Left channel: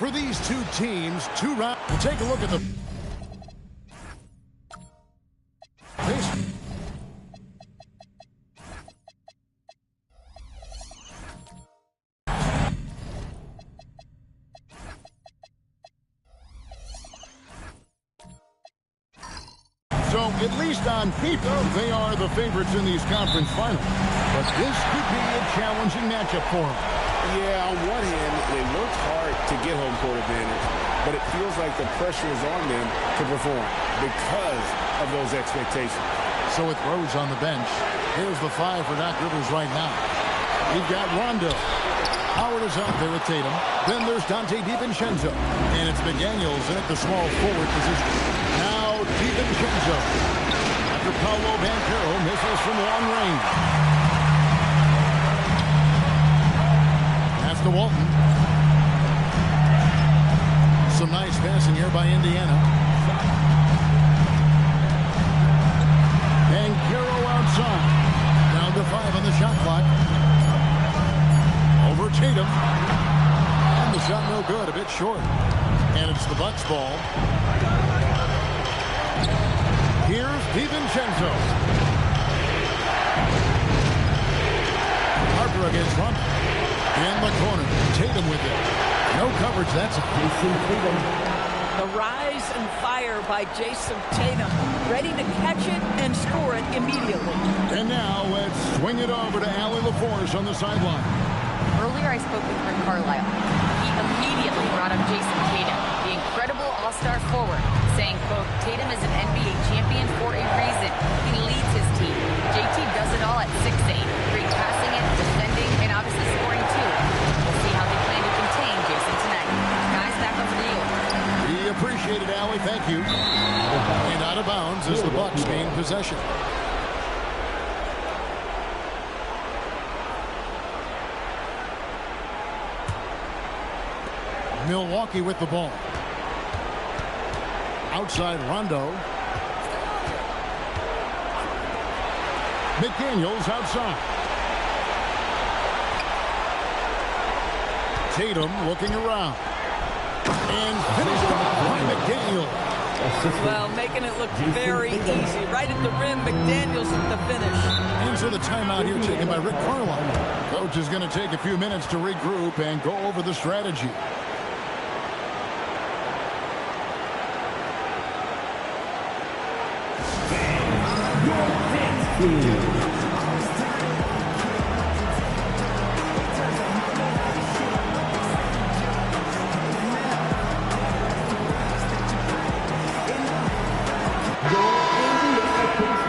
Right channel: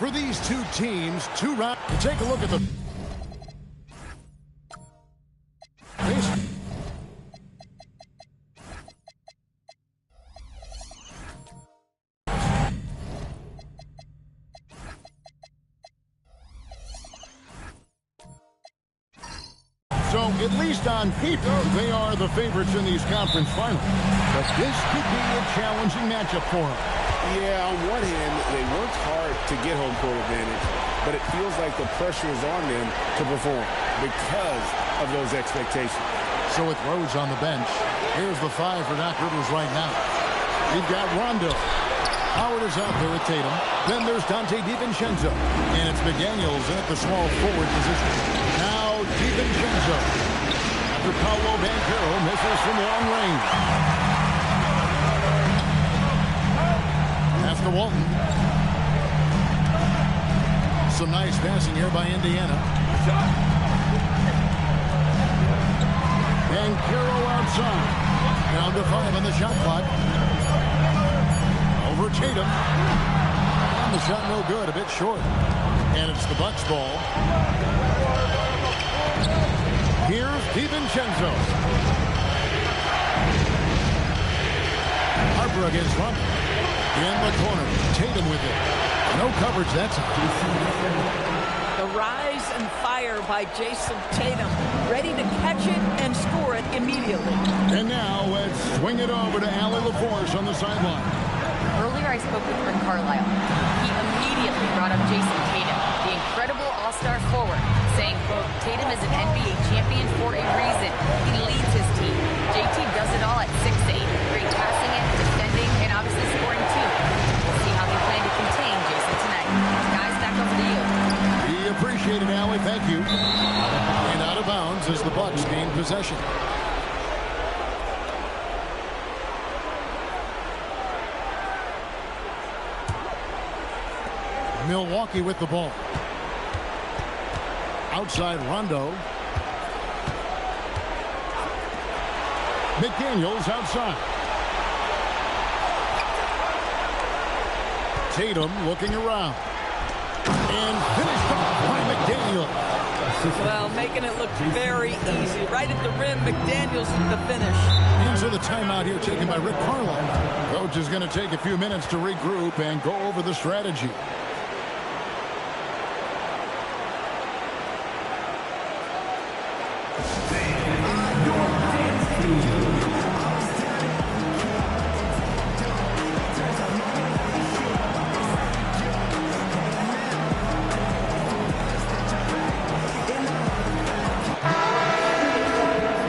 For these two teams, 2 rounds. Take a look at the face. So, at least on paper, they are the favorites in these conference finals. But this could be a challenging matchup for them. Yeah, on one hand, they worked hard to get home court advantage, but it feels like the pressure is on them to perform because of those expectations. So with Rose on the bench, here's the 5 for Doc Rivers right now. We've got Rondo. Howard is out there with Tatum. Then there's Dante DiVincenzo. And it's McDaniels in at the small forward position. Now DiVincenzo. After Paolo Banchero misses from long range. Pass to Walton. Some nice passing here by Indiana. Banchero outside. Down to 5 on the shot clock. Over Tatum. And the shot no good, a bit short. And it's the Bucks ball. Here's DiVincenzo. Harper against Rondo. In the corner. Tatum with it. No coverage that time. The rise and fire by Jason Tatum. Ready to catch it and score it immediately. And now let's swing it over to Allie LaForce on the sideline. Earlier I spoke with Rick Carlisle. He immediately brought up Jason Tatum, the incredible all-star forward, saying, quote, Tatum is an NBA champion for a reason. He leads his team. JT does it all at 6'8", great passing it, defending, and obviously scoring too. We'll see how they plan to contain Jason tonight. Guys, back over to you. We appreciate it, Allie. Thank you. And out of bounds as the Bucks gain possession. Milwaukee with the ball. Outside Rondo. McDaniels outside. Tatum looking around. And finished off by McDaniels. Well, making it look very easy. Right at the rim, McDaniels with the finish. Into the timeout here taken by Rick Carlisle. Coach is going to take a few minutes to regroup and go over the strategy.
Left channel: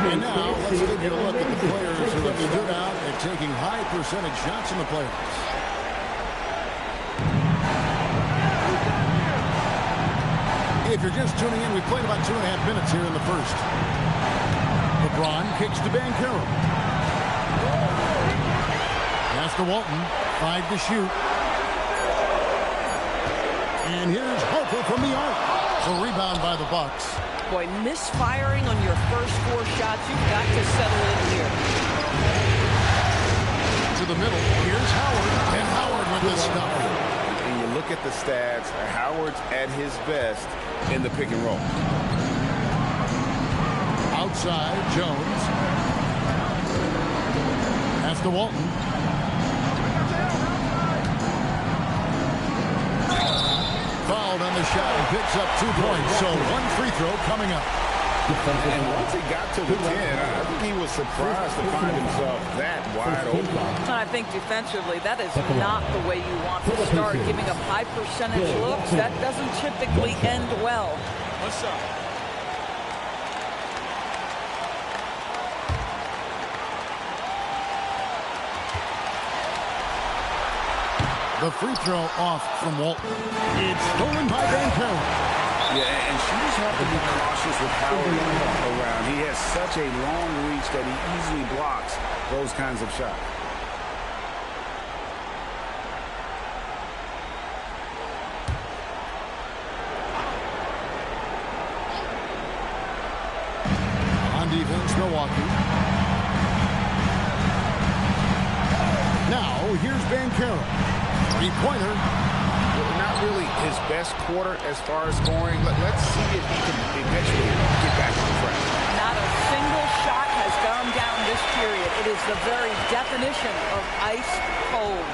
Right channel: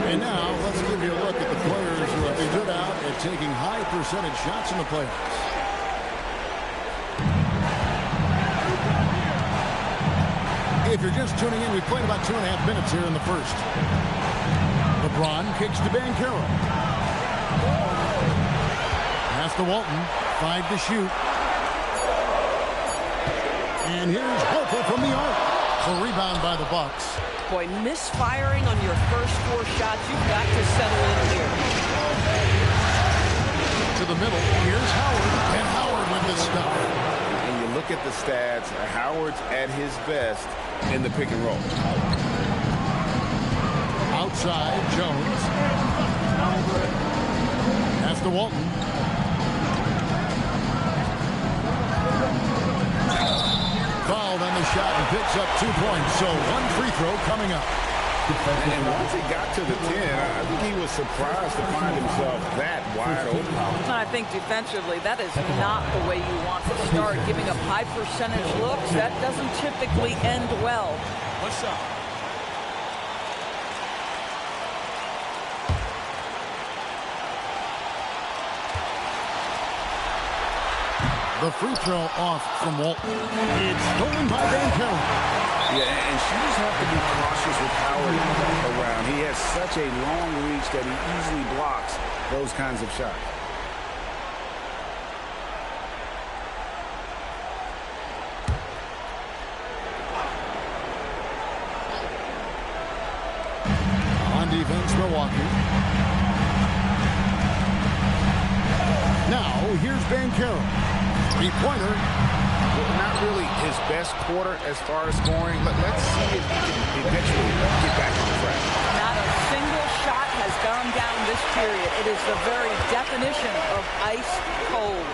And now let's give you a look at the players who have stood out at taking high percentage shots in the playoffs. If you're just tuning in, we've played about 2.5 minutes here in the first. LeBron kicks to Banchero. Pass to Walton. 5 to shoot. And here's Harper from the arc. So rebound by the Bucks. Boy, misfiring on your first 4 shots, you've got to settle in here. To the middle. Here's Howard. And Howard with this stuff. And you look at the stats, Howard's at his best in the pick and roll. Outside, Jones. Pass to Walton. Fouled on the shot and picks up 2 points. So 1 free throw coming up. And once he got to the 10, I think he was surprised to find himself that wide open. I think defensively, that is not the way you want to start. Giving up high percentage looks, that doesn't typically end well. What's up? The free throw off from Walton. It's stolen by Banchero. Yeah, and shooters have to be cautious with Howard around. He has such a long reach that he easily blocks those kinds of shots. On defense, Milwaukee. Now, here's Banchero. Three-pointer. not really his best quarter as far as scoring. Let's see if he can eventually get back on track. Not a single shot has gone down this period. It is the very definition of ice cold.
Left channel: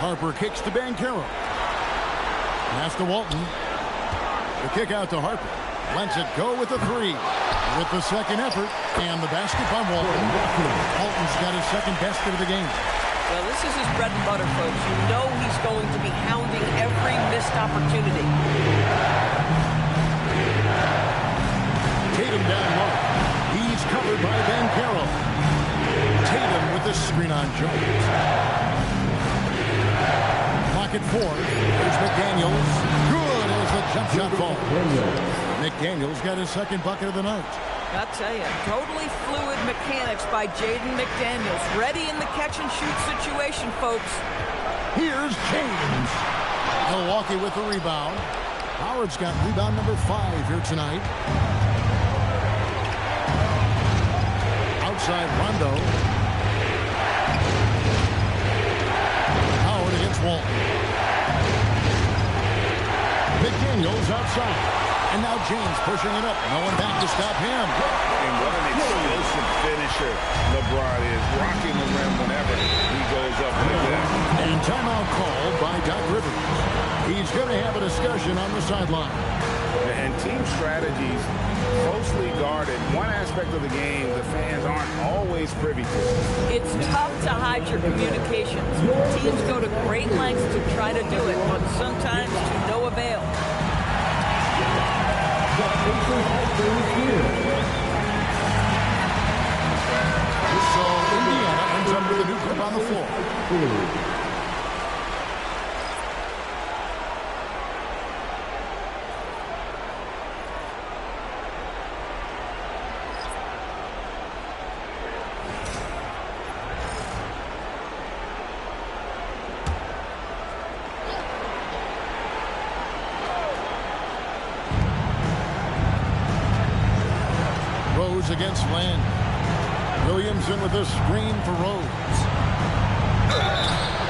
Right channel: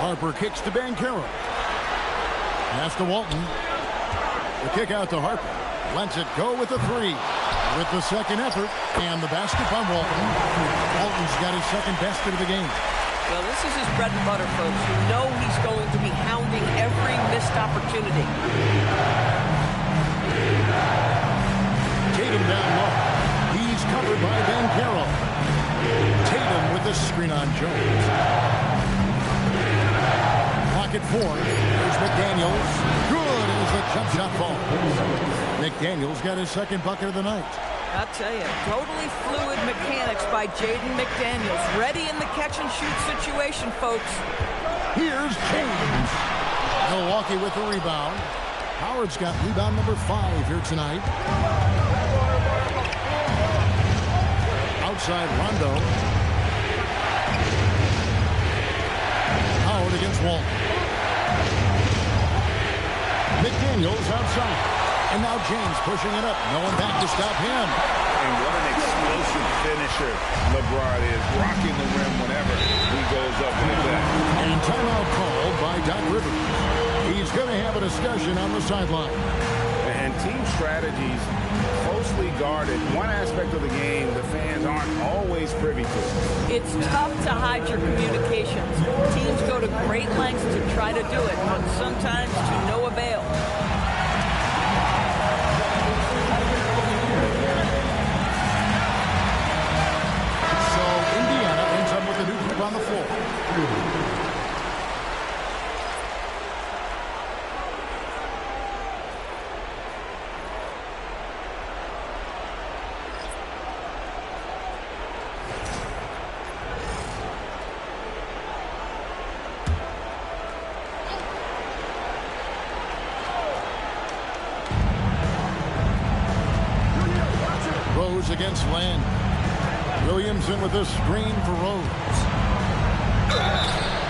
Harper kicks to Banchero. Pass to Walton. The kick out to Harper. Lets it go with the three. With the second effort and the basket by Walton. Walton's got his second basket of the game. Well, this is his bread and butter, folks. You know he's going to be hounding every missed opportunity. Tatum down low. He's covered by Banchero. Tatum with the screen on Jones. Clock at 4. There's McDaniels. Good as the jump shot falls. McDaniels got his second bucket of the night. I'll tell you, totally fluid mechanics by Jaden McDaniels. Ready in the catch-and-shoot situation, folks. Here's James. Milwaukee with the rebound. Howard's got rebound number 5 here tonight. Outside Rondo. Howard against Walton. McDaniels outside. And now James pushing it up. No one back to stop him. And what an explosive finisher LeBron is. Rocking the rim whenever he goes up like that. And timeout called by Doc Rivers. He's going to have a discussion on the sideline. And team strategies closely guarded. One aspect of the game the fans aren't always privy to. It's tough to hide your communications. Teams go to great lengths to try to do it, but sometimes to no avail. So Indiana ends up with a new group on the floor. Rose against Land. Williamson with a screen for Rose.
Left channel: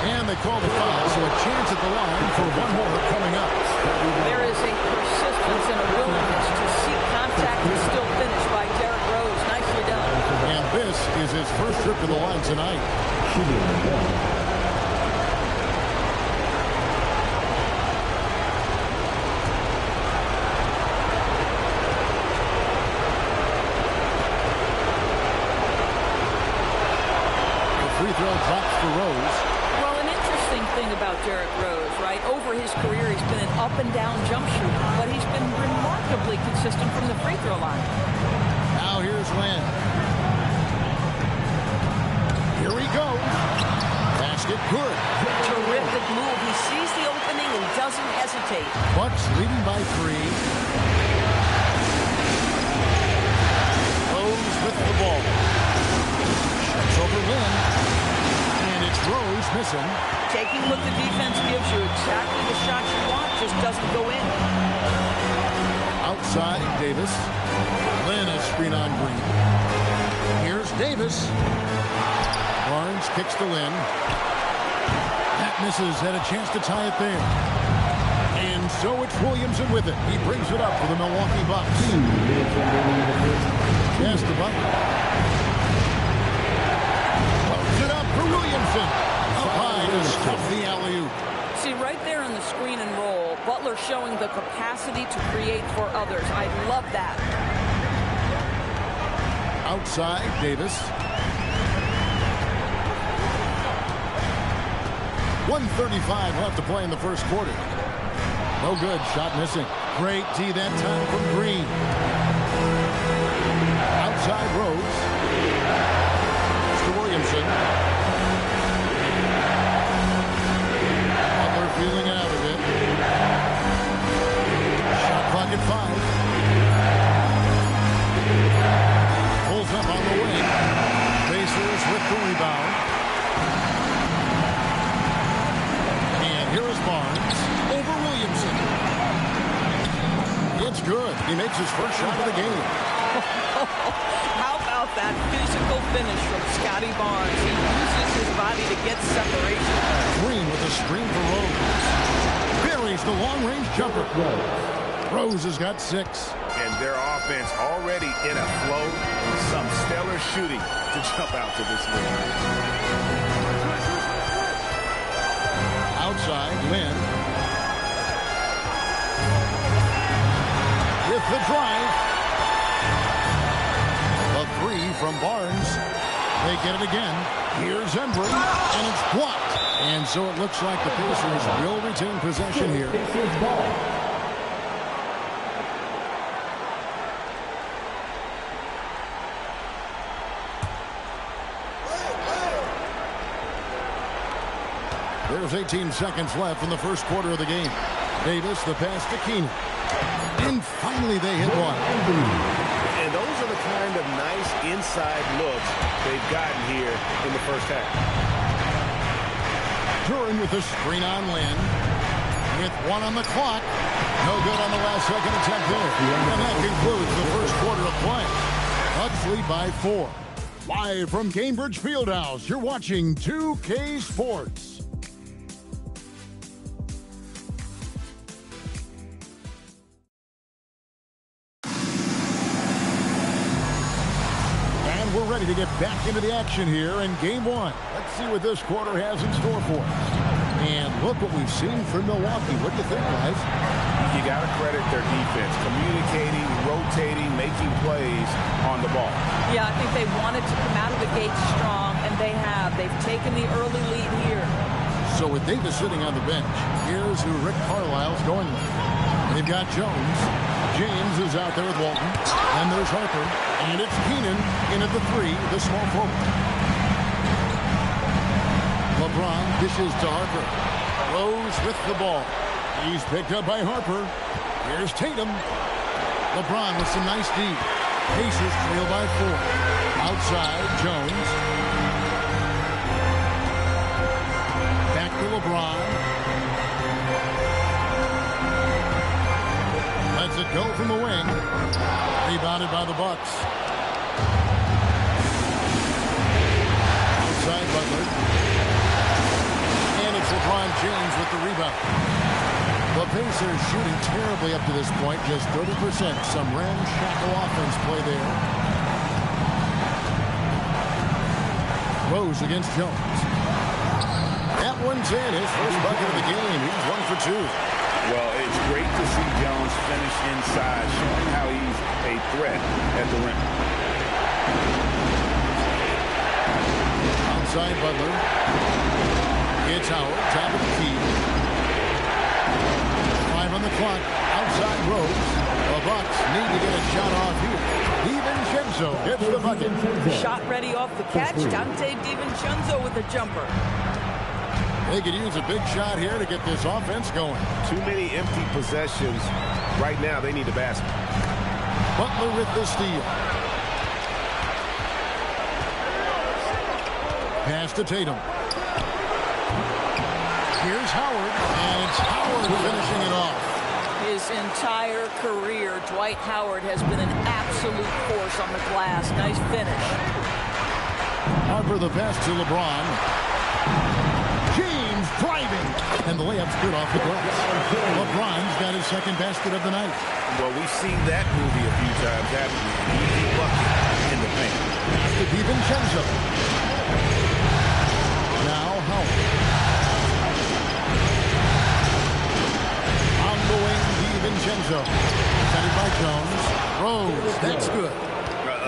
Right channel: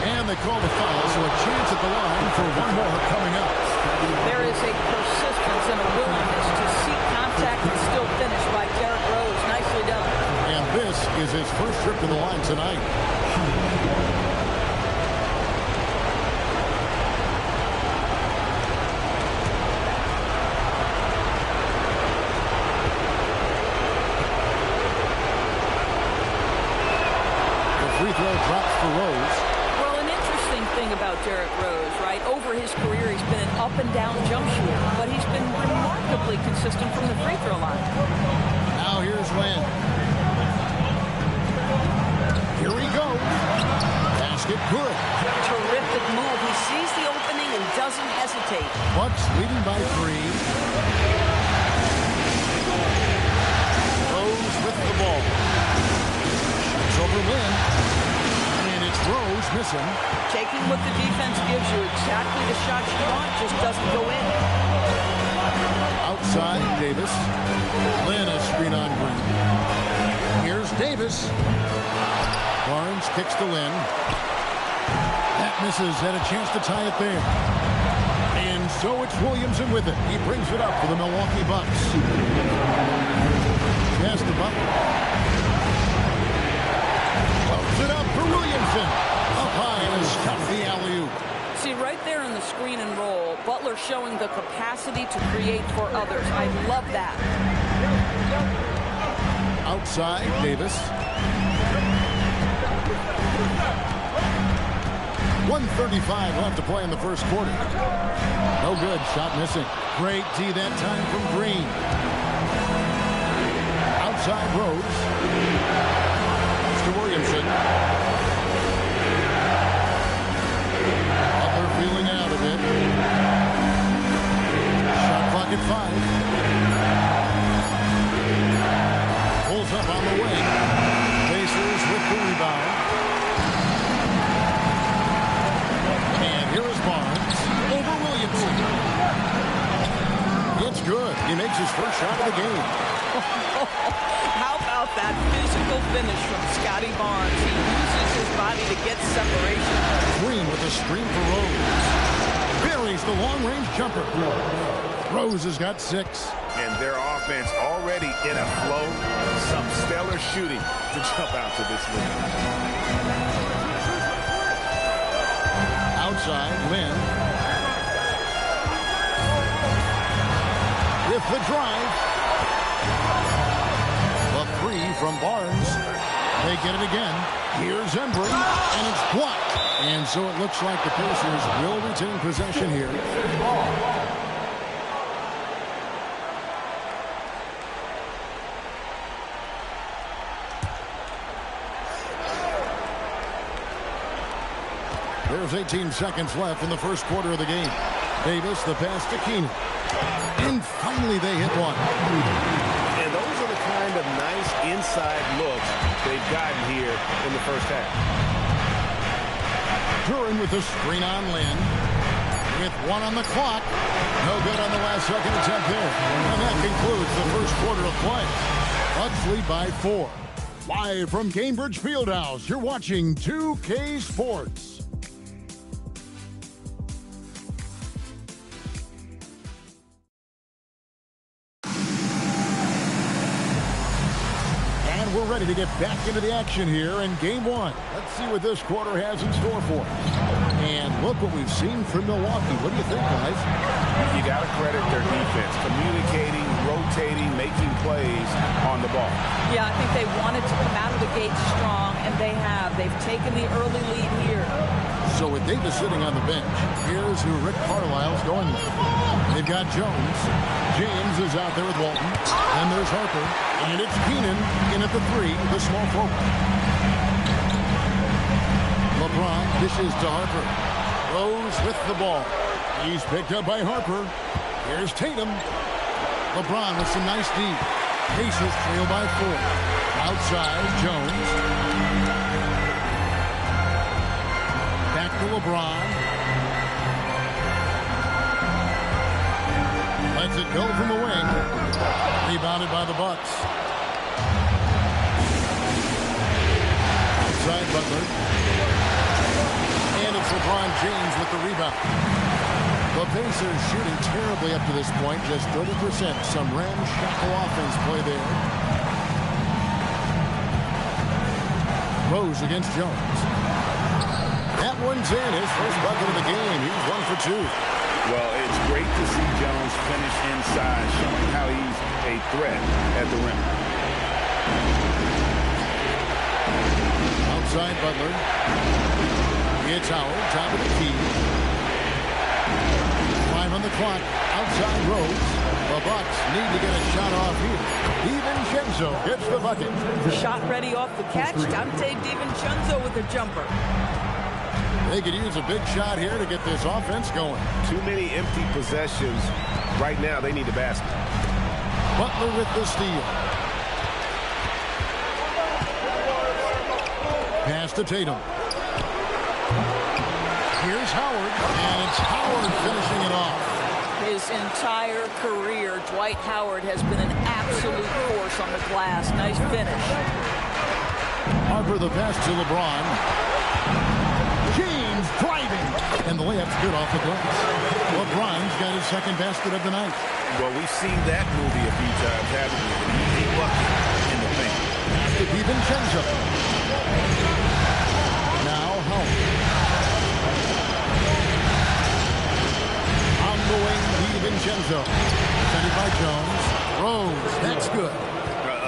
And they call the foul, so a chance at the line for one more coming up. There is a persistence and a willingness to seek contact and still finish by Derrick Rose. Nicely done. And this is his first trip to the line tonight. Free throw drops for Rose. Well, an interesting thing about Derrick Rose, right? Over his career, he's been an up-and-down jump shooter, but he's been remarkably consistent from the free throw line. Now here's Land. Here he goes. Basket good. Terrific move. He sees the opening and doesn't hesitate. Bucks leading by 3. Rose with the ball. Shots over Lynn. And it's Rose missing. Taking what the defense gives you, exactly the shot you want, just doesn't go in. Outside, Davis. Lynn a screen on Green. Here's Davis. Barnes kicks to Lynn. That misses. Had a chance to tie it there. And so it's Williamson with it. He brings it up for the Milwaukee Bucks. Pass to Butler. Floats it up for Williamson. Up high to stop the alley-oop. See, right there in the screen and roll, Butler showing the capacity to create for others. I love that. Outside, Davis. 1:35 left to play in the first quarter. No good. Shot missing. Great D that time from Green. Outside Rose. To Williamson. Butler feeling out of it. Shot clock at 5. Pulls up on the wing. Pacers with the rebound. And here is Barnes over Williamson. It's good. He makes his first shot of the game. How about that physical finish from Scotty Barnes? He uses his body to get separation. Green with a screen for Rose. the long-range jumper. Rose has got 6. And their offense already in a flow. Some stellar shooting to jump out to this lead. Outside, Lynn. With the drive. The 3 from Barnes. They get it again. Here's Embry, and it's blocked. And so it looks like the Pacers will retain possession here. There's 18 seconds left in the first quarter of the game. Davis, the pass to Keenan. And finally they hit one. And those are the kind of nice inside looks they've gotten here in the first half. Duran with the screen on Lynn. With 1 on the clock. No good on the last second attempt there. And that concludes the first quarter of play. Bucks lead by 4. Live from Cambridge Fieldhouse, you're watching 2K Sports. And we're ready to get back into the action here in Game 1. Let's see what this quarter has in store for us. And look what we've seen from Milwaukee. What do you think, guys? You got to credit their defense. Communicating, rotating, making plays on the ball. Yeah, I think they wanted to come out of the gate strong, and they have. They've taken the early lead here. So with Davis sitting on the bench, here's who Rick Carlisle's going with. They've got Jones. James is out there with Walton. Then there's Harper. And it's Keenan in at the 3, the small forward. LeBron dishes to Harper. Rose with the ball. He's picked up by Harper. Here's Tatum. LeBron with some nice D. Pacers trail by 4. Outside, Jones. Back to LeBron. Lets it go from the wing. Rebounded by the Bucks. Outside Butler. And it's LeBron James with the rebound. The Pacers shooting terribly up to this point. Just 30%. Some ramshackle offense play there. Rose against Jones. That one's in. His first bucket of the game. He's 1 for 2. Well, it's great to see Jones finish inside, showing how he's a threat at the rim. Outside Butler. It's Howard, top of the key. 5 on the clock. Outside Rose. The Bucks need to get a shot off here. DiVincenzo gets the bucket. Shot ready off the catch. Dante DiVincenzo with the jumper. They could use a big shot here to get this offense going. Too many empty possessions. Right now, they need a basket. Butler with the steal. Pass to Tatum. Here's Howard, and it's Howard finishing it off. His entire career, Dwight Howard has been an absolute force on the glass. Nice finish. Harper the pass to LeBron. James driving, and the layup's good off the glass. LeBron's got his second basket of the night. Well, we've seen that movie a few times, haven't we? An easy bucket in the paint. Pass to DiVincenzo. Now Howard. On the wing, DiVincenzo. Defended by Jones. Rose, that's good.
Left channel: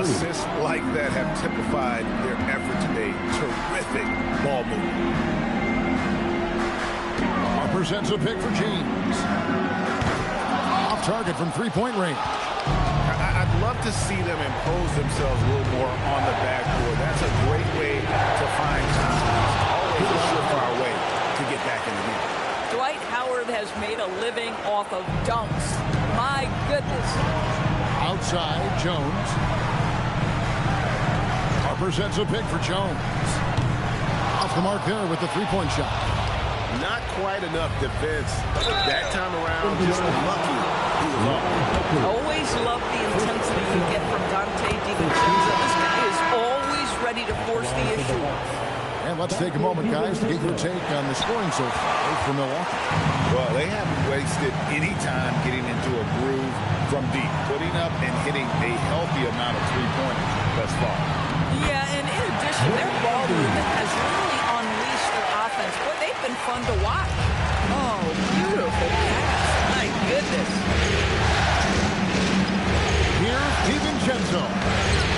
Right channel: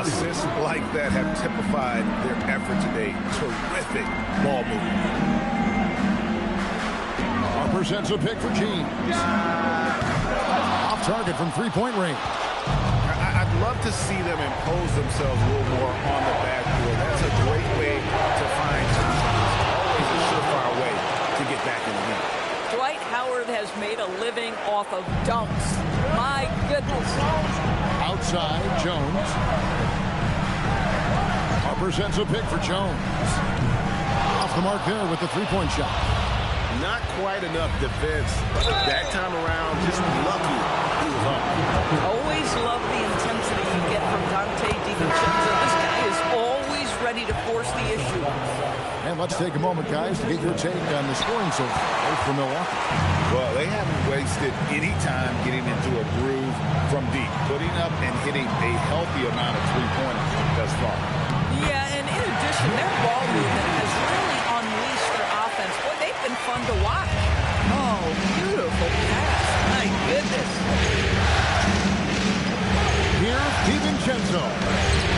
Assists like that have typified their effort today. Terrific ball movement. Harper sets a pick for James. Off target from three-point range. I'd love to see them impose themselves a little more on the backboard. That's a great way to find confidence. Always a surefire way to get back in the game. Dwight Howard has made a living off of dunks. My goodness. Outside, Jones. Harper sets a pick for Jones. Off the mark there with the three-point shot. Not quite enough defense that time around. Just lucky he was off. Always love the intensity you get from Dante DiVincenzo. This guy is always ready to force the issue. And let's take a moment, guys, to get your take on the scoring so far for Milwaukee. Well, they haven't wasted any time getting into a groove from deep, putting up and hitting a healthy amount of three-pointers thus far. Yeah, and in addition, their ball movement has really unleashed their offense. Boy, they've been fun to watch. Oh, beautiful pass. My goodness. Here's DiVincenzo.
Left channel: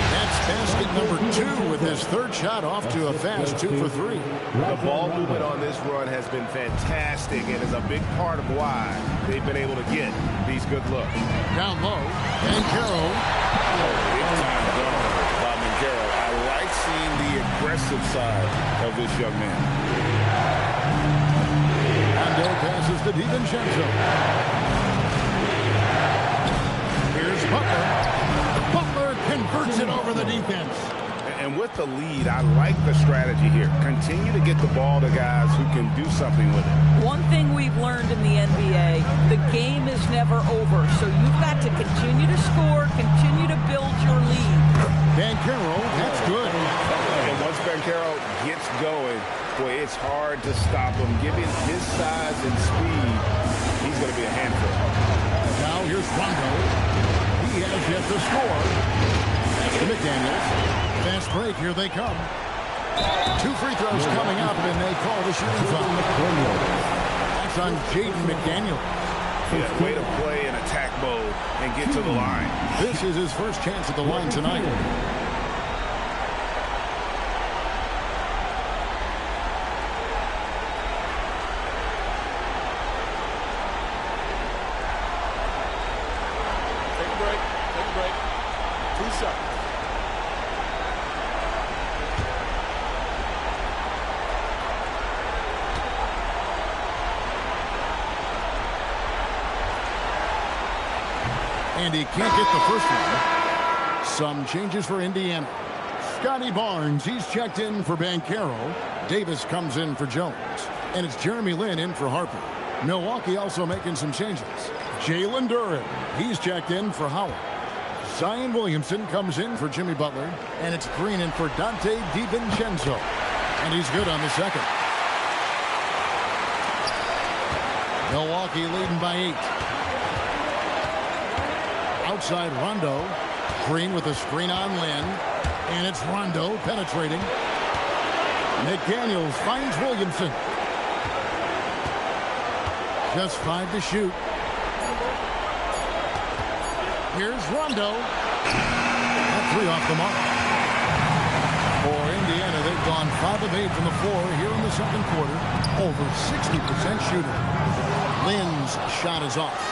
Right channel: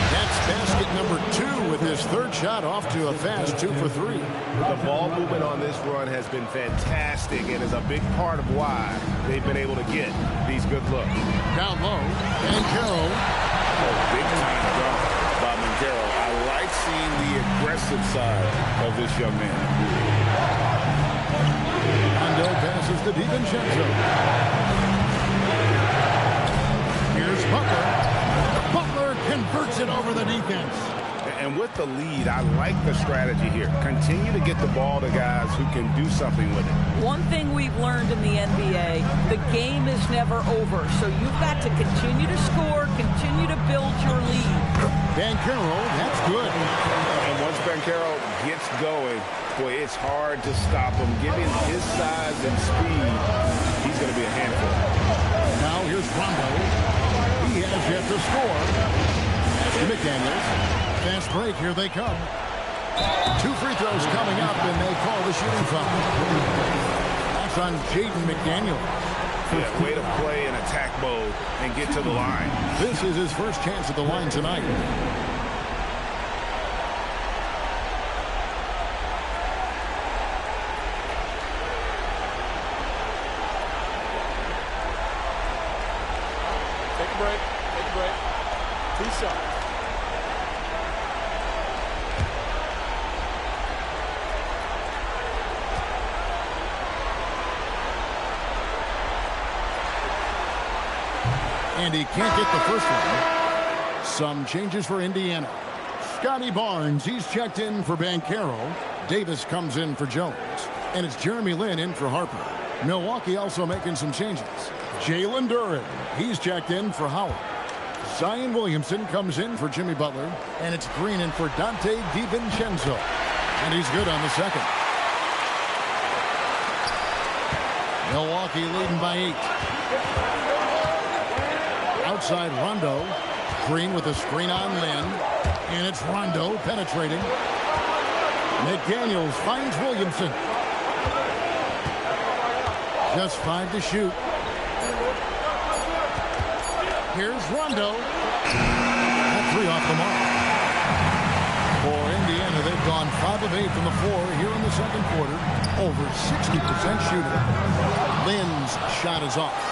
That's basket number 2 with his third shot off to a fast 2 for 3. The ball movement on this run has been fantastic and is a big part of why they've been able to get these good looks. Down low, Banchero. Oh, big-time dunk by Banchero. I like seeing the aggressive side of this young man. Rondo passes to DiVincenzo. Here's Butler. Butler converts it over the defense. And with the lead, I like the strategy here. Continue to get the ball to guys who can do something with it. One thing we've learned in the NBA, the game is never over. So you've got to continue to score, continue to build your lead. Banchero, that's good. And once Banchero gets going, boy, it's hard to stop him. Given his size and speed, he's going to be a handful. Now here's Rondo. He has yet to score. That's to McDaniels. Fast break, here they come. 2 free throws coming up, and they call the shooting foul. That's on Jaden McDaniels. Yeah, way to play in attack mode and get to the line. This is his first chance at the line tonight. Take a break. Take a break. 2 shots. And he can't get the first one. Some changes for Indiana. Scotty Barnes, he's checked in for Banchero. Davis comes in for Jones. And it's Jeremy Lin in for Harper. Milwaukee also making some changes. Jalen Duren, he's checked in for Howard. Zion Williamson comes in for Jimmy Butler. And it's Green in for Dante DiVincenzo. And he's good on the second. Milwaukee leading by 8. Outside Rondo. Green with a screen on Lin. And it's Rondo penetrating. McDaniels finds Williamson. Just 5 to shoot. Here's Rondo. That 3 off the mark. For Indiana, they've gone 5 of 8 from the floor here in the second quarter. Over 60% shooting. Lin's shot is off.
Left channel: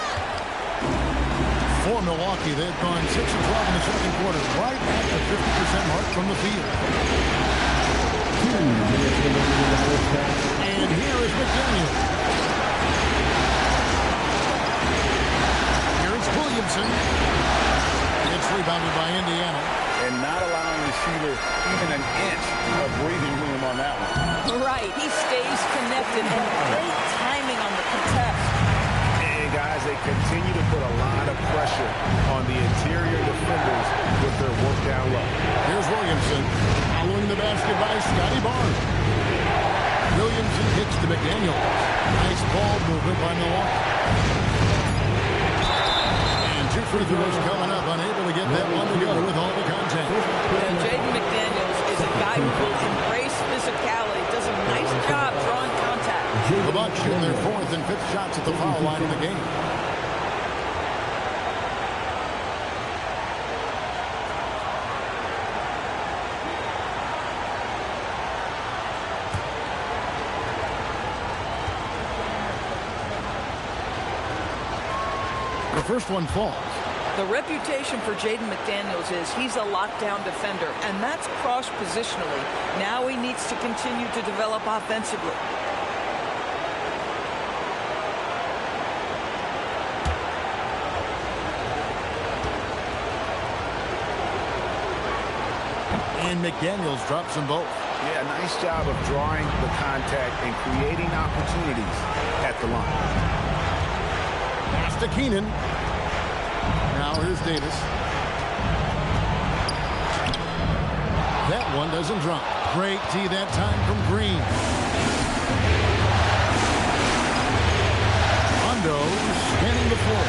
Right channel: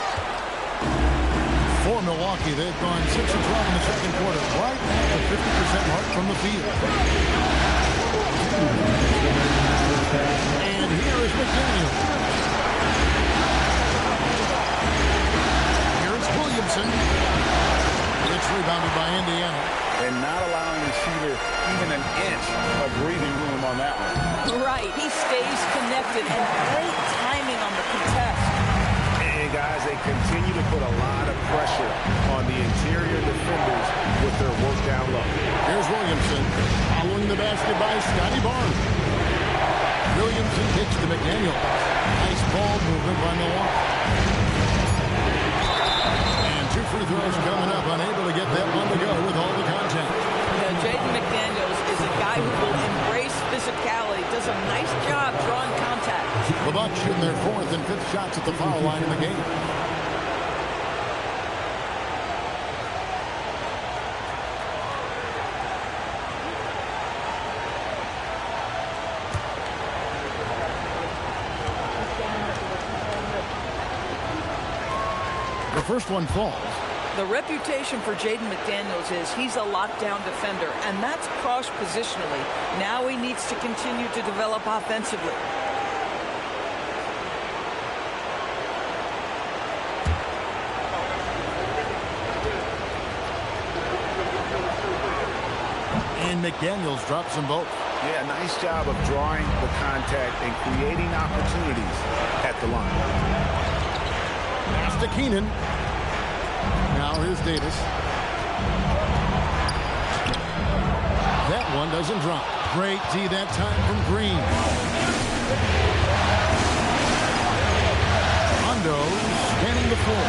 For Milwaukee, they've gone 6 of 12 in the second quarter, right at the 50% mark from the field. And here is McDaniels. Here's Williamson. It's rebounded by Indiana. And not allowing the shooter even an inch of breathing room on that one. Right. He stays connected, and great timing on the contest. And guys, they continue to put a lot of pressure on the interior defenders with their work down low. Here's Williamson. Following the basket by Scotty Barnes. Williamson kicks to McDaniels. Nice ball movement by Milwaukee. And 2 free throws coming up. Unable to get that one to go with all the contact. Jaden McDaniels is a guy who will embrace physicality. Does a nice job drawing contact. The Bucks shooting their 4th and 5th shots at the foul line in the game. The first one falls. The reputation for Jaden McDaniels is he's a lockdown defender, and that's cross-positionally. Now he needs to continue to develop offensively. And McDaniels drops them both. Yeah, nice job of drawing the contact and creating opportunities at the line. Pass to Keenan. Now here's Davis. That one doesn't drop. Great D that time from Green. Rondo scanning the floor.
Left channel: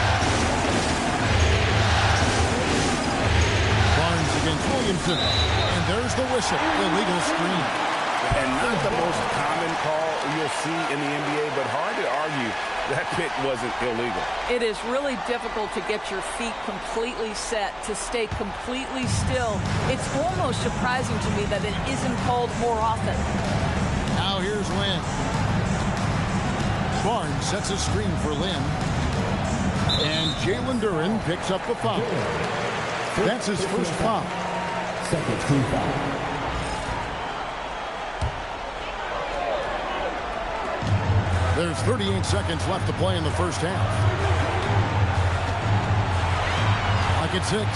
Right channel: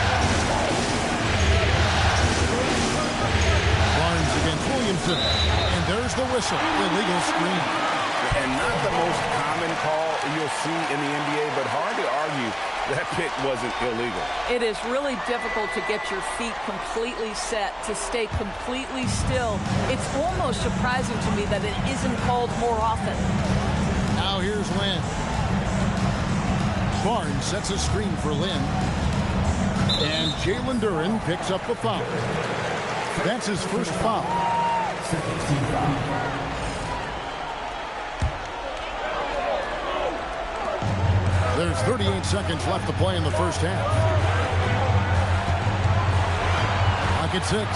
Barnes against Williamson. And there's the whistle. Illegal screen. And not the most common call you'll see in the NBA, but hard to argue that pick wasn't illegal. It is really difficult to get your feet completely set, to stay completely still. It's almost surprising to me that it isn't called more often. Now here's Lynn. Barnes sets a screen for Lynn. And Jalen Duren picks up the foul. That's his first foul. Second team foul. There's 38 seconds left to play in the first half. Clock at 6.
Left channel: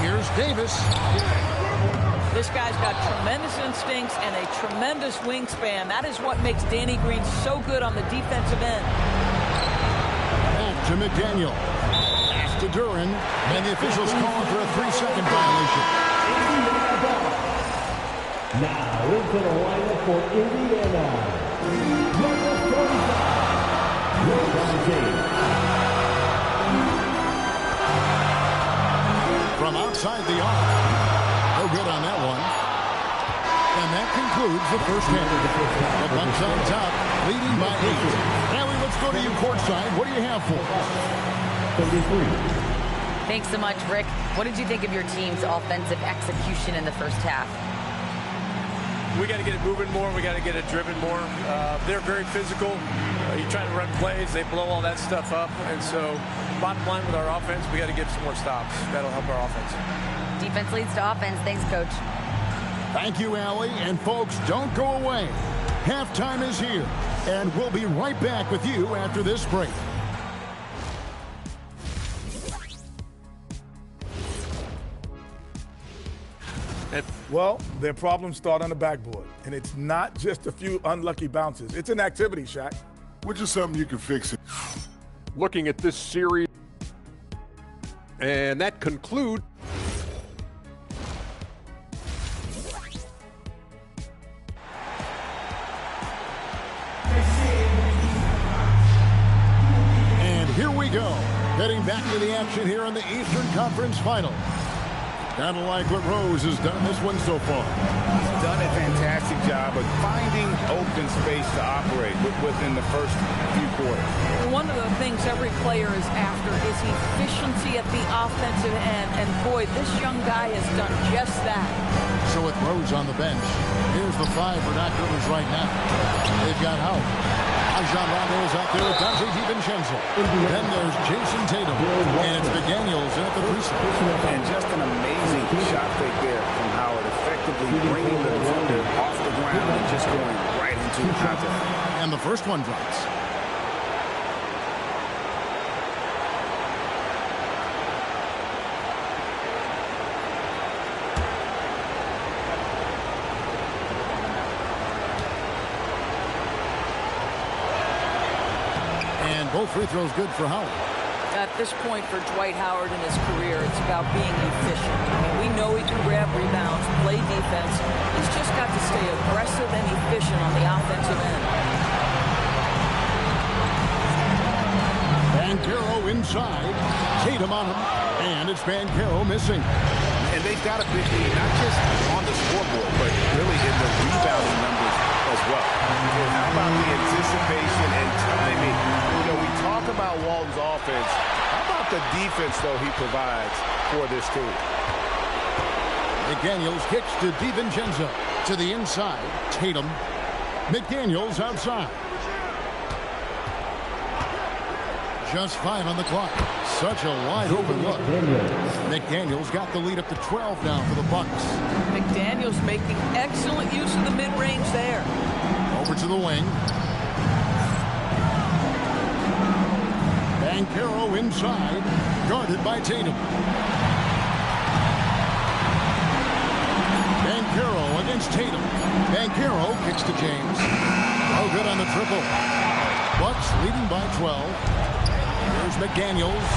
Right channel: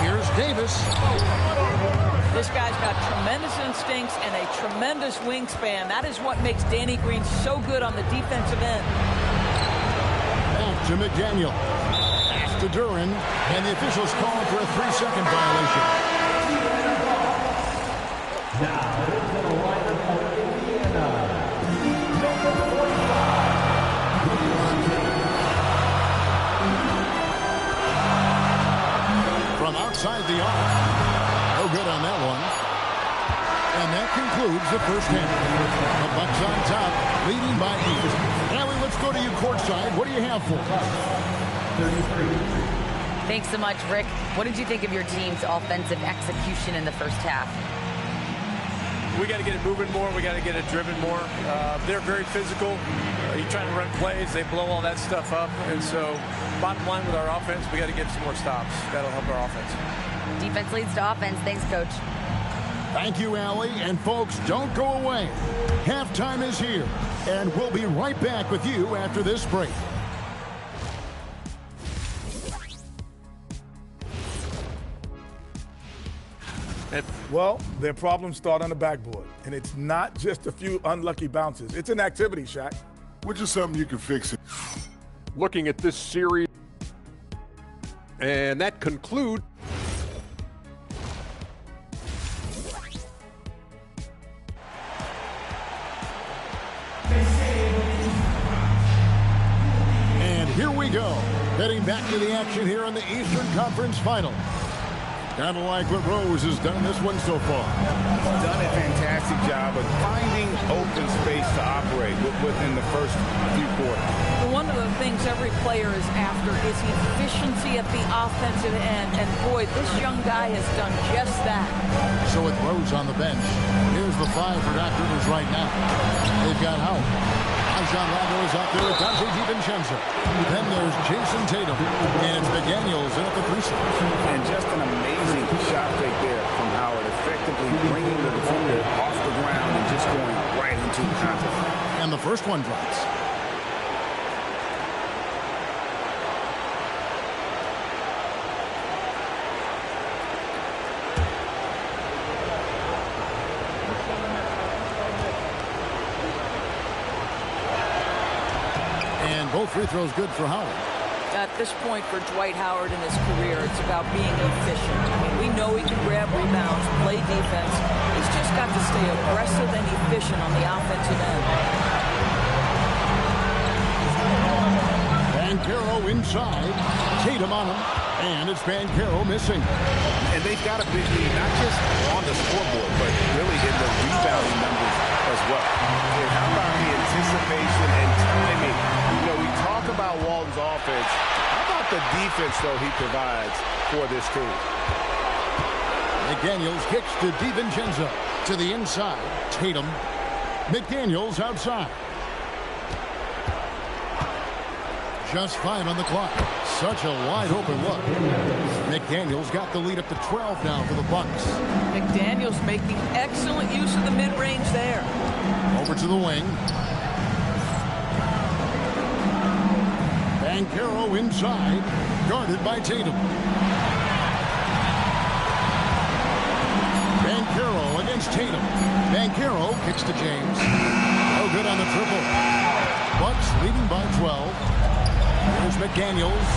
Here's Davis. This guy's got tremendous instincts and a tremendous wingspan. That is what makes Danny Green so good on the defensive end. Back to McDaniel. Pass to Duren. And the officials calling for a 3-second violation. Now into the lineup for Indiana. Number 45. From outside the arc. No good on that one. And that concludes the first half. The Bucks on top, leading by 8. Allie, let's go to you courtside. What do you have for us? 33. Thanks so much, Rick. What did you think of your team's offensive execution in the first half? We got to get it moving more. We got to get it driven more. They're very physical. You're trying to run plays. They blow all that stuff up. And so bottom line with our offense, we got to get some more stops. That'll help our offense. Defense leads to offense. Thanks, Coach. Thank you, Allie. And folks, don't go away. Halftime is here. And we'll be right back with you after this break. Well, their problems start on the backboard. And it's not just a few unlucky bounces. It's an activity, Shaq. Which is something you can fix. Looking at this series. And that concludes. And here we go. Heading back to the action here in the Eastern Conference Final. Kind of like what Rose has done this one so far. He's done a fantastic job of finding open space to operate within the first few quarters. One of the things every player is after is efficiency at the offensive end. And boy, this young guy has done just that. So with Rose on the bench, here's the 5 for Doc Rivers right now. They've got Howard. Rajon Rondo is out there with Dante DiVincenzo. Then there's Jason Tatum. And it's McDaniels in at the 3 slot. And just an amazing shot fake there from Howard, effectively bringing the defender off the ground and just going right into the contact. And the first one drops. And both free throws good for Howard. At this point for Dwight Howard in his career, it's about being efficient. I mean, we know he can grab rebounds, play defense. He's just got to stay aggressive and efficient on the offensive end. Banchero inside. Tatum on him. And it's Banchero missing. And they've got a big lead, not just on the scoreboard, but really in the rebounding numbers as well. And how about the anticipation and timing? You know, we talk about Walton's offense. How about the defense, though, he provides for this team? McDaniels kicks to DiVincenzo. To the inside. Tatum. McDaniels outside. Just 5 on the clock. Such a wide open look. McDaniels got the lead up to 12 now for the Bucks. McDaniels making excellent use of the mid-range there. Over to the wing. Banchero inside. Guarded by Tatum. Banchero against Tatum. Banchero kicks to James. No good on the triple. Bucks leading by 12. Here's McDaniels.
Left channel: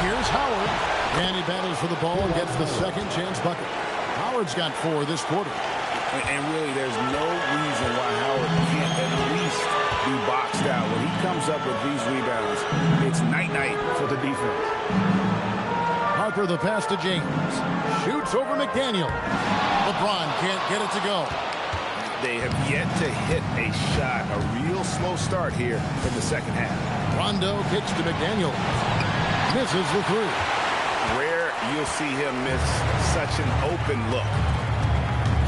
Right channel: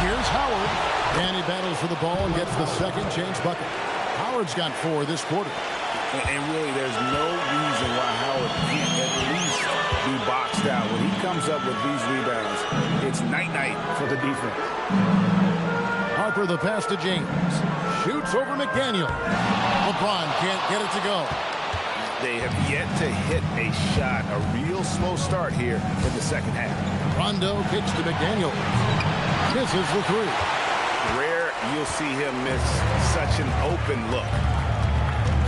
Here's Howard. And he battles for the ball and gets the second chance bucket. Howard's got 4 this quarter. And really, there's no reason why Howard can't at least be boxed out. When he comes up with these rebounds, it's night-night for the defense. Harper the pass to James. Shoots over McDaniel. LeBron can't get it to go. They have yet to hit a shot, a real slow start here in the second half. Rondo kicks to McDaniel. Misses the 3. Rare you'll see him miss such an open look.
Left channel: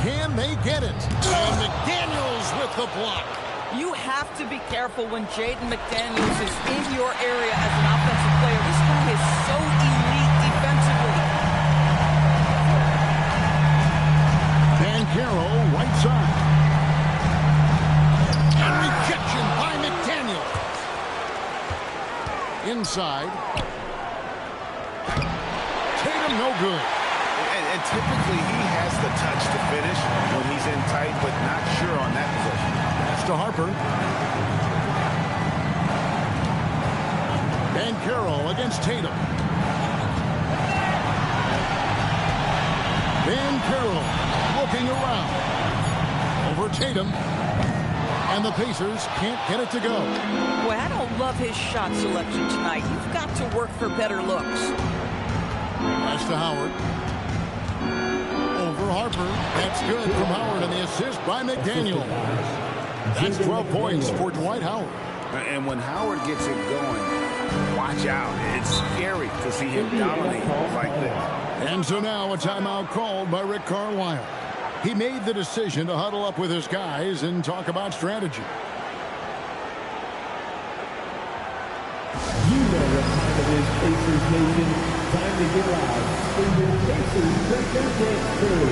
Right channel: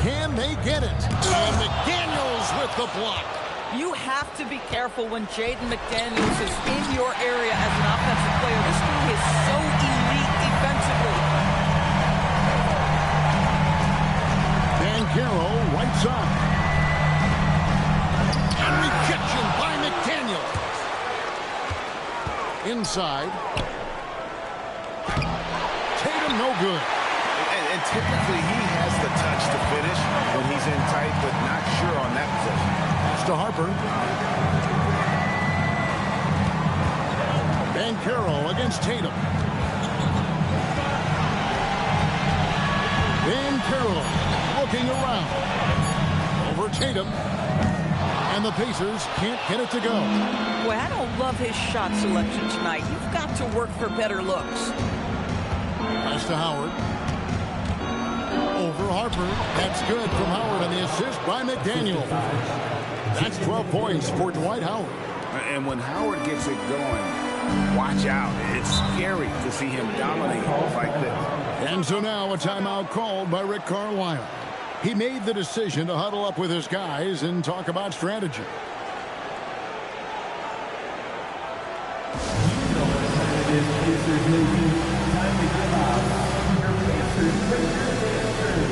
Can they get it? And McDaniels with the block. You have to be careful when Jaden McDaniels is in your area as an offensive player. This guy is so elite defensively. Banchero right side. And rejection by McDaniels. Inside. Tatum no good. And typically he has the touch to finish when he's in tight, but not sure on that possession. Pass to Harper. Banchero against Tatum. Banchero looking around. Over Tatum. And the Pacers can't get it to go. Boy, I don't love his shot selection tonight. You've got to work for better looks. Pass to Howard. Over Harper. That's good from Howard, and the assist by McDaniel. That's 12 points for Dwight Howard. And when Howard gets it going, watch out. It's scary to see him dominate like this. And so now a timeout called by Rick Carlisle. He made the decision to huddle up with his guys and talk about strategy. You know what time it is, Pacers Nation. Time to get out in your Pacers Breaker dance crew.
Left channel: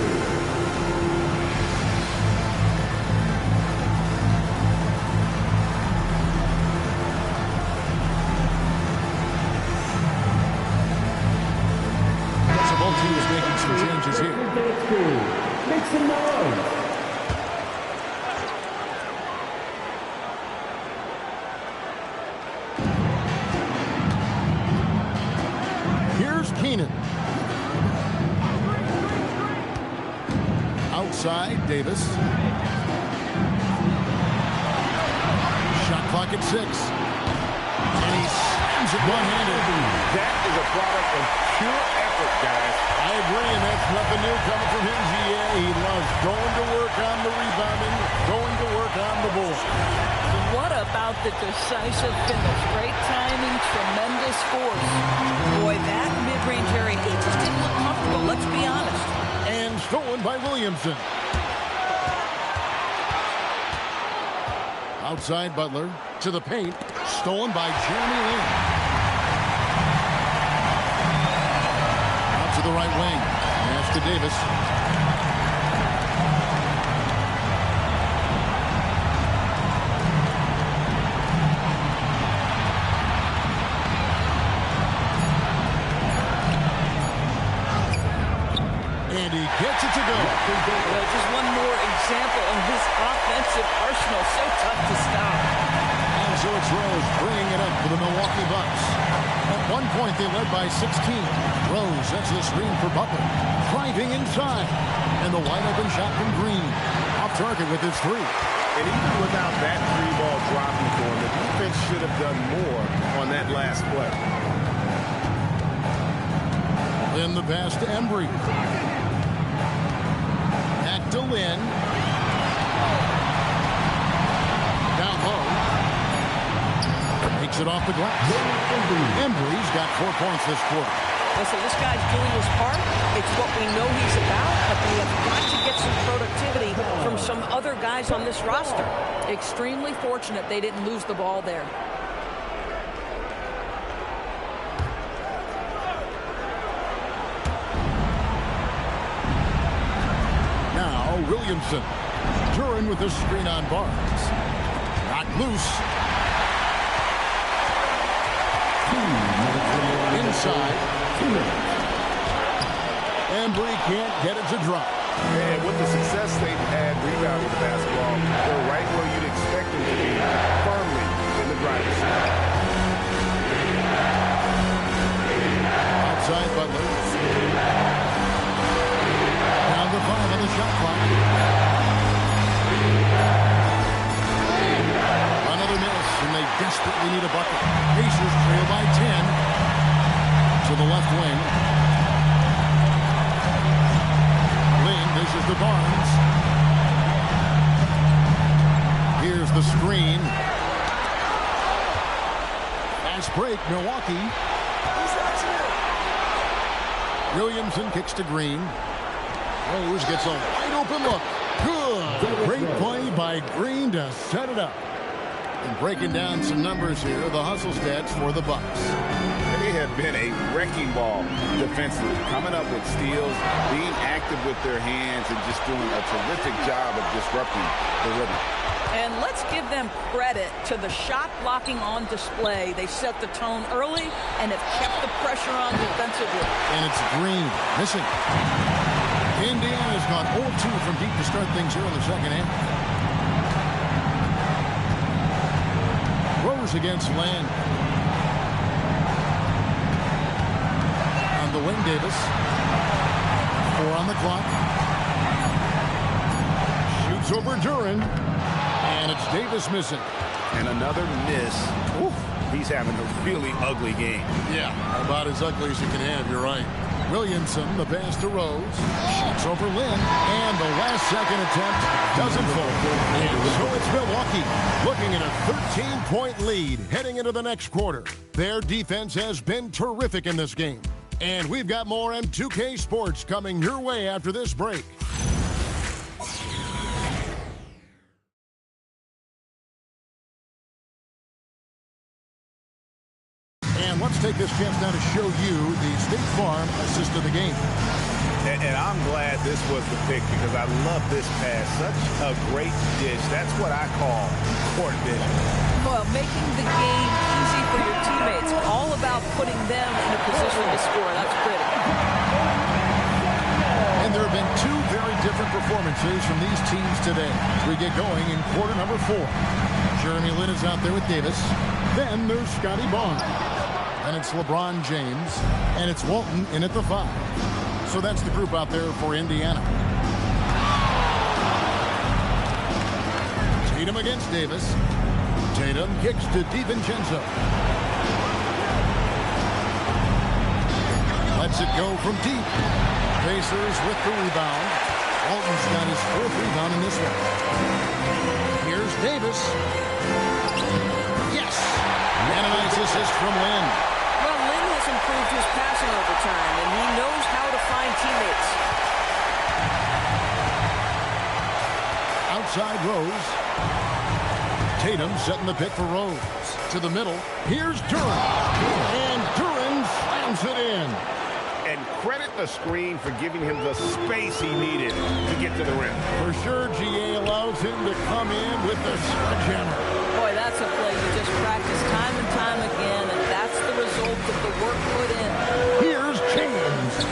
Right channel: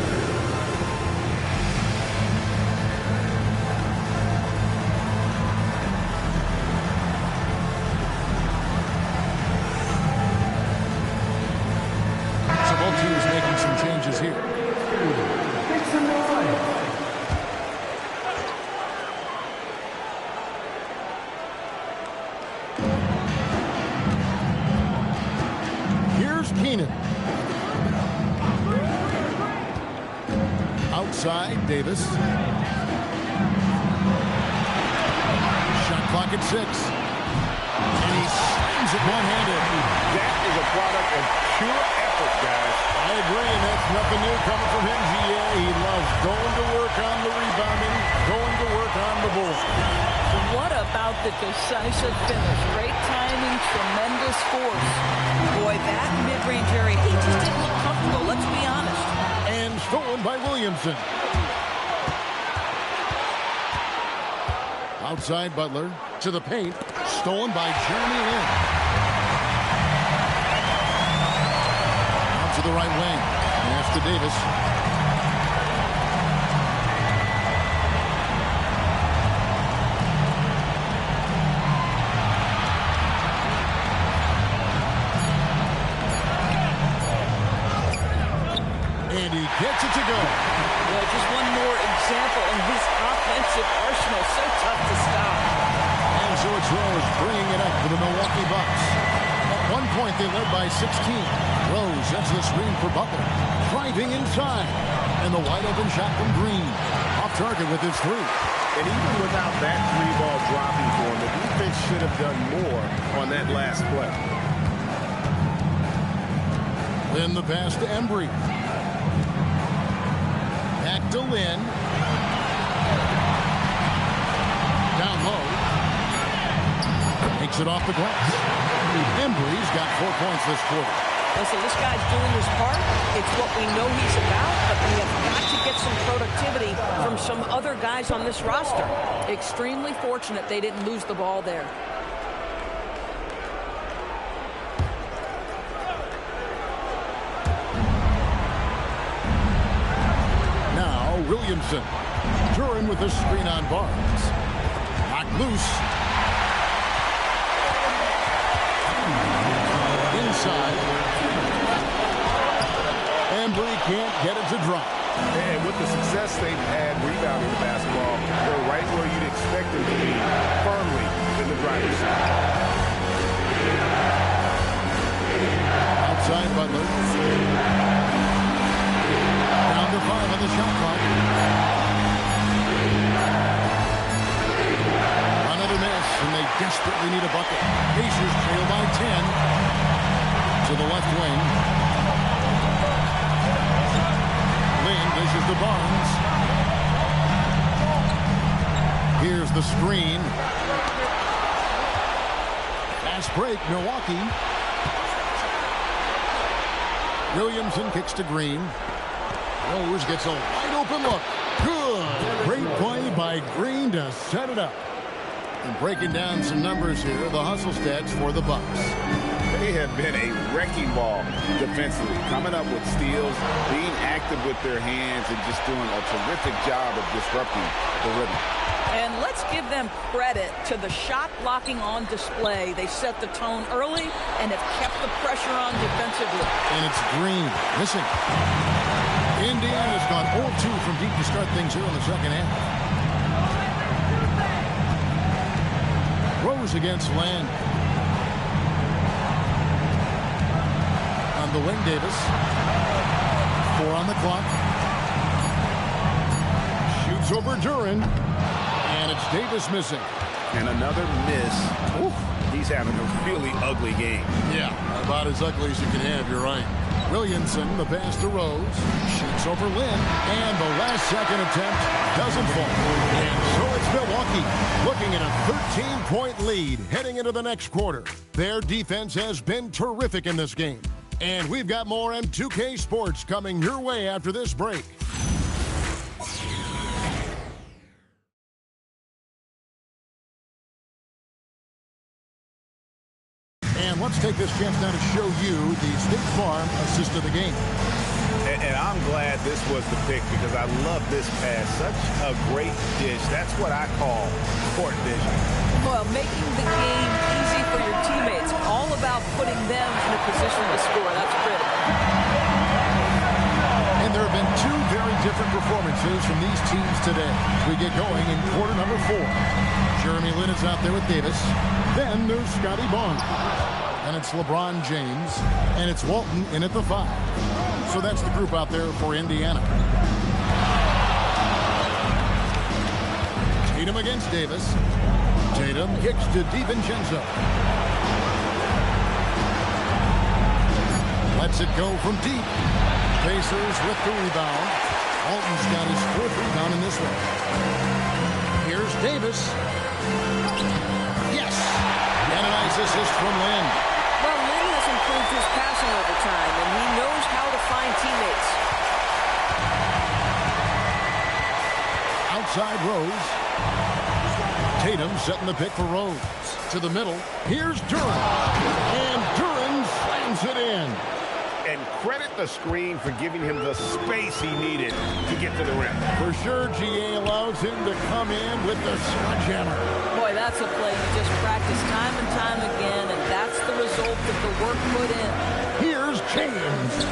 So both teams making some changes here. Make some noise. Here's Keenan. Outside, Davis. Shot clock at 6. And he slams it one-handed. That is a product of pure effort, guys. I agree, and that's nothing new coming from him, GA. He loves going to work on the rebounding, going to work on the board. What about the decisive finish? Great timing, tremendous force. Boy, that mid-range area, he just didn't look comfortable, let's be honest. And stolen by Williamson. Outside Butler to the paint. Stolen by Jeremy Lin. Out to the right wing. Pass to Davis. And he gets it to go. Well, just one more example in his offensive arsenal. So tough to stop. And so it's Rose bringing it up for the Milwaukee Bucks. At one point, they led by 16. Rose sets the screen for Butler. Driving inside. And the wide-open shot from Green. Off target with his 3. And even without that 3-ball dropping for him, the defense should have done more on that last play. Lin the pass to Embry. Back to Lin. Down low. Makes it off the glass. Embry's got 4 points this quarter. Listen, this guy's doing his part. It's what we know he's about, but they have got to get some productivity from some other guys on this roster. Extremely fortunate they didn't lose the ball there. Now Williamson. Duran with the screen on Barnes. Knocked loose. Inside. Embry can't get it to drop. And with the success they've had rebounding the basketball, they're right where you'd expect them to be, firmly in the driver's seat. outside Butler. Down to 5 on the shot clock. Another miss, and they desperately need a bucket. Pacers trail by 10 to the left wing. Lynn dishes to Barnes. Here's the screen. Fast break, Milwaukee. Williamson kicks to Green. Rose gets a wide open look. Good. Great play by Green to set it up. And breaking down some numbers here, the hustle stats for the Bucks. They have been a wrecking ball defensively, coming up with steals, being active with their hands, and just doing a terrific job of disrupting the rhythm. And let's give them credit to the shot blocking on display. They set the tone early and have kept the pressure on defensively. And it's Green missing. Indiana's gone 0-2 from deep to start things here in the second half. Rose against Land. On the wing, Davis. 4 on the clock. Shoots over Duran. And it's Davis missing. And another miss. Ooh, he's having a really ugly game. Yeah, about as ugly as you can have, you're right. Williamson, the pass to Rose. Shoots over Lynn. And the last second attempt doesn't fall. And so it's Milwaukee looking at a 13-point lead heading into the next quarter. Their defense has been terrific in this game. And we've got more M2K Sports coming your way after this break. And let's take this chance now to show you the State Farm assist of the game. And I'm glad this was the pick because I love this pass. Such a great dish. That's what I call court vision. Well, making the game easy for your teammates. All about putting them in a position to score. That's pretty. And there have been 2 very different performances from these teams today. We get going in quarter number 4. Jeremy Lin is out there with Davis. Then there's Scotty Barnes. And it's LeBron James. And it's Walton in at the 5. So that's the group out there for Indiana. Tatum against Davis. Tatum kicks to DiVincenzo. Lets it go from deep. Pacers with the rebound. Walton's got his 4th rebound in this one. Here's Davis. Yes! And a nice assist from Lynn. Well, Lynn has improved his passing over time, and he knows how to find teammates. Outside Rose. Tatum setting the pick for Rose. To the middle. Here's Duran. And Duran slams it in. And credit the screen for giving him the space he needed to get to the rim. For sure, GA allows him to come in with the sledgehammer. Boy, that's a play you just practice time and time again, and that's the result of the work put in. Here's James.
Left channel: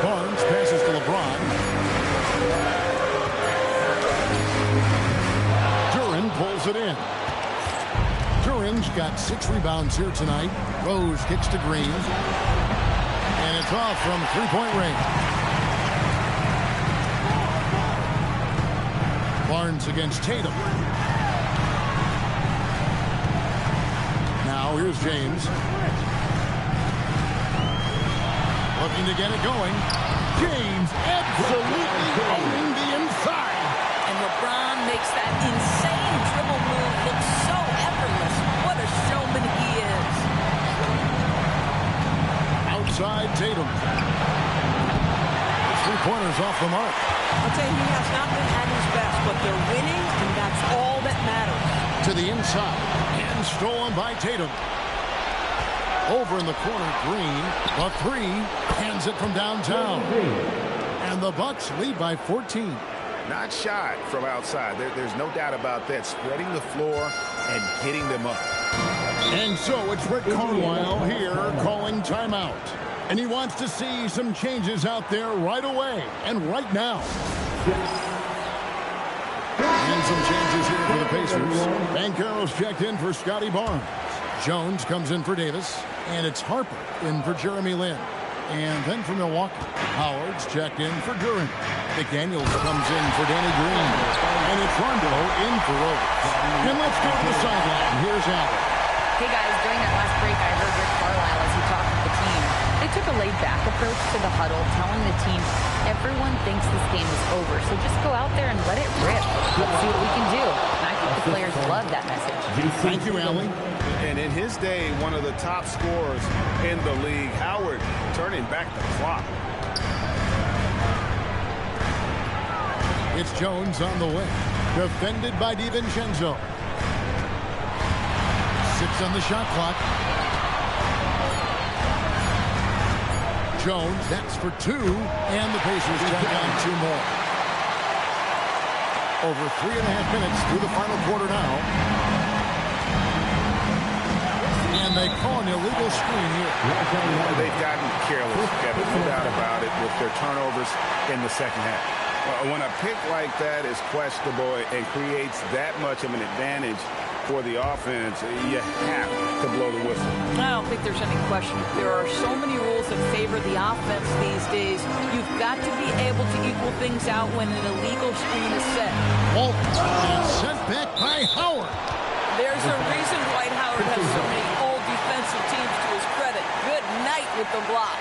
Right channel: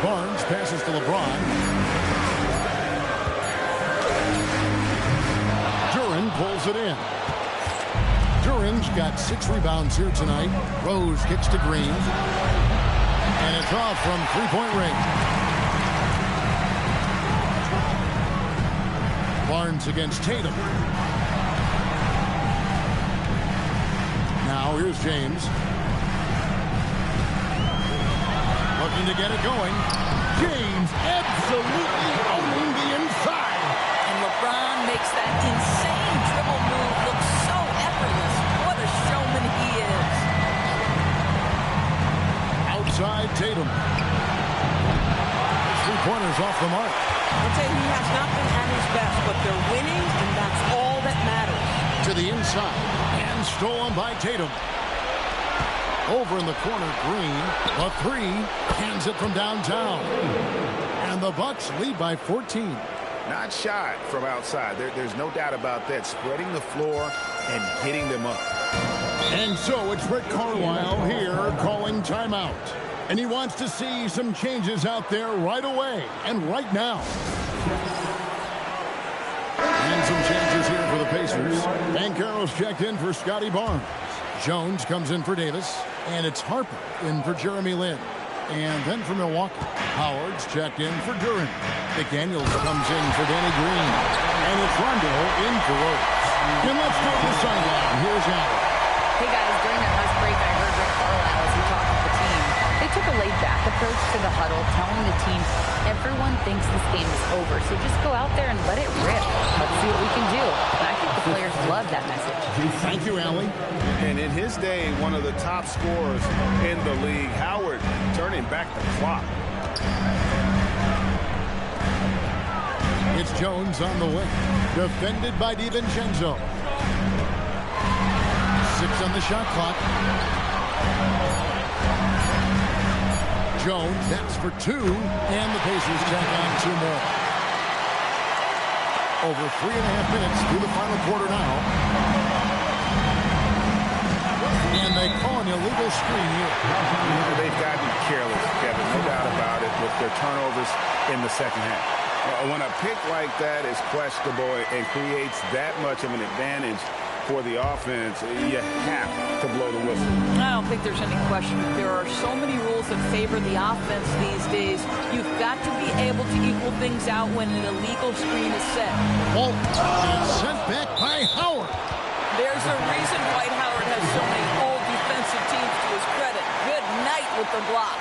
Barnes passes to LeBron. Duran pulls it in. Duran's got 6 rebounds here tonight. Rose kicks to Green. And it's off from 3-point range. Barnes against Tatum. Now here's James. Looking to get it going. James absolutely owning the inside. And LeBron makes that insane dribble move look so effortless. What a showman he is. Outside Tatum. His 3-pointers off the mark. I'll tell you, he has not been at his best, but they're winning, and that's all that matters. To the inside. And stolen by Tatum. Over in the corner, Green. The 3. Hands it from downtown. And the Bucks lead by 14. Not shot from outside. There's no doubt about that. Spreading the floor and getting them up. And so it's Rick Carlisle here calling timeout. And he wants to see some changes out there right away and right now. And some changes here for the Pacers. Banchero's checked in for Scotty Barnes. Jones comes in for Davis, and it's Harper in for Jeremy Lin. And then for Milwaukee, Howard's checked in for Duran. McDaniels comes in for Danny Green. And it's Rondo in for Rose. And let's go to the sideline. Here's Allen. Hey guys, during that last break, I heard Rick Carlisle as he talked with the team. They took a laid-back approach to the huddle, telling the team, everyone thinks this game is over, so just go out there and let it rip. Let's see what we can do. And I think the players love that message. Thank you, Allie. And in his day, one of the top scorers in the league, Howard turning back the clock. It's Jones on the wing. Defended by DiVincenzo. 6 on the shot clock. Jones, that's for 2. And the Pacers tack on 2 more. Over 3.5 minutes through the final quarter now. And they call an illegal screen here. They've gotten careless, Kevin, no doubt about it, with their turnovers in the second half. When a pick like that is questionable and creates that much of an advantage for the offense, you have to blow the whistle. I don't think there's any question. There are so many rules that favor the offense these days. You've got to be able to equal things out when an illegal screen is set. Walton, and it's sent back by Howard. There's a reason Dwight Howard has so many old defensive teams to his credit. Good night with the block.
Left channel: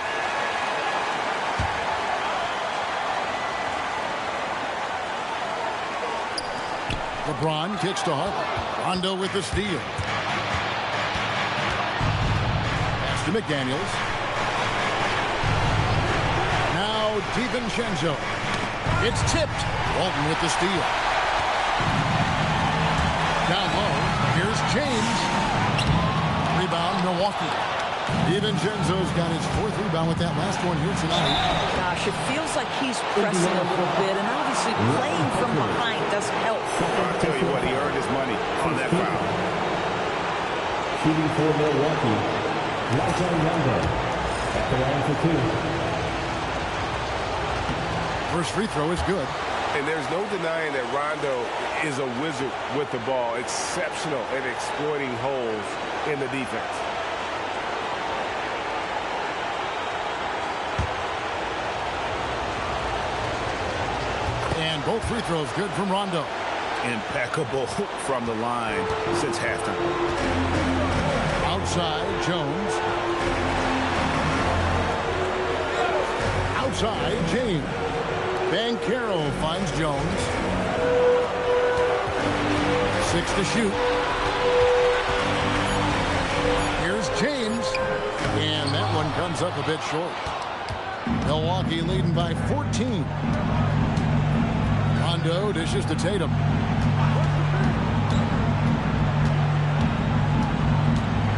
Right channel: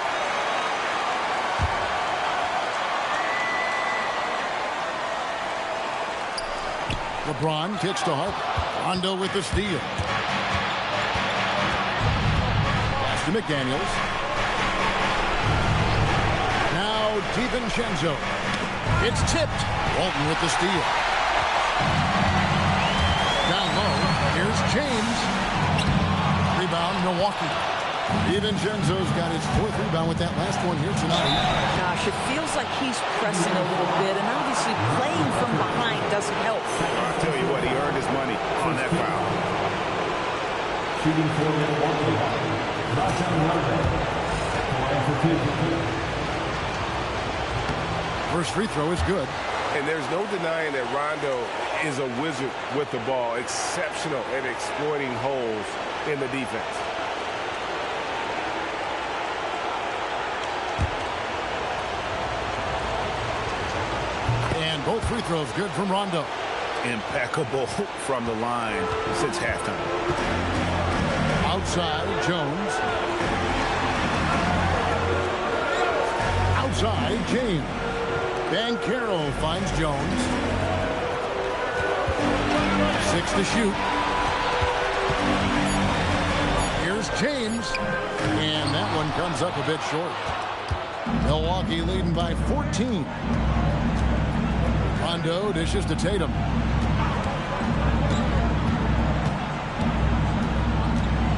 LeBron kicks to Harper. Rondo with the steal. Pass to McDaniels. Now DiVincenzo. It's tipped. Walton with the steal. Down low. Here's James. Rebound, Milwaukee. DiVincenzo's got his 4th rebound with that last one here tonight. Gosh, it feels like he's pressing a little bit, and obviously playing from behind doesn't help. I'll tell you what, he earned his money on that foul. Shooting for Milwaukee. Rajon Rondo at the line for 2. First free throw is good. And there's no denying that Rondo is a wizard with the ball, exceptional at exploiting holes in the defense. And both free throws good from Rondo. Impeccable from the line since halftime. Outside, Jones. Outside, James. Banchero finds Jones. 6 to shoot. Here's James. And that one comes up a bit short. Milwaukee leading by 14. Rondo dishes to Tatum.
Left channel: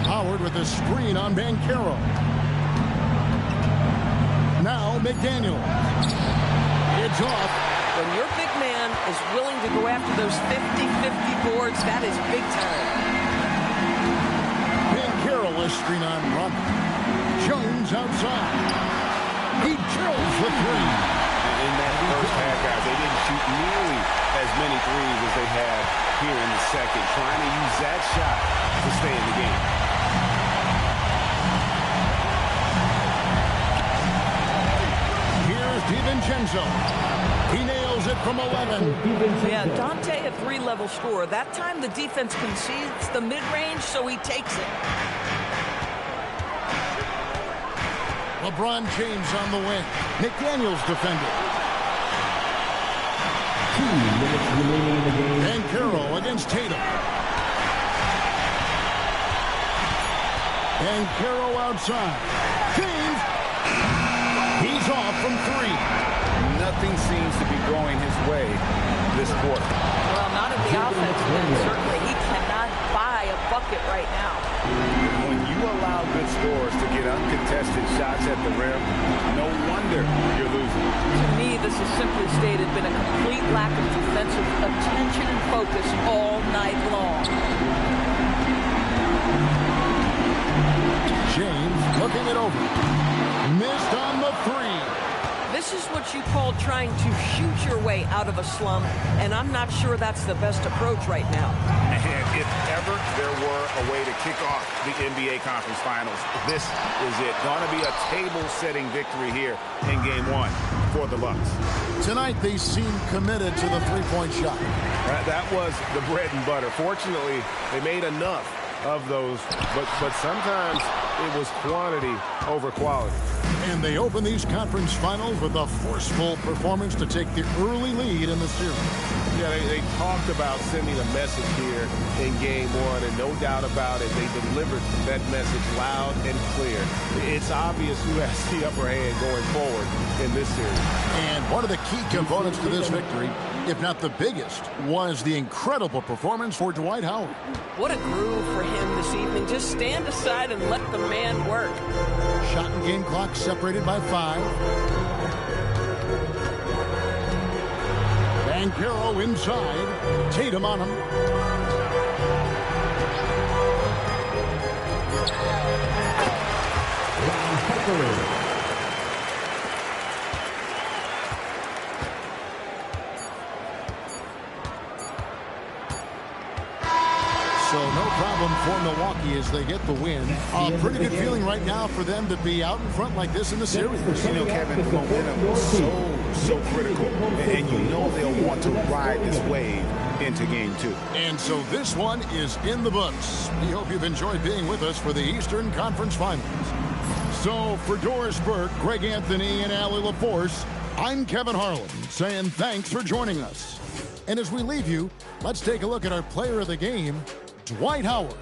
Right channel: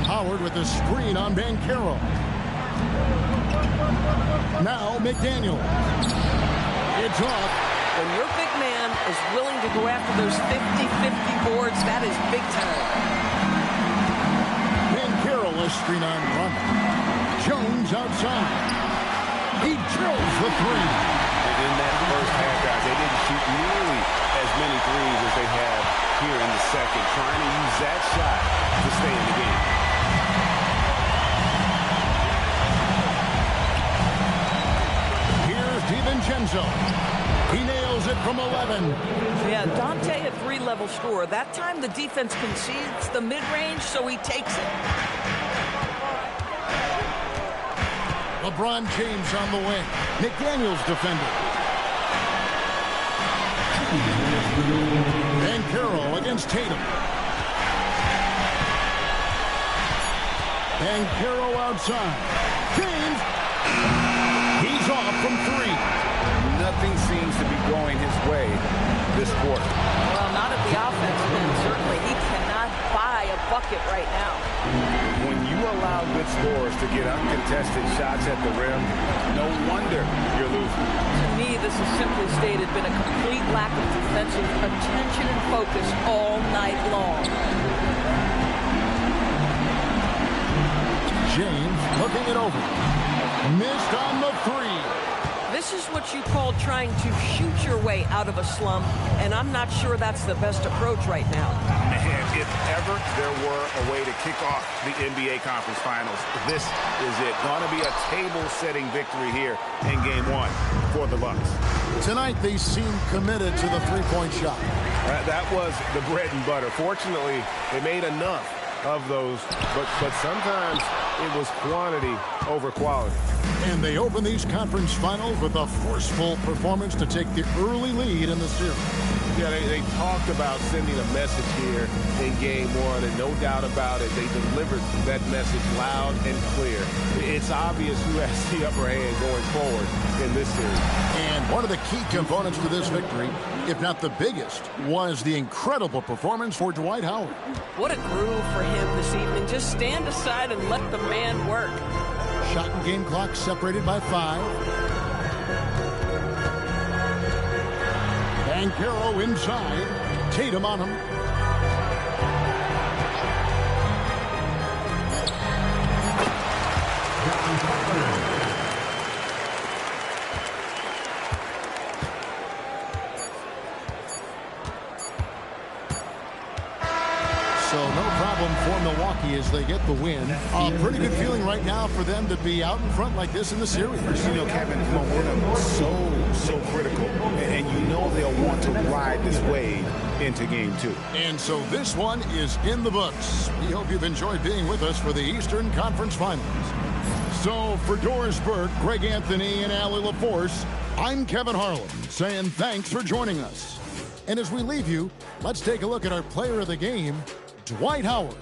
Howard with a screen on Banchero. Now McDaniels. It's off. When your big man is willing to go after those 50-50 boards, that is big time. Banchero a screen on Rondo. Jones outside. He drills the 3. In that first half, guys, they didn't shoot nearly as many threes as they have here in the second, trying to use that shot to stay in the game. Here's DiVincenzo. He nails it from 11. Yeah, Dante, a 3-level scorer. That time the defense concedes the mid-range, so he takes it. LeBron James on the wing. McDaniels defended. 2 minutes remaining in the game. Banchero against Tatum. Banchero outside. James. He's off from 3. Nothing seems to be going his way this quarter. Well, not at the offensive end, certainly. He cannot buy a bucket right now. When you allow good scorers to get uncontested shots at the rim, no wonder you're losing. To me, this is simply stated been a complete lack of defensive attention and focus all night long. James looking it over. Missed on the 3. This is what you call trying to shoot your way out of a slump, and I'm not sure that's the best approach right now. And if ever there were a way to kick off the NBA Conference Finals, this is it. Going to be a table-setting victory here in Game 1 for the Bucks. Tonight, they seem committed to the three-point shot. That was the bread and butter. Fortunately, they made enough of those, but sometimes it was quantity over quality. And they open these conference finals with a forceful performance to take the early lead in the series. Yeah, they talked about sending a message here in Game 1, and no doubt about it, they delivered that message loud and clear. It's obvious who has the upper hand going forward in this series. And one of the key components to this victory, if not the biggest, was the incredible performance for Dwight Howard. What a groove for him this evening. Just stand aside and let the man work. Shot and game clock separated by 5. Banchero inside. Tatum on him. So no problem for Milwaukee as they get the win. A pretty good feeling right now for them to be out in front like this in the series. You know, Kevin, momentum is so critical, and you know they'll want to ride this wave into Game 2. And so this one is in the books. We hope you've enjoyed being with us for the Eastern Conference Finals. So for Doris Burke, Greg Anthony, and Allie LaForce, I'm Kevin Harlan saying thanks for joining us. And as we leave you, let's take a look at our player of the game, Dwight Howard.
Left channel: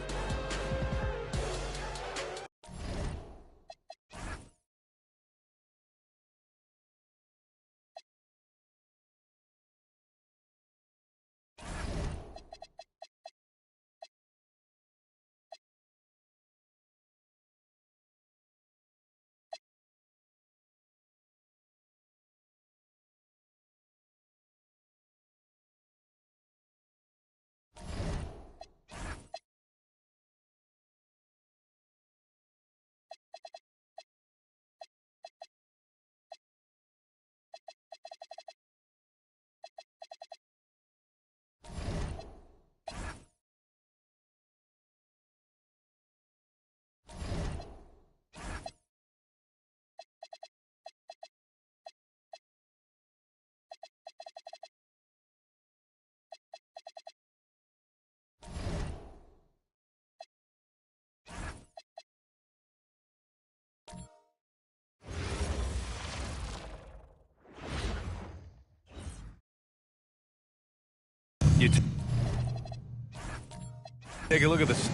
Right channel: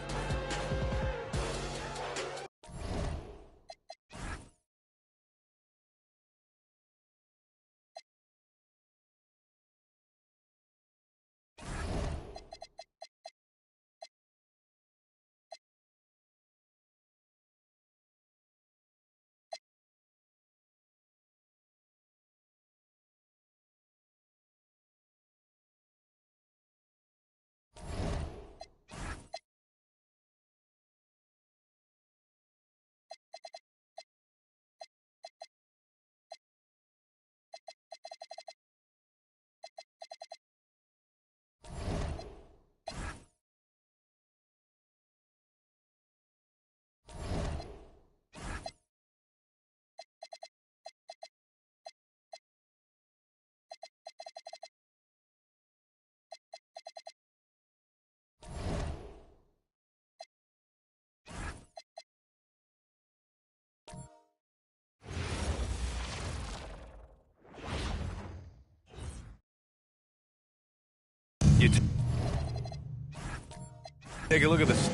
Take a look at this.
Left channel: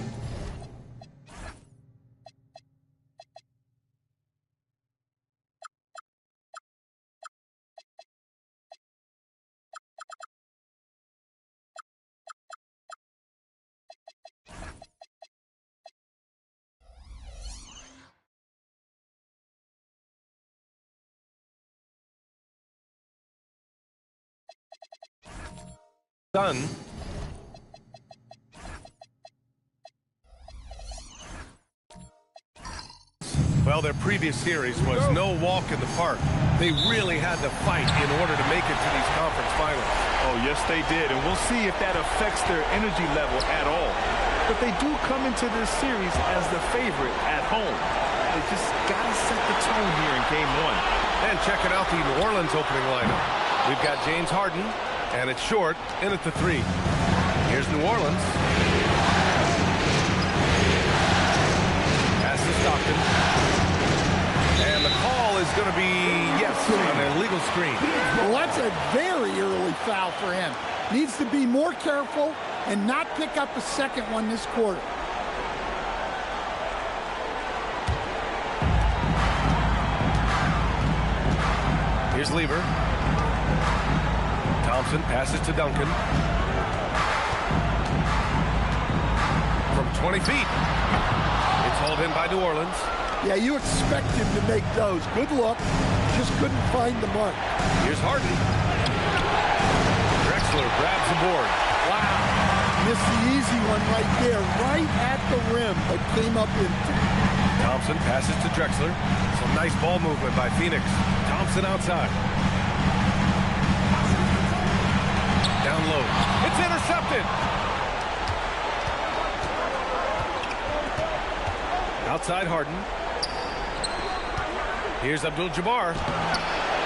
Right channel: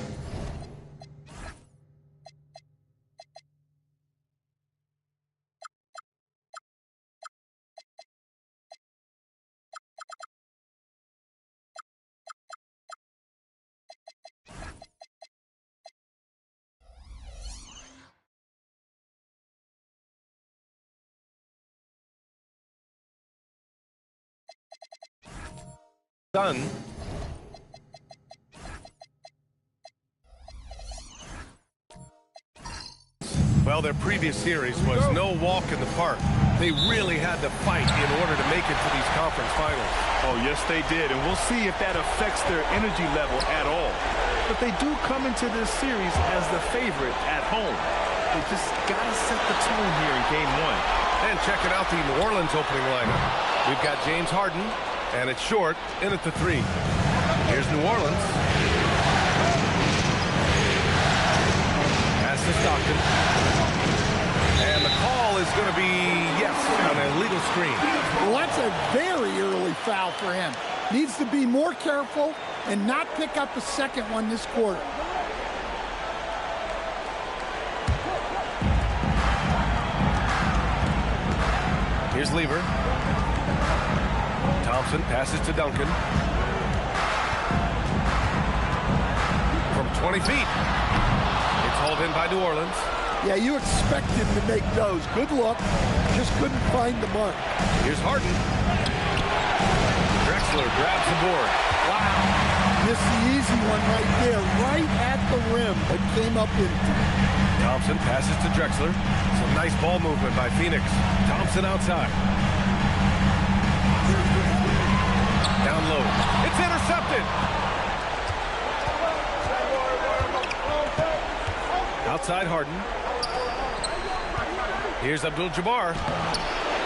Done. Well, their previous series was no walk in the park. They really had to fight in order to make it to these conference finals. Oh, yes, they did. And we'll see if that affects their energy level at all. But they do come into this series as the favorite at home. They just got to set the tone here in Game 1. And checking out the New Orleans opening lineup. We've got James Harden, and it's Short in at the 3. Here's New Orleans. Pass to Stockton. And the call is going to be, yes, an illegal screen. Well, that's a very early foul for him. Needs to be more careful and not pick up a second one this quarter. Here's Lever. Thompson passes to Duncan. From 20 feet. It's hauled in by New Orleans. Yeah, you expect him to make those. Good look. Just couldn't find the mark. Here's Harden. Drexler grabs the board. Wow. Missed the easy one right there, right at the rim, but came up empty. Thompson passes to Drexler. Some nice ball movement by Phoenix. Thompson outside. Down low. It's intercepted. Outside Harden. Here's Abdul-Jabbar.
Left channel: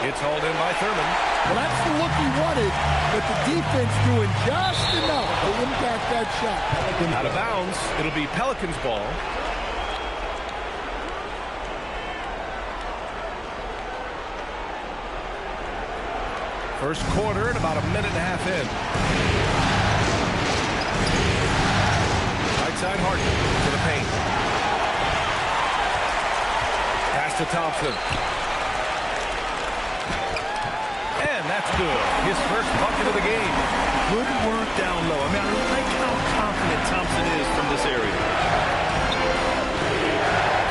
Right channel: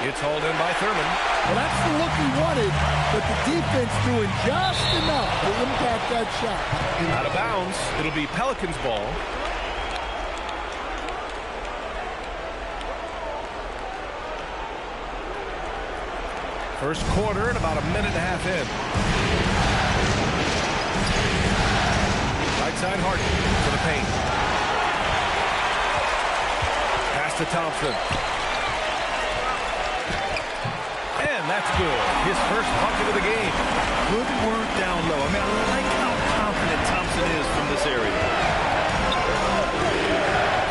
It's hauled in by Thurman. Well, that's the look he wanted, but the defense doing just enough to impact that shot. Out of bounds. It'll be Pelicans ball. First quarter and about a minute and a half in. Right side Harden to the paint. Pass to Thompson. And that's good. His first bucket of the game. Good work down low. I mean, I like how confident Thompson is from this area.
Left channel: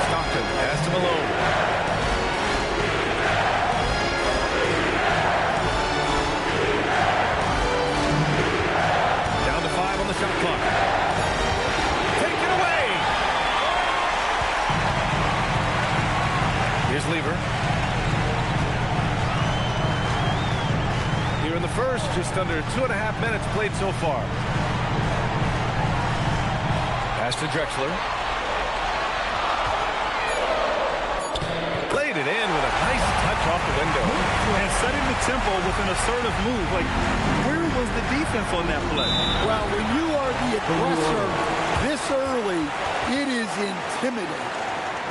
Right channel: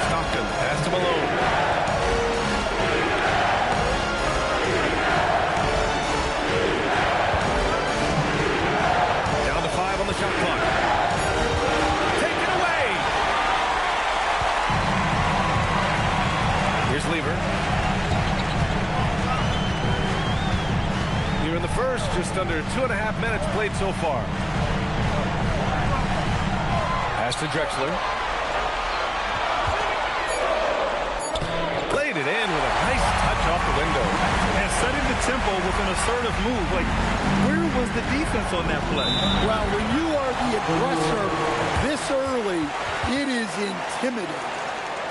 Stockton pass to Malone. On the shot clock. Take it away. Here's Lever. Here in the first, just under 2.5 minutes played so far. Pass to Drexler. Laid it in with a nice touch off the window. And setting the tempo with an assertive move. Like, where was the defense on that play? Well, when you are the aggressor this early, it is intimidating.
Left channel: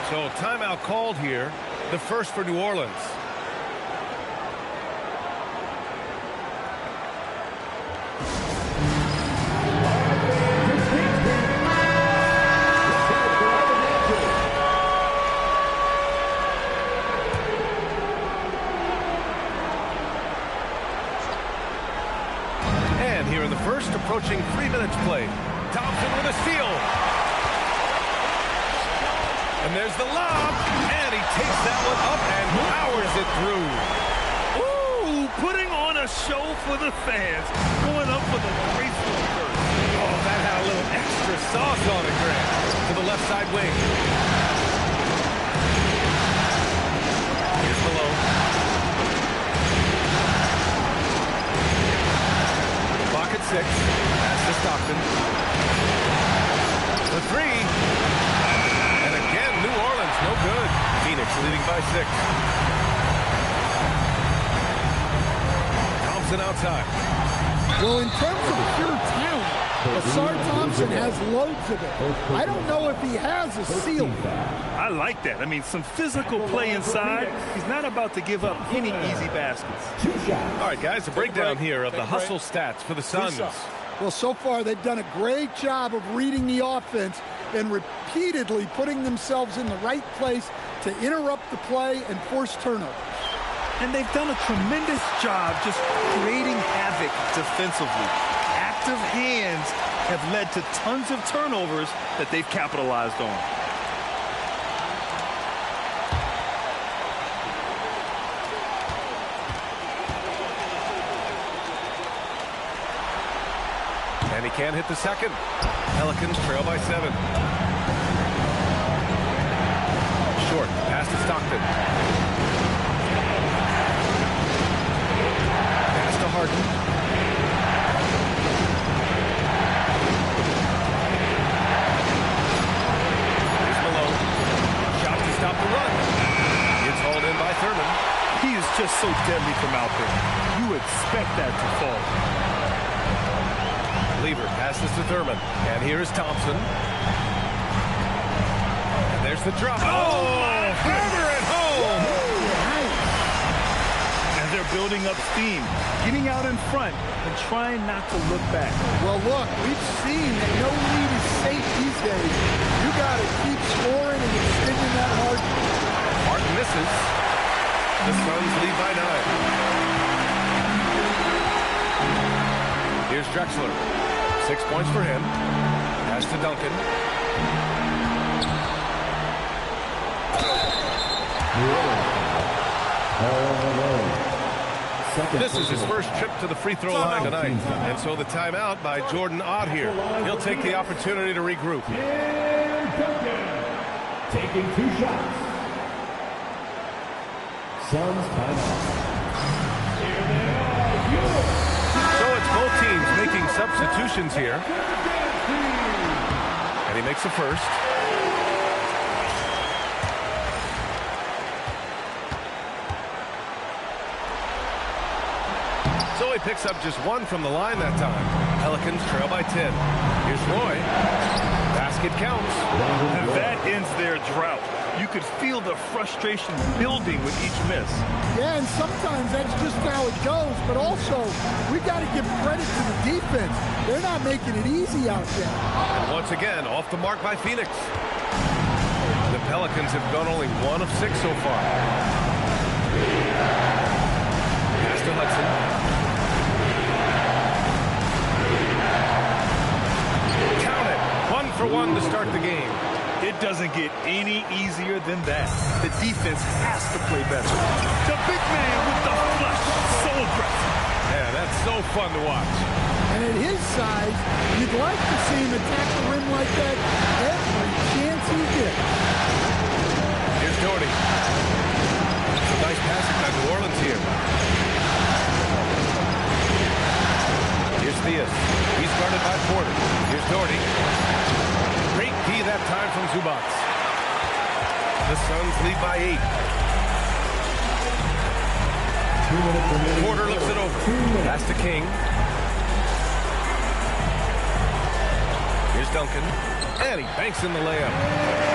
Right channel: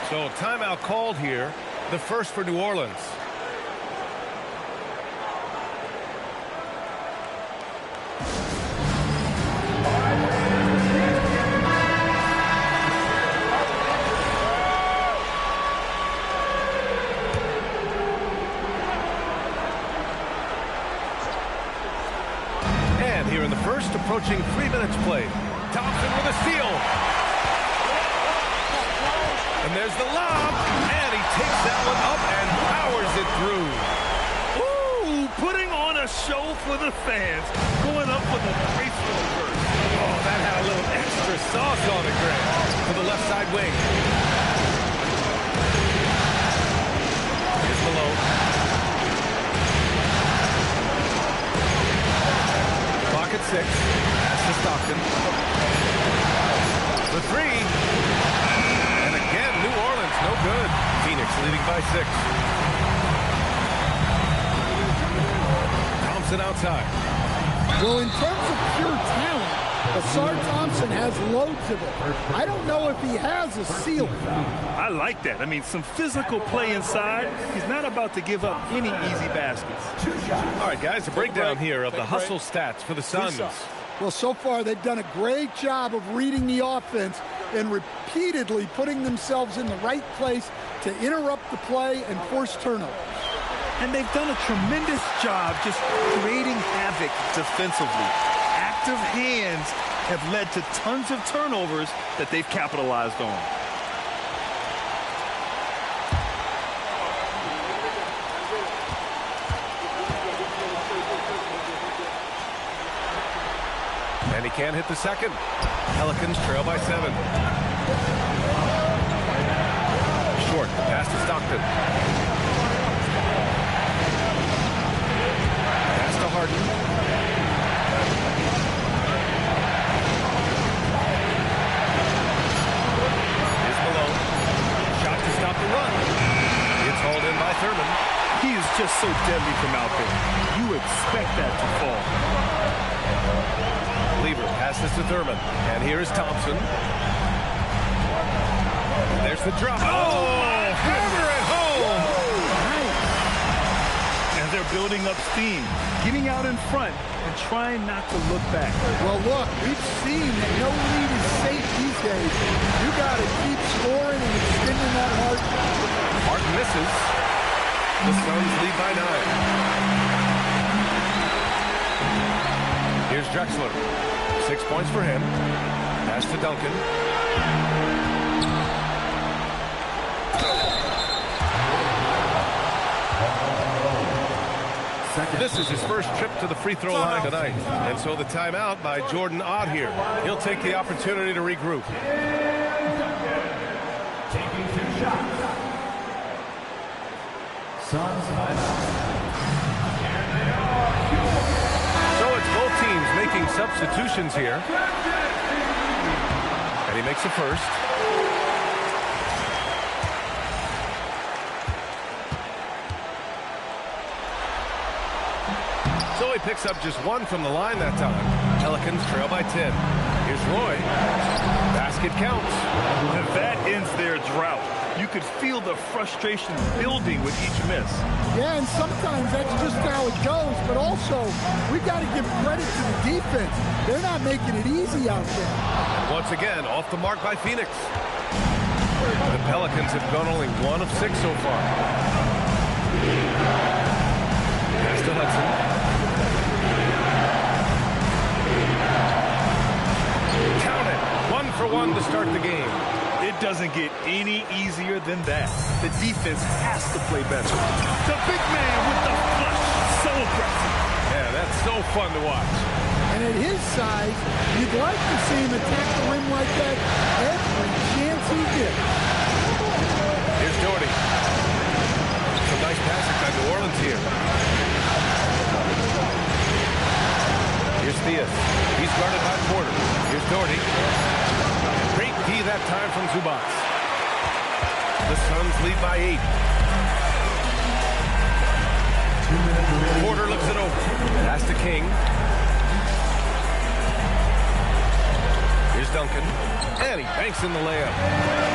So timeout called here, the first for New Orleans. Here in the first, approaching 3 minutes played. Thompson with a steal. And there's the lob. And he takes that one up and powers it through. Ooh, putting on a show for the fans. Going up with a graceful burst. Oh, that had a little extra sauce on it, Grant. To the left side wing. Here's Malone. Clock at 6. Pass to Stockton. The three. And again, New Orleans, no good. Phoenix leading by 6. Thompson outside. Well, in terms of pure talent, Asar Thompson has loads of it. I don't know if he has a ceiling. I like that. I mean, some physical play inside. He's not about to give up any easy baskets. All right, guys, a breakdown here of the hustle stats for the Suns. Well, so far they've done a great job of reading the offense and repeatedly putting themselves in the right place to interrupt the play and force turnovers. And they've done a tremendous job just creating havoc defensively. Active hands have led to tons of turnovers that they've capitalized on. And he can't hit the second. Pelicans trail by 7. Short, pass to Stockton. Pass to Harden. Here's Malone. Shot to stop the run. It's hauled in by Thurman. He is just so deadly from out there. You expect that to fall. Lever passes to Thurman. And here is Thompson. And there's the drop. Oh, hammer it home. Nice. And they're building up steam, getting out in front and trying not to look back. Well, look, we've seen that no lead is safe these days. You got to keep scoring and extending that margin. Harden misses. The Suns lead by 9. Here's Drexler. 6 points for him. Pass to Duncan. This is his first trip to the free throw line tonight. And so the timeout by Jordan Ott here. He'll take the opportunity to regroup. Taking 2 shots. Suns timeout. So it's both teams making substitutions here. And he makes the first. So he picks up just 1 from the line that time. Pelicans trail by 10. Here's Roy. Basket counts. And that ends their drought. You could feel the frustration building with each miss. Yeah, and sometimes that's just how it goes. But also, we've got to give credit to the defense. They're not making it easy out there. And once again, off the mark by Phoenix. The Pelicans have gone only 1 of 6 so far. Pass to Hudson. Count it. 1 for 1 to start the game. It doesn't get any easier than that. The defense has to play better. The big man with the flush. So aggressive. Yeah, that's so fun to watch. And at his size, you'd like to see him attack the rim like that every chance he gets. Here's Doherty. Some nice passing by New Orleans here. Here's Theus. He's guarded by Porter. Here's Doherty. Great D that time from Zubac. The Suns lead by 8. Porter looks it over. Pass to King. Here's Duncan. And he banks in the layup.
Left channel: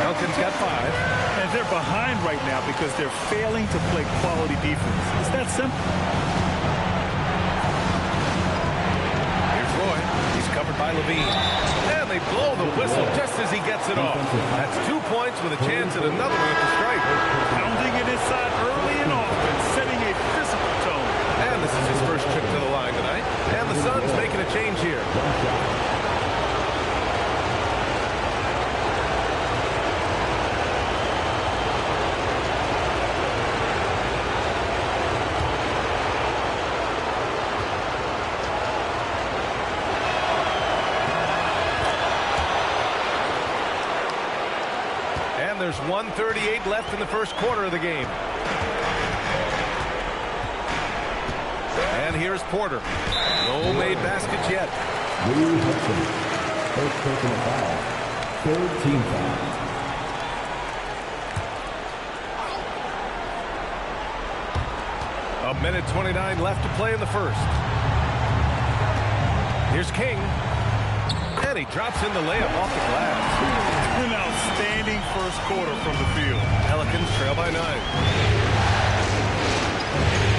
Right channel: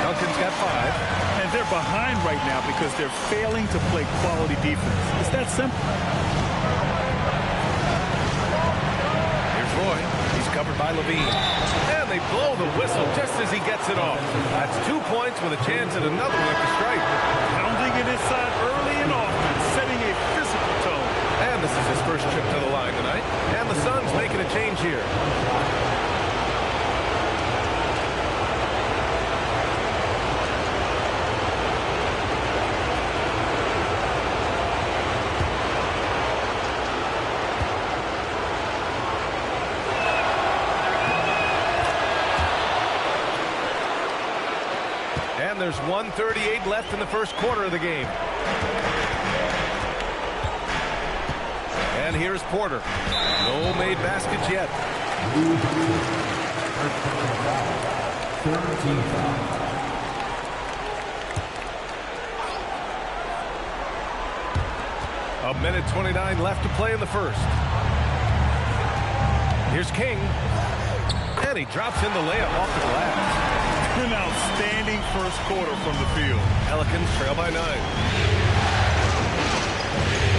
Duncan's got 5. And they're behind right now because they're failing to play quality defense. It's that simple. Here's Roy. He's covered by Levine. And they blow the whistle just as he gets it off. That's 2 points with a chance at another one at the stripe. Pounding it inside early and often, setting a physical tone. And this is his first trip to the line tonight. And the Suns making a change here. And there's 1:38 left in the first quarter of the game. And here's Porter. No made baskets yet. First personal foul. Third team foul. A minute 29 left to play in the first. Here's King. And he drops in the layup off the glass. An outstanding first quarter from the field. Pelicans trail by 9.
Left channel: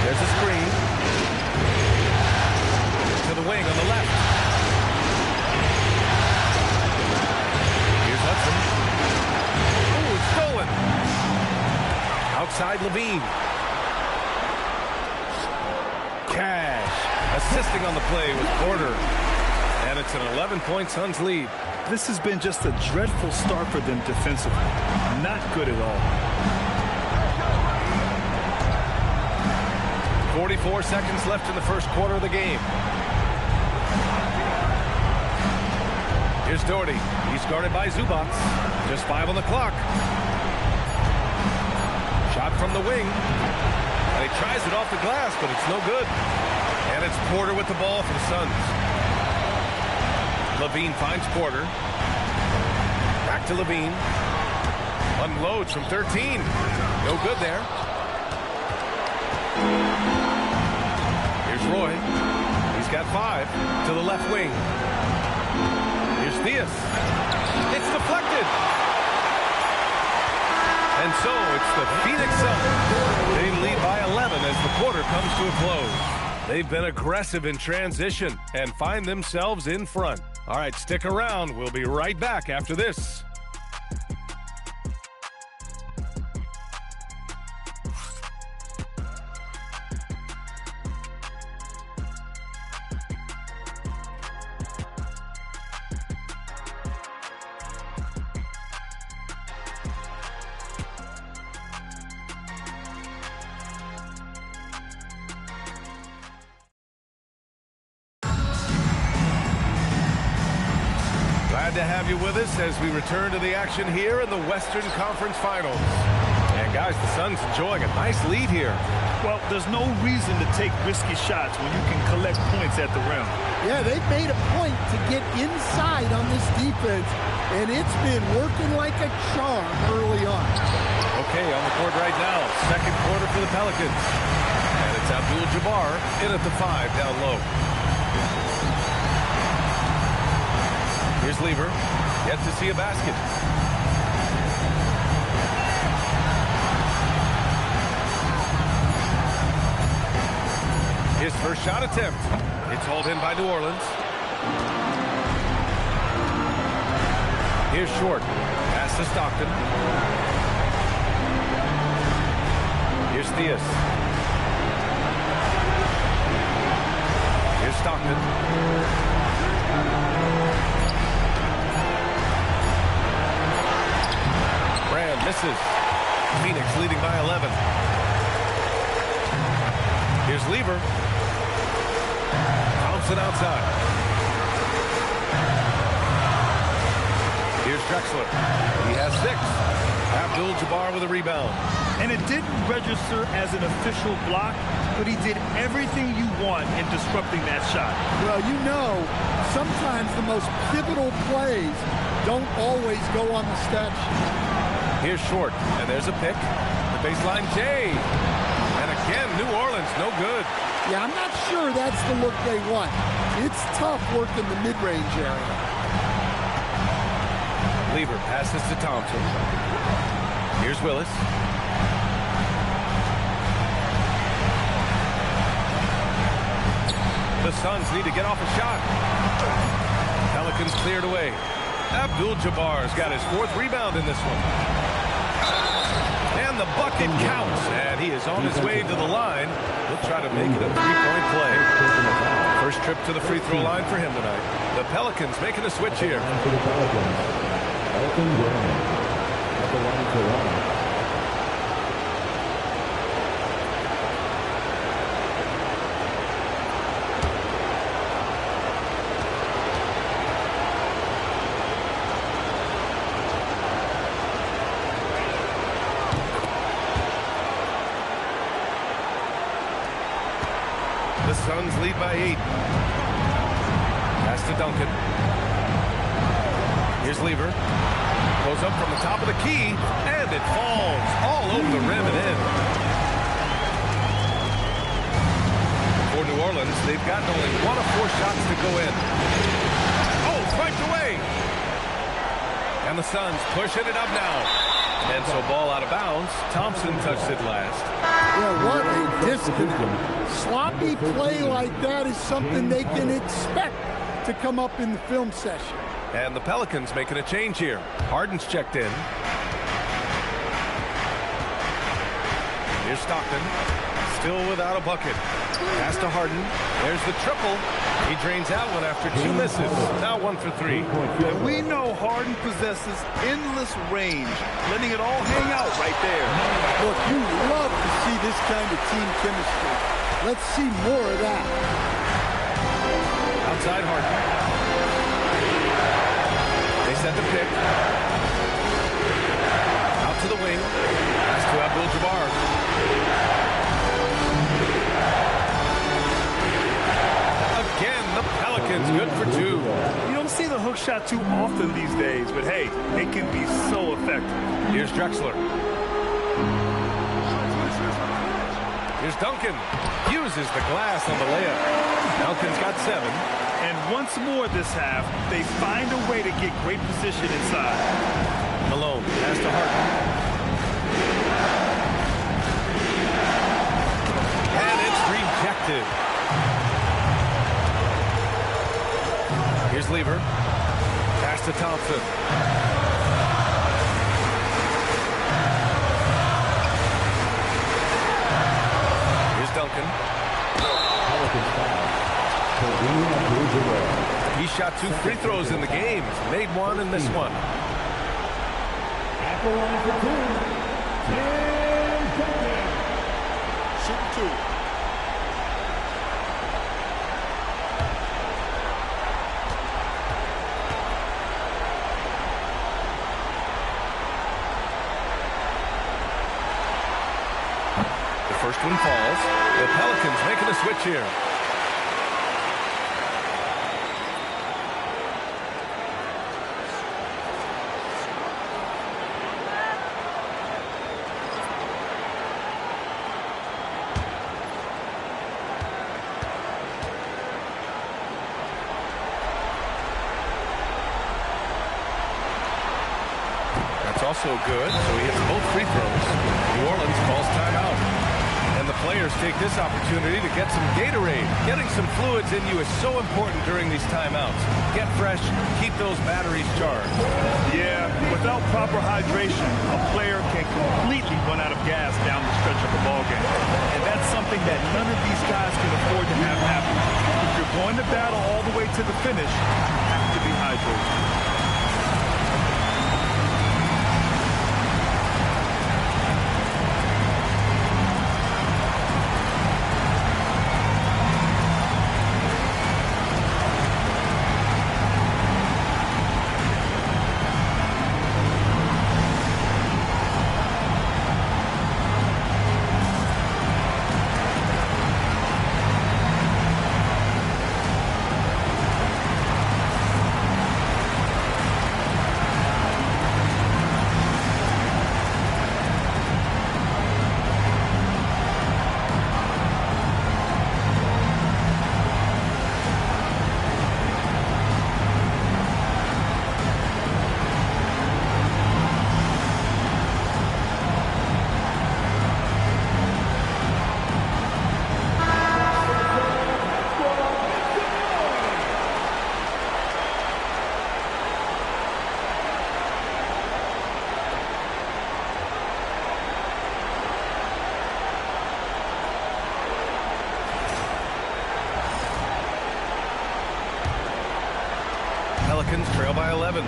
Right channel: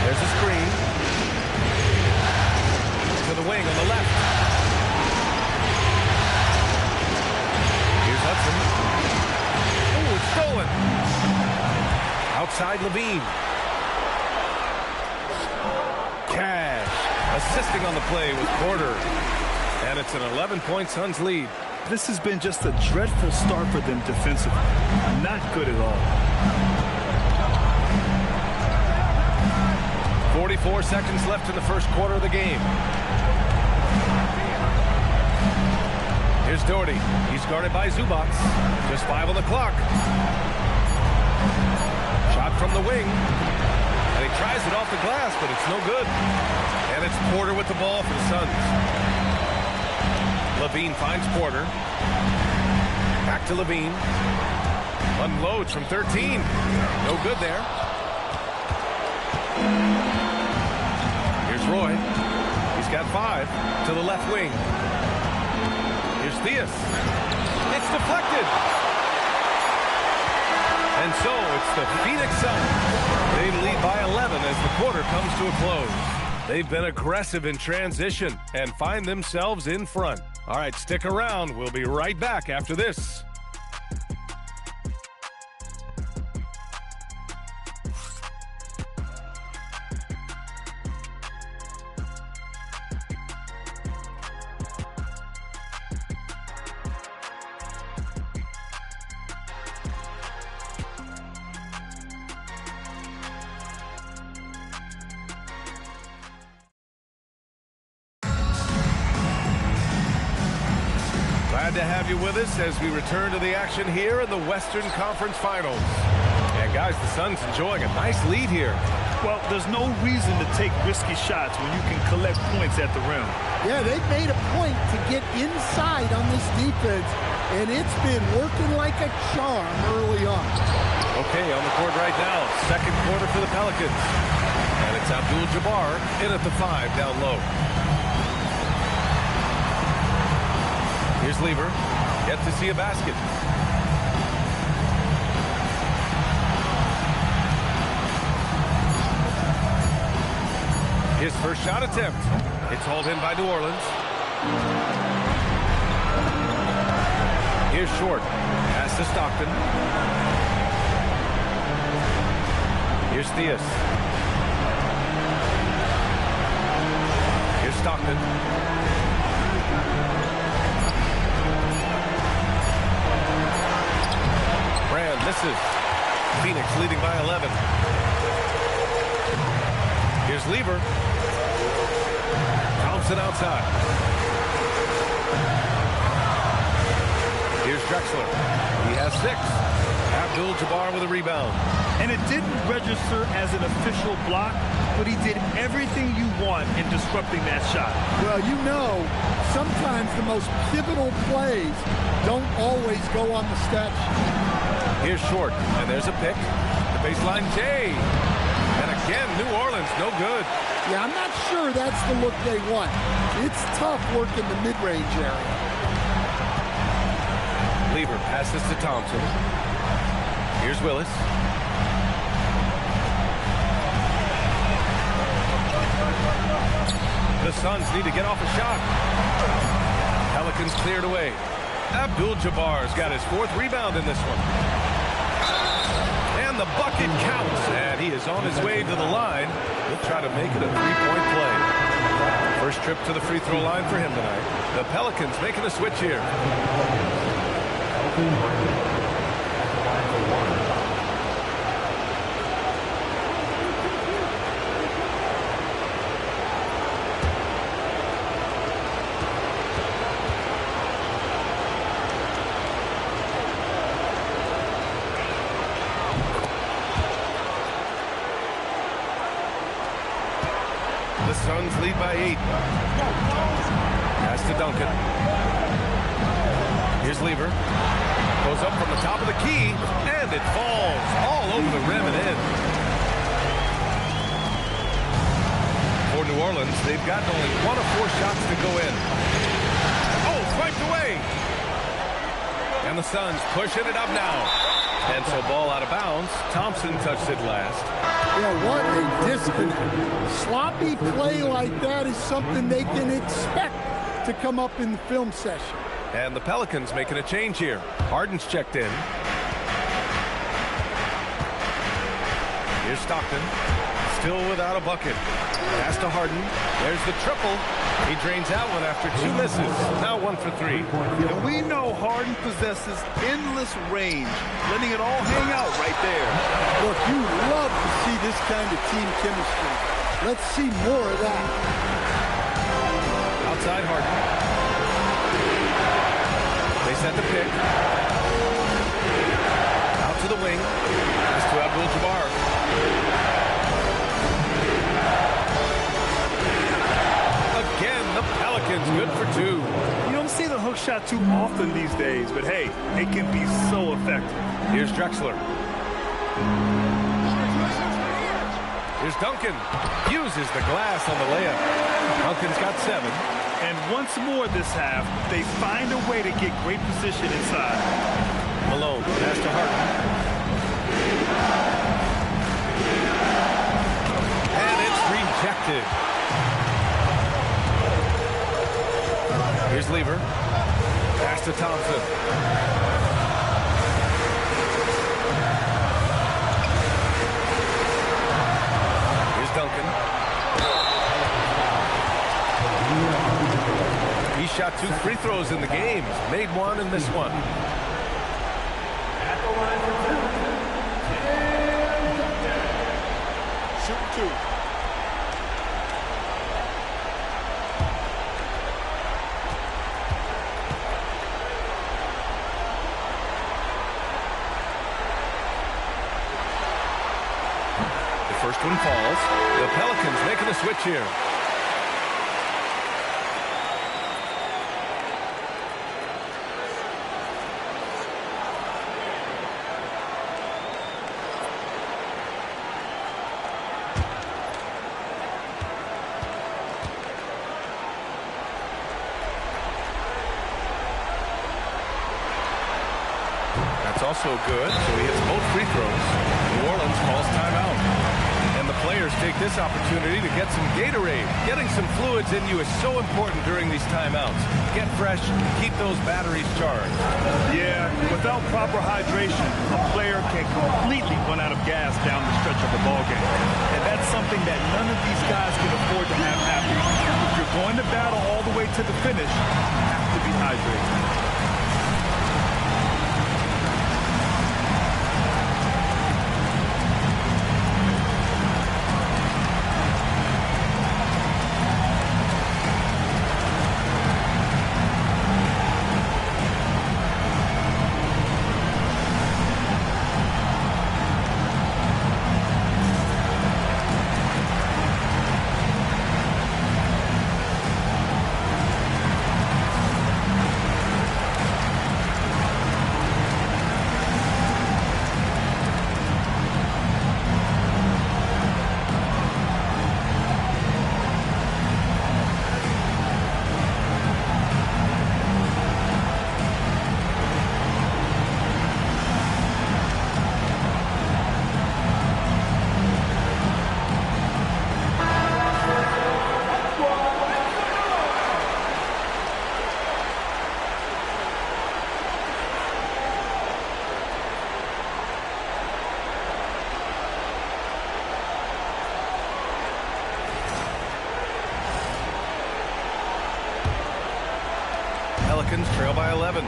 There's a screen. To the wing on the left. Here's Hudson. Oh, it's stolen. Outside Levine. Cash. Assisting on the play with Porter. And it's an 11-point Suns lead. This has been just a dreadful start for them defensively. Not good at all. 44 seconds left in the first quarter of the game. Here's Doherty. He's guarded by Zubac. Just 5 on the clock. Shot from the wing. And he tries it off the glass, but it's no good. And it's Porter with the ball for the Suns. Levine finds Porter. Back to Levine. Unloads from 13. No good there. Here's Roy. He's got 5 to the left wing. Here's Theus. It's deflected. And so it's the Phoenix Suns. They lead by 11 as the quarter comes to a close. They've been aggressive in transition and find themselves in front. All right, stick around. We'll be right back after this. Glad to have you with us as we return to the action here in the Western Conference Finals. And guys, the Suns enjoying a nice lead here. Well, there's no reason to take risky shots when you can collect points at the rim. Yeah, they've made a point to get inside on this defense, and it's been working like a charm early on. Okay, on the court right now, second quarter for the Pelicans. And it's Abdul-Jabbar in at the 5 down low. Here's Lever, yet to see a basket. His first shot attempt. It's hauled in by New Orleans. Here's Short. Pass to Stockton. Here's Theus. Here's Stockton. Brand misses. Phoenix leading by 11. Here's Lever. Thompson outside. Here's Drexler. He has 6. Abdul-Jabbar with a rebound. And it didn't register as an official block, but he did everything you want in disrupting that shot. Well, you know, sometimes the most pivotal plays don't always go on the stat sheet. Here's Short, and there's a pick. The baseline J. And again, New Orleans, no good. Yeah, I'm not sure that's the look they want. It's tough working the mid-range area. Lever passes to Thompson. Here's Willis. The Suns need to get off a shot. Pelicans cleared away. Abdul-Jabbar's got his 4th rebound in this one. And the bucket counts. And he is on his way to the line. He'll try to make it a 3-point play. First trip to the free throw line for him tonight. The Pelicans making a switch here. The Suns lead by 8. Pass to Duncan. Here's Lever. Goes up from the top of the key, and it falls all over the rim and in. For New Orleans, they've gotten only 1 of 4 shots to go in. Oh, swiped away. And the Suns pushing it up now. And so ball out of bounds. Thompson touched it last. Yeah, what a disconnect. Sloppy play like that is something they can expect to come up in the film session. And the Pelicans making a change here. Harden's checked in. Here's Stockton. Still without a bucket. Pass to Harden. There's the triple. He drains that one after 2 misses. Now 1 for 3. And we know Harden possesses endless range, letting it all hang out right there. Look, you love to see this kind of team chemistry. Let's see more of that. Outside Harden. They set the pick. Out to the wing. Pass to Abdul-Jabbar. Again, the Pelicans good for 2. You don't see the hook shot too often these days, but hey, it can be so effective. Here's Drexler. Here's Duncan. Uses the glass on the layup. Duncan's got 7. And once more this half, they find a way to get great position inside. Malone, pass to Harden. And it's rejected. Here's Lever. Pass to Thompson. Here's Duncan. He shot 2 free throws in the game. He's made 1 and missed 1. At the line for 2, Shooting 2. First one falls. The Pelicans making a switch here. That's also good, so he hits both free throws. New Orleans calls timeout. And the players take this opportunity to get some Gatorade. Getting some fluids in you is so important during these timeouts. Get fresh, keep those batteries charged. Yeah, without proper hydration, a player can completely run out of gas down the stretch of a ball game. And that's something that none of these guys can afford to have happen. If you're going to battle all the way to the finish, you have to be hydrated. Pelicans trail by 11.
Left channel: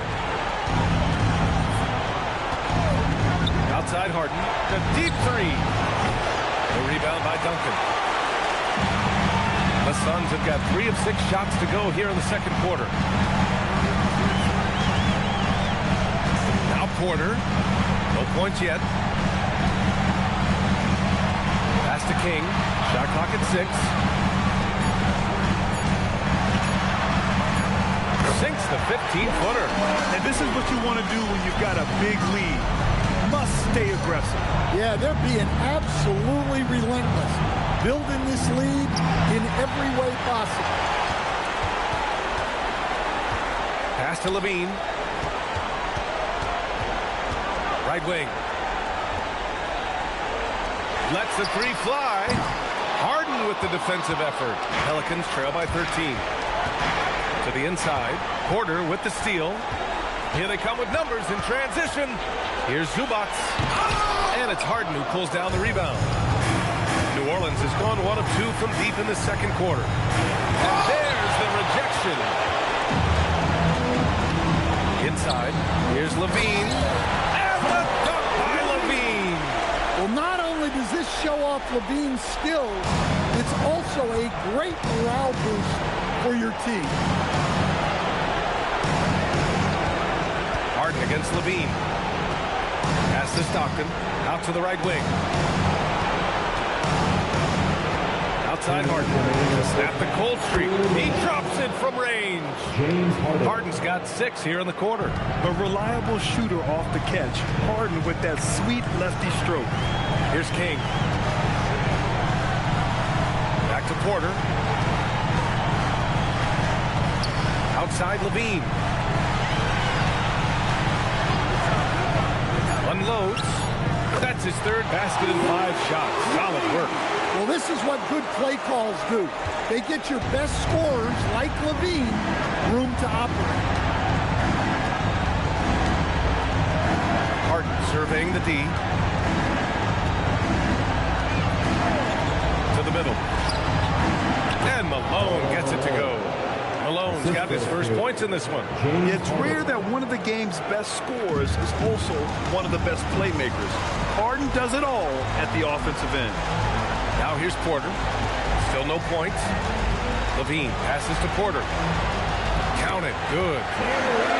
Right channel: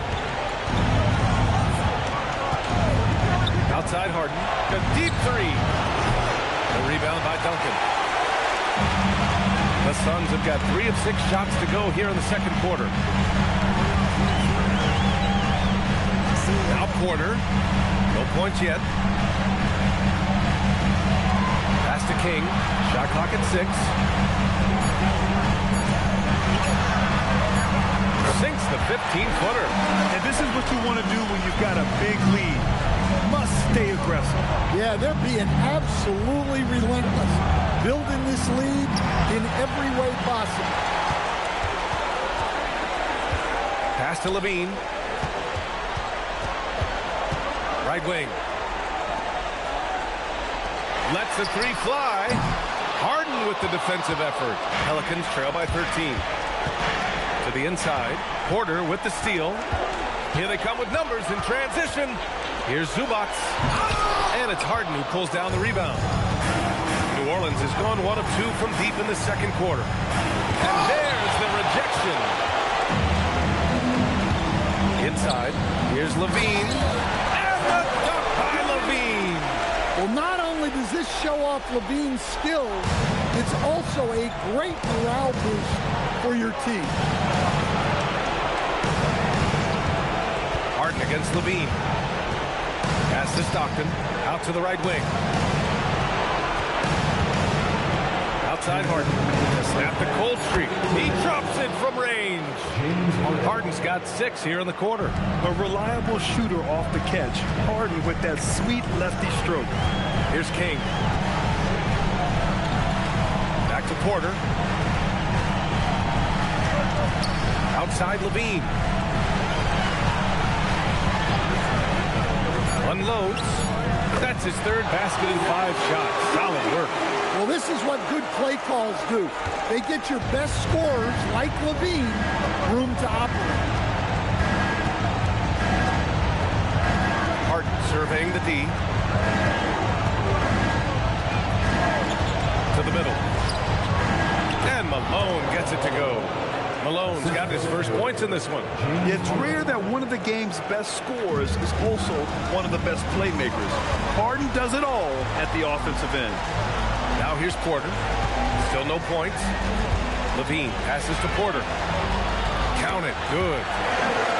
Outside Harden. A deep three. The rebound by Duncan. The Suns have got 3 of 6 shots to go here in the second quarter. Now Porter. No points yet. Pass to King. Shot clock at 6. Sinks the 15-footer. And this is what you want to do when you've got a big lead. Must stay aggressive. Yeah, they're being absolutely relentless. Building this lead in every way possible. Pass to Levine. Right wing. Lets the three fly. Harden with the defensive effort. Pelicans trail by 13. To the inside. Porter with the steal. Here they come with numbers in transition. Here's Zubac. And it's Harden who pulls down the rebound. New Orleans has gone 1 of 2 from deep in the second quarter. And there's the rejection. Inside. Here's Levine. And the dunk by Levine. Well, not only does this show off Levine's skills, it's also a great morale boost for your team. Harden against Levine. Pass to Stockton. Out to the right wing. Outside Harden. To snap the cold streak. He drops it from range. Harden's got 6 here in the quarter. A reliable shooter off the catch. Harden with that sweet lefty stroke. Here's King. Back to Porter. Outside Levine. Unloads. That's his 3rd basket in 5 shots. Solid work. Well, this is what good play calls do. They get your best scorers, like Levine, room to operate. Harden surveying the D. To the middle. And Malone gets it to go. Malone's got his first points in this one. It's rare that one of the game's best scorers is also one of the best playmakers. Harden does it all at the offensive end. Now here's Porter. Still no points. Levine passes to Porter. Count it. Good.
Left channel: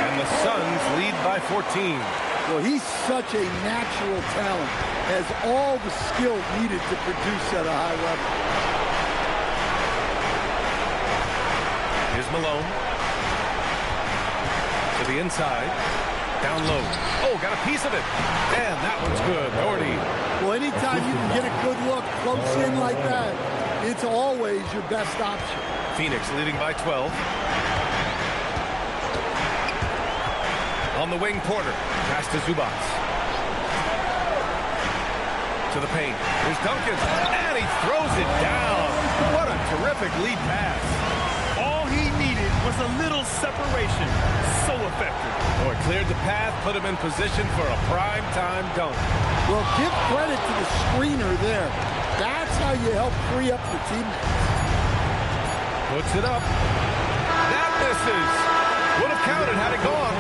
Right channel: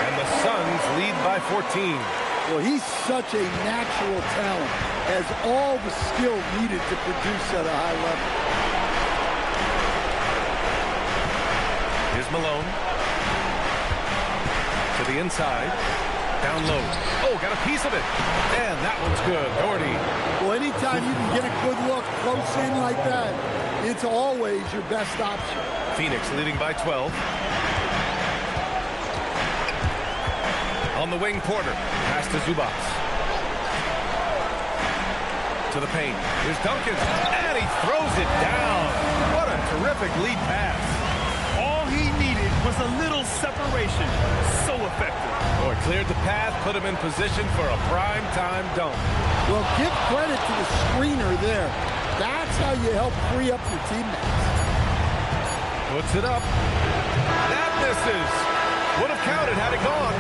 And the Suns lead by 14. Well, he's such a natural talent. has all the skill needed to produce at a high level. Here's Malone. To the inside. Down low. Oh, got a piece of it. And that one's good. Doherty. Well, anytime you can get a good look close in like that, it's always your best option. Phoenix leading by 12. On the wing, Porter. Pass to Zubats. To the paint. Here's Duncan. And he throws it down. What a terrific lead pass. All he needed was a little separation. So effective. Oh, it cleared the path, put him in position for a prime-time dunk. Well, give credit to the screener there. That's how you help free up your teammates. Puts it up. That misses. Would have counted had it gone.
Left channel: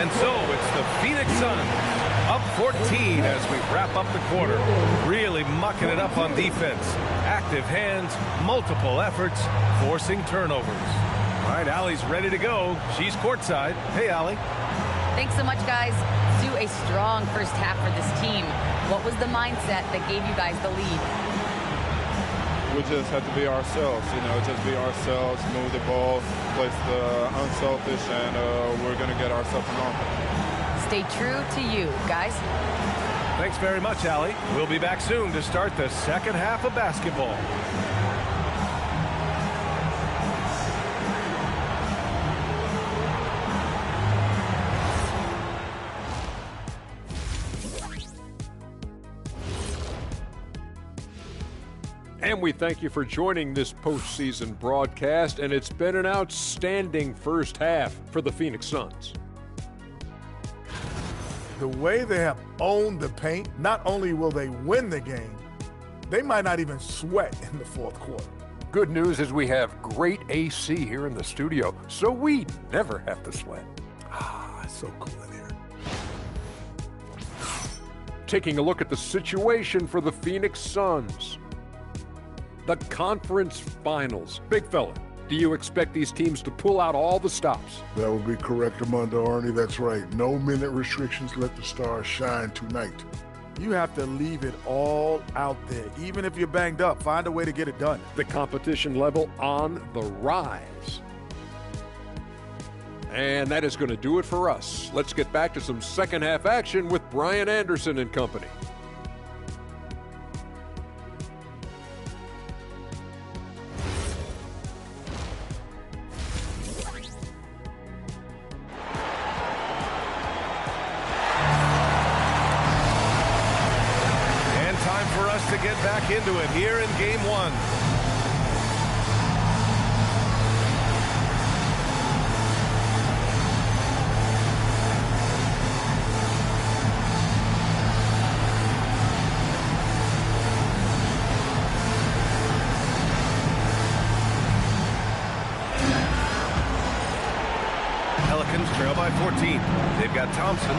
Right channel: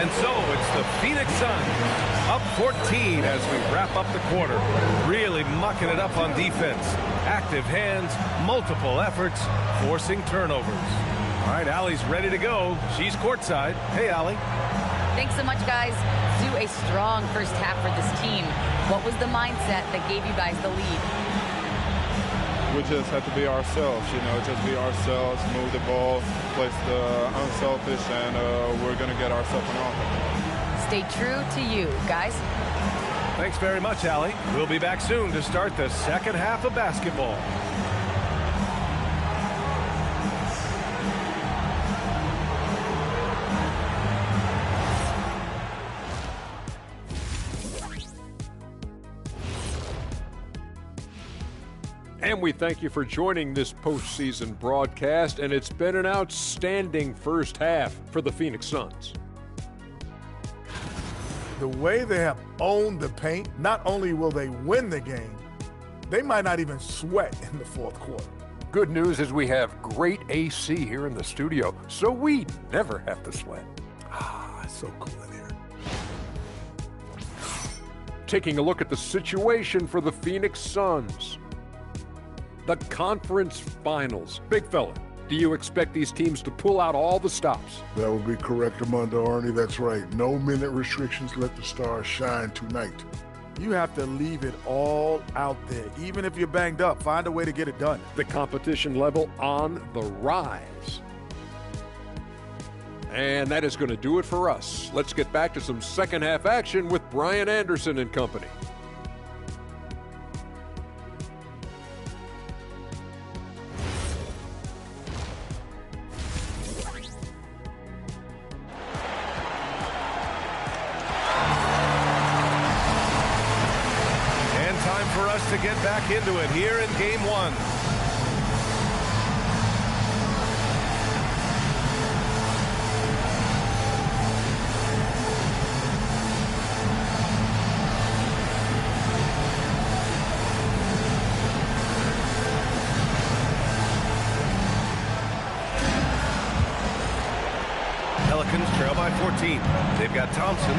And so it's the Phoenix Suns up 14 as we wrap up the quarter. Really mucking it up on defense. Active hands, multiple efforts, forcing turnovers. All right, Allie's ready to go. She's courtside. Hey, Allie. Thanks so much, guys. Do a strong first half for this team. What was the mindset that gave you guys the lead? We just have to be ourselves, just be ourselves, move the ball, play the unselfish, and we're going to get ourselves an offense. Stay true to you, guys. Thanks very much, Allie. We'll be back soon to start the second half of basketball. And we thank you for joining this postseason broadcast, and it's been an outstanding first half for the Phoenix Suns. The way they have owned the paint, not only will they win the game, they might not even sweat in the fourth quarter. Good news is we have great AC here in the studio, so we never have to sweat. It's so cool in here. Taking a look at the situation for the Phoenix Suns. The conference finals. Big fella, do you expect these teams to pull out all the stops? That would be correct, Armando Arnie. That's right. No minute restrictions. Let the stars shine tonight. You have to leave it all out there. Even if you're banged up, find a way to get it done. The competition level on the rise. And that is going to do it for us. Let's get back to some second half action with Brian Anderson and company. Time for us to get back into it here in game one. Pelicans trail by 14. They've got Thompson,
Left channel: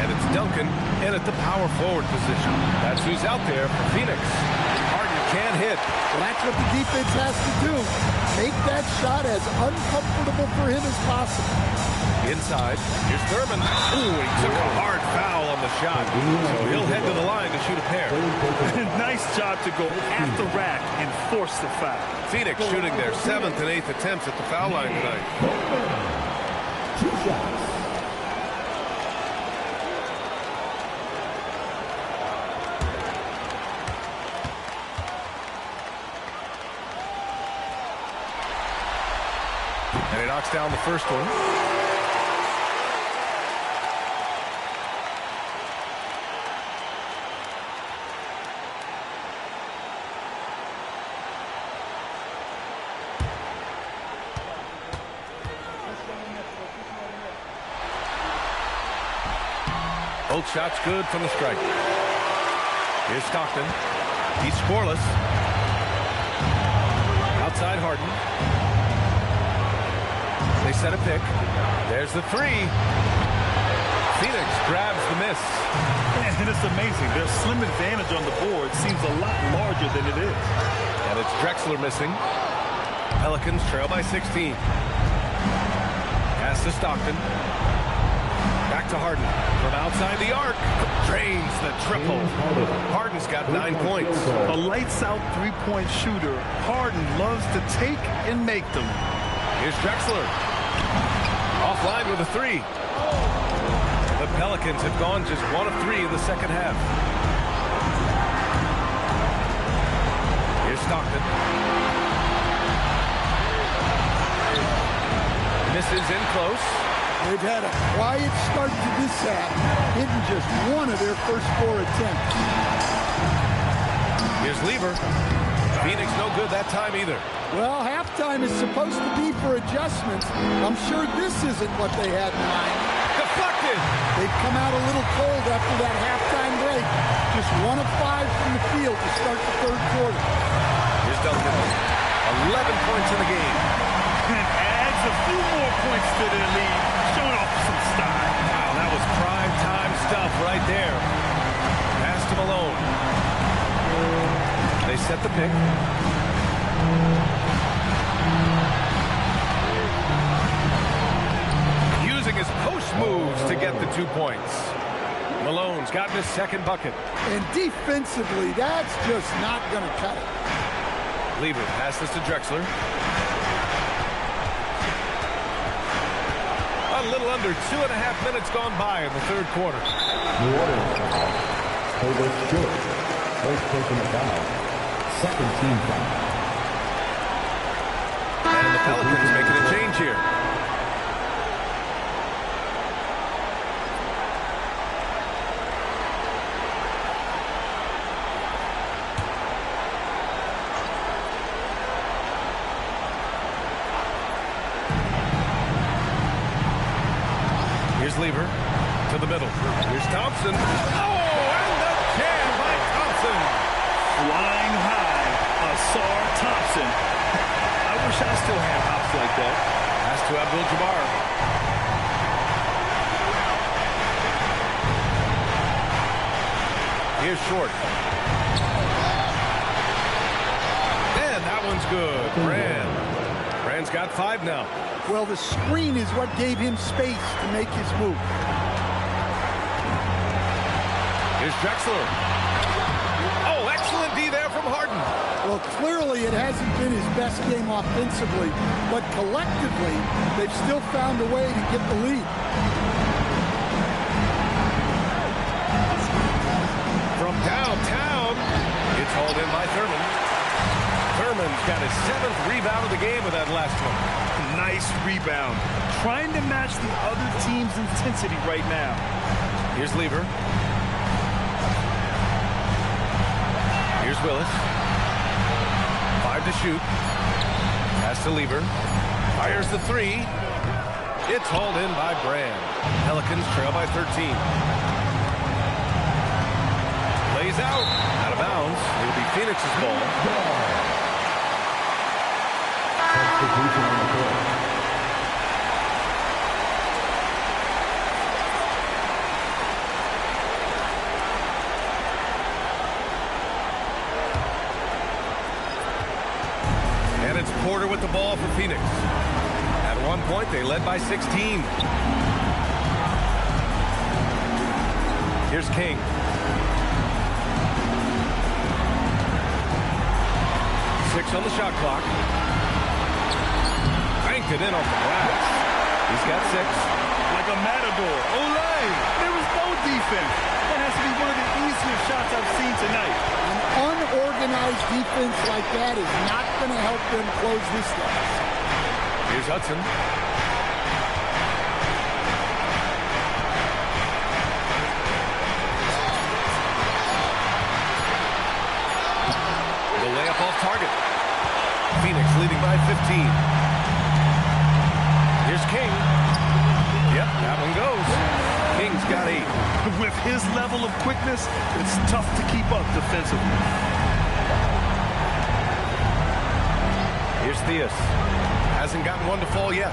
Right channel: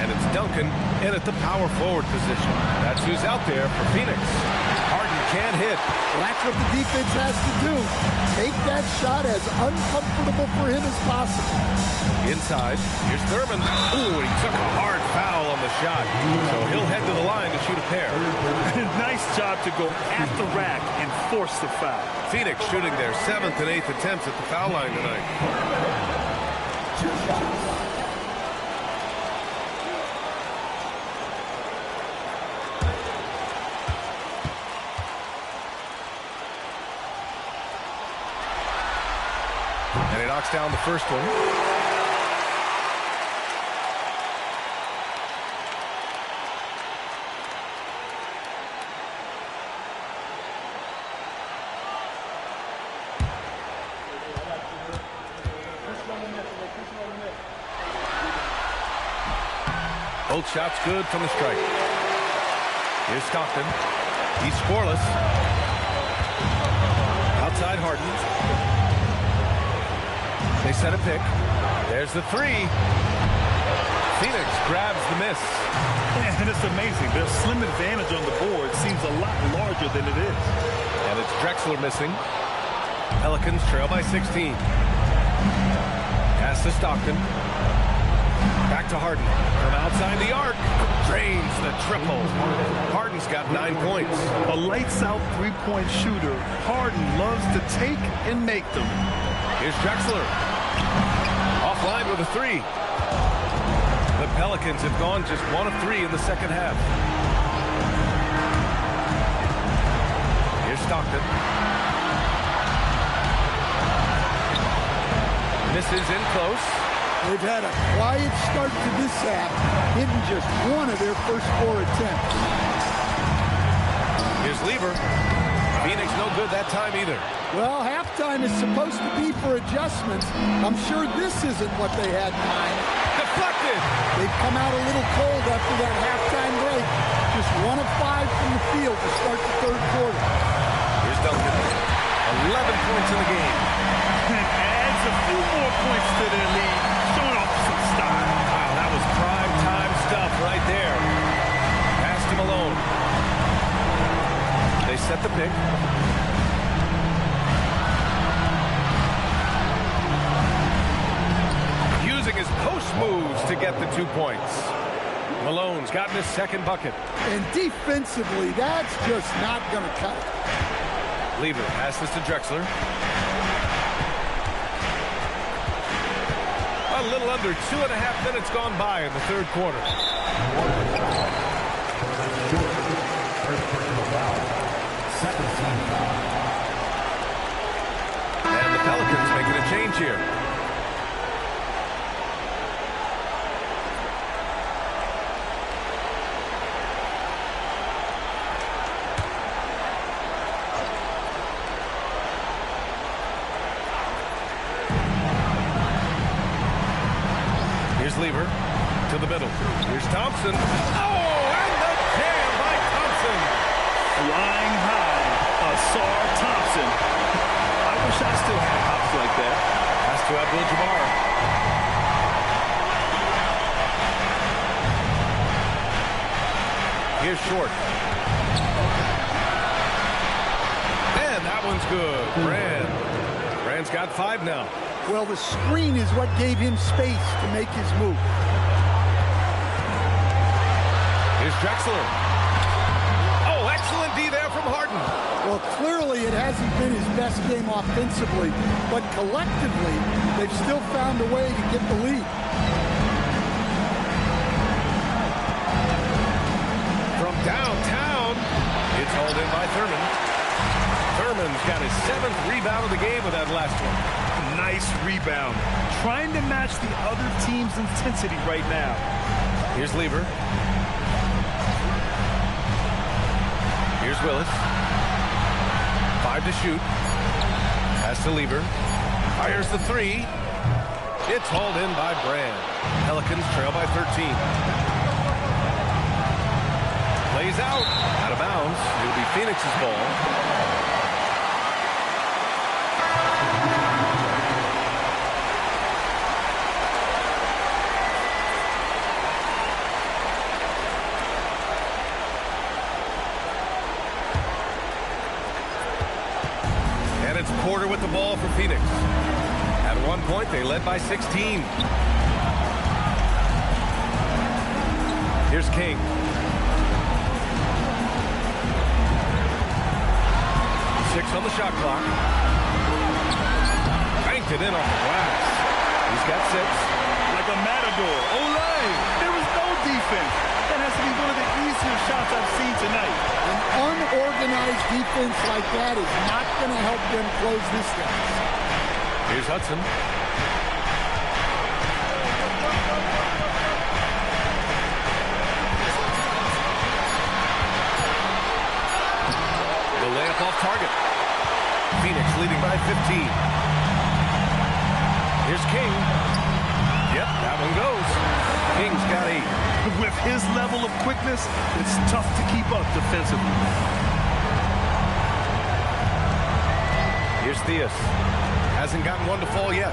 and it's Duncan in at the power forward position. That's who's out there for Phoenix. Harden can't hit. Well, that's what the defense has to do. Make that shot as uncomfortable for him as possible. Inside, here's Thurman. Ooh, he took a hard foul on the shot. So he'll head to the line to shoot a pair. Nice job to go at the rack and force the foul. Phoenix shooting their 7th and 8th attempts at the foul line tonight. 2 shots. And he knocks down the first one. Both shots good from the stripe. Here's Stockton. He's scoreless. Outside Harden. They set a pick. There's the three. Phoenix grabs the miss. And it's amazing. Their slim advantage on the board seems a lot larger than it is. And it's Drexler missing. Pelicans trail by 16. Pass to Stockton. Back to Harden. From outside the arc. Drains the triple. Harden's got 9 points. A lights-out three-point shooter. Harden loves to take and make them. Here's Drexler. Offline with a 3. The Pelicans have gone just 1 of 3 in the second half. Here's Stockton. Misses in close. They've had a quiet start to this half, hitting just 1 of their first 4 attempts. Here's Lever. Phoenix no good that time either. Well, halftime is supposed to be for adjustments. I'm sure this isn't what they had in mind. Deflected. They've come out a little cold after that halftime break. Just 1 of 5 from the field to start the third quarter. Here's Duncan. 11 points in the game. And adds a few more points to their lead, showing off some style. Wow, that was prime time stuff right there. Pass to Malone. They set the pick. Using his post moves to get the 2 points. Malone's gotten his second bucket. And defensively, that's just not going to cut it. Lever passes to Drexler. A little under 2.5 minutes gone by in the third quarter. First personal foul. Second team foul. And the Pelicans making a change here. Here's Lever to the middle. Here's Thompson. Oh, and the jam by Thompson. Flying high, Asar Thompson. I wish I still had hops like that. Pass to Abdul-Jabbar. Here's Short. And that one's good. Brand's got 5 now. Well, the screen is what gave him space to make his move. Here's Drexler. Oh, excellent D there from Harden. Well, clearly it hasn't been his best game offensively, but collectively, they've still found a way to get the lead. From downtown, it's hauled in by Thurman. Thurman's got his 7th rebound of the game with that last one. Nice rebound. Trying to match the other team's intensity right now. Here's Lever. Here's Willis. 5 to shoot. Pass to Lever. Fires the 3. It's hauled in by Brand. Pelicans trail by 13. Plays out. Out of bounds. It'll be Phoenix's ball. And it's Porter with the ball for Phoenix. At one point, they led by 16. Here's King. Six on the shot clock. Banked it in off the glass. He's got 6. Like a matador. Olay! There was no defense. That has to be one of the easier shots I've seen tonight. An unorganized defense like that is not going to help them close this deficit. Here's Hudson. The layup off target. Phoenix leading by 15. Here's King. Yep, that one goes. King's got 8. With his level of quickness, it's tough to keep up defensively. Here's Theus. Hasn't gotten one to fall yet.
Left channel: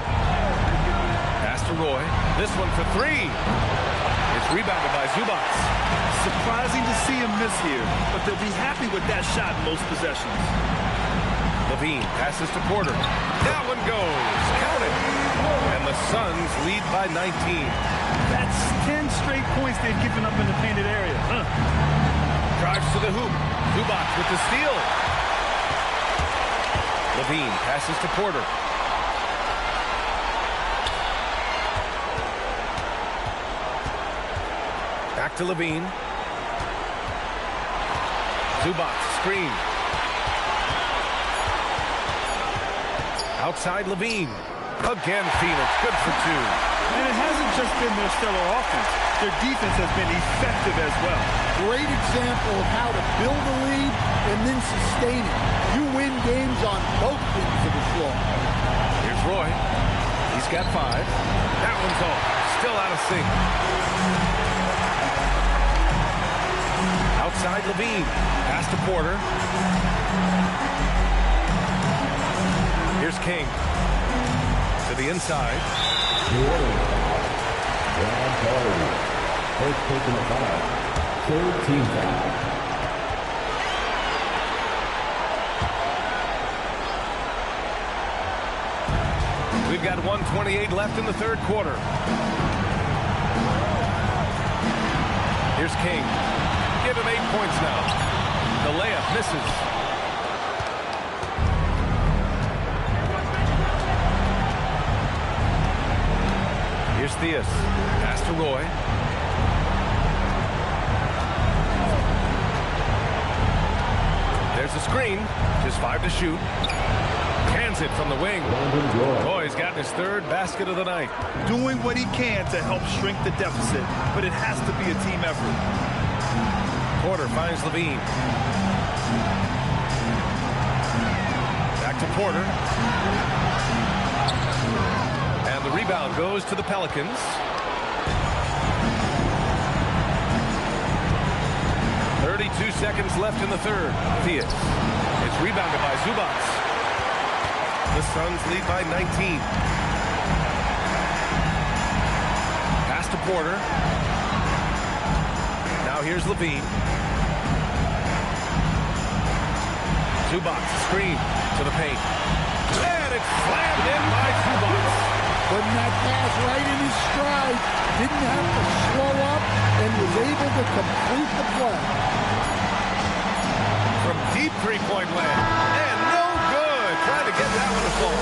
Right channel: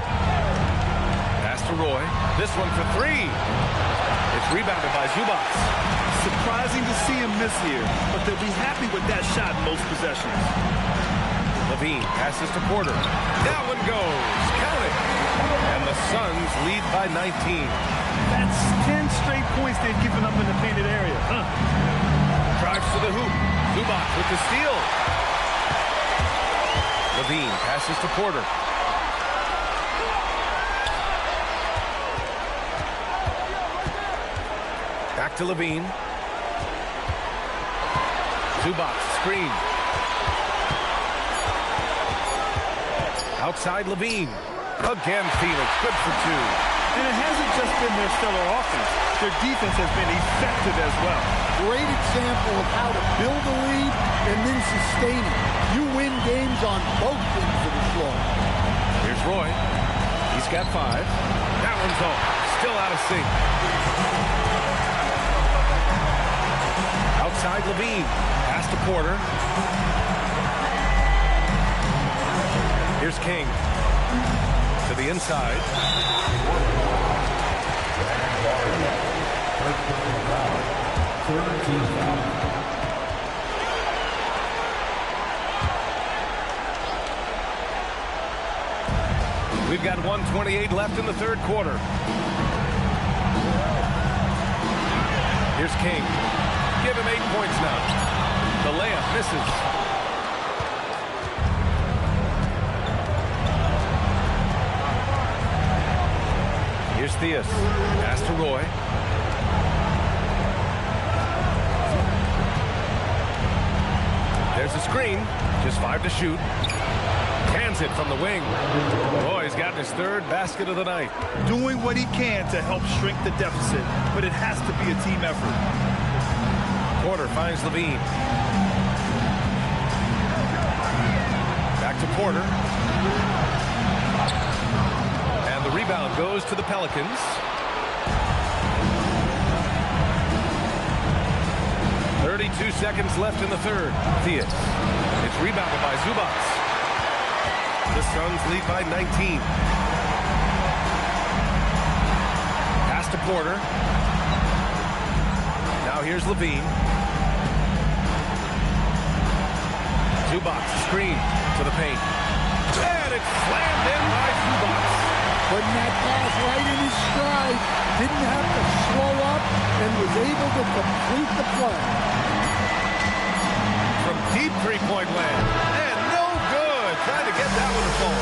Pass to Roy. This one for 3. It's rebounded by Zubac. Surprising to see him miss here, but they'll be happy with that shot in most possessions. Levine passes to Porter. That one goes. Count it. And the Suns lead by 19. That's 10 straight points they've given up in the painted area. Drives to the hoop. Zubac with the steal. Levine passes to Porter. Back to Levine. Zubac screen. Outside Levine. Again, Phoenix. Good for two. And it hasn't just been their stellar offense. Their defense has been effective as well. Great example of how to build a lead and then sustain it. You win games on both ends of the floor. Here's Roy. He's got 5. That one's off. Still out of sync. Outside Levine. Pass to Porter. Here's King. To the inside. First personal foul. Third team foul. We've got 1:28 left in the third quarter. Here's King. Give him 8 points now. The layup misses. Here's Theus. Pass to Roy. There's a screen. Just 5 to shoot. Hands it from the wing. Roy's gotten his 3rd basket of the night. Doing what he can to help shrink the deficit, but it has to be a team effort. Porter finds Levine. Back to Porter. And the rebound goes to the Pelicans. .32 seconds left in the third. Theus. It's rebounded by Zubac. The Suns lead by 19. Pass to Porter. Now here's Levine. Zubac screen to the paint. And it's slammed in by Zubac. Putting that pass right in his stride. Didn't have to slow up and was able to complete the play. From deep three-point land. And no good. Trying to get that one to fall.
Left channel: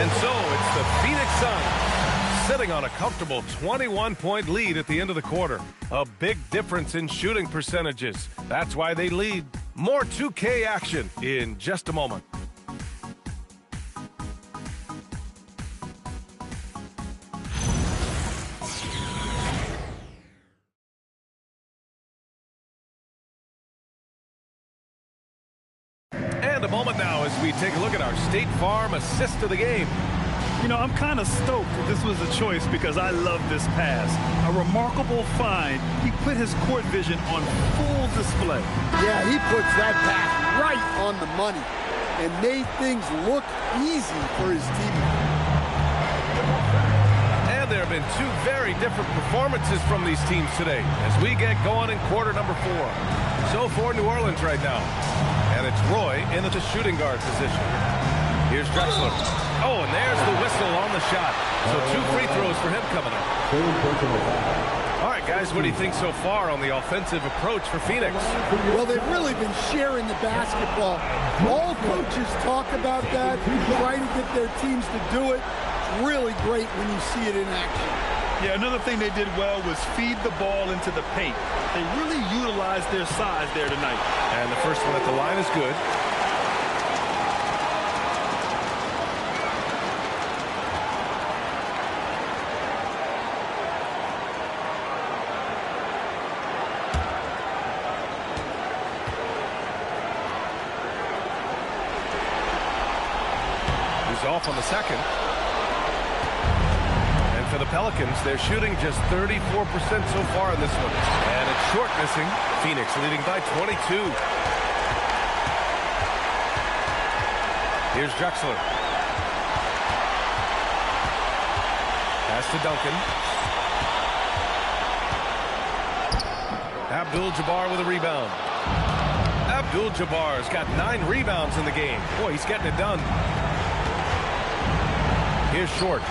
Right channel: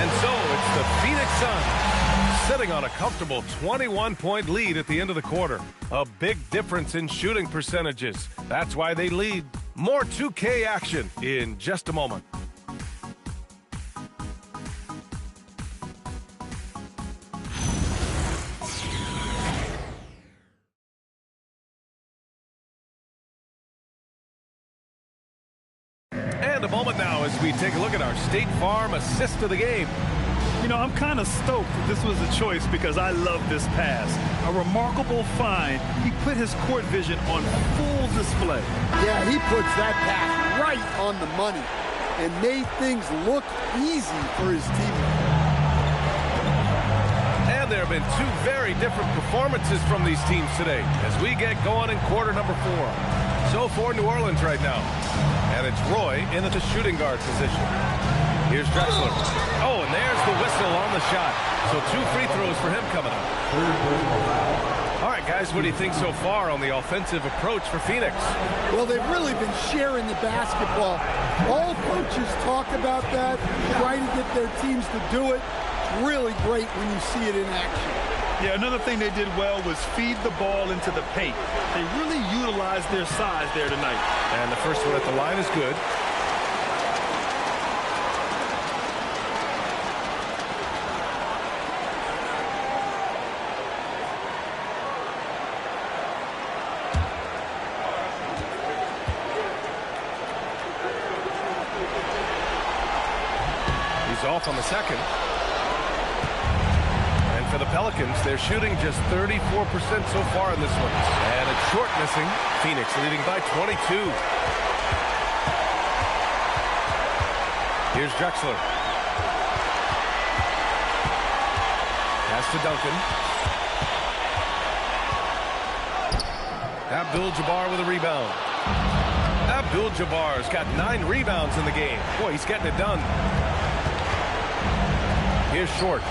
And so it's the Phoenix Suns sitting on a comfortable 21-point lead at the end of the quarter. A big difference in shooting percentages. That's why they lead. More 2K action in just a moment. And a moment now as we take a look at our State Farm assist of the game. You know, I'm kind of stoked that this was a choice because I love this pass. A remarkable find. He put his court vision on full display. Yeah, he puts that pass right on the money and made things look easy for his teammate. And there have been 2 very different performances from these teams today as we get going in quarter number 4. So for New Orleans right now. And it's Roy in at the shooting guard position. Here's Drexler. Oh, and there's the whistle on the shot. So 2 free throws for him coming up. All right, guys, what do you think so far on the offensive approach for Phoenix? Well, they've really been sharing the basketball. All coaches talk about that, try to get their teams to do it. It's really great when you see it in action. Yeah, another thing they did well was feed the ball into the paint. They really utilized their size there tonight. And the first one at the line is good. He's off on the second. And for the Pelicans, they're shooting just 34% so far in this one. And it's short missing. Phoenix leading by 22. Here's Drexler. Pass to Duncan. Abdul-Jabbar with a rebound. Abdul-Jabbar's got 9 rebounds in the game. Boy, he's getting it done. Here's Short.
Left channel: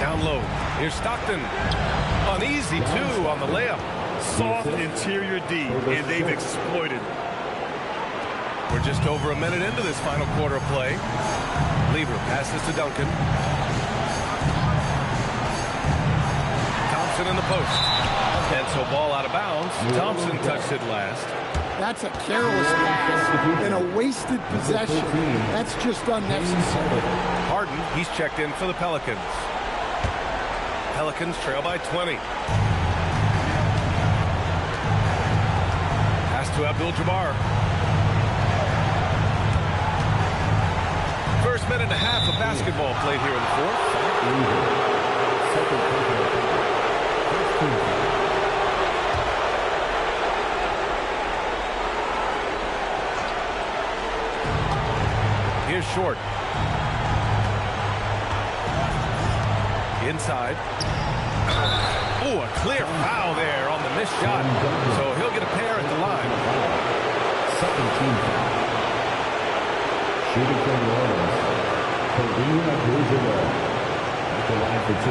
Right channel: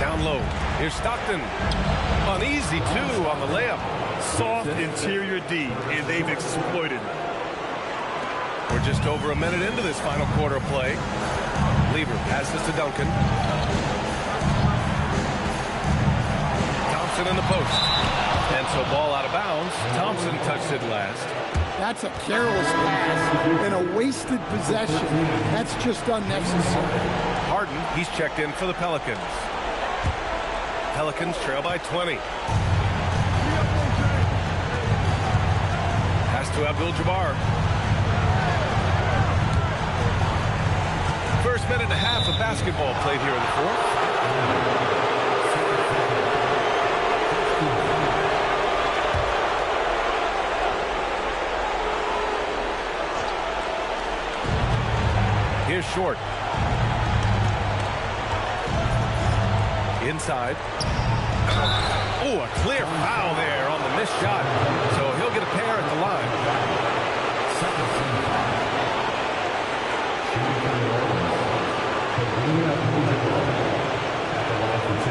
Down low. Here's Stockton. An easy 2 on the layup. Soft interior D, and they've exploited it. We're just over a minute into this final quarter of play. Lever passes to Duncan. Thompson in the post. And so ball out of bounds. Thompson touched it last. That's a careless pass and a wasted possession. That's just unnecessary. Harden, he's checked in for the Pelicans. Pelicans trail by 20. Pass to Abdul-Jabbar. First minute and a half of basketball played here in the fourth. Here's Short. Inside. Oh, a clear foul there on the missed shot. So he'll get a pair at the line. Second team foul. Shooting from New Orleans. Kareem Abdul-Jabbar at the line for 2.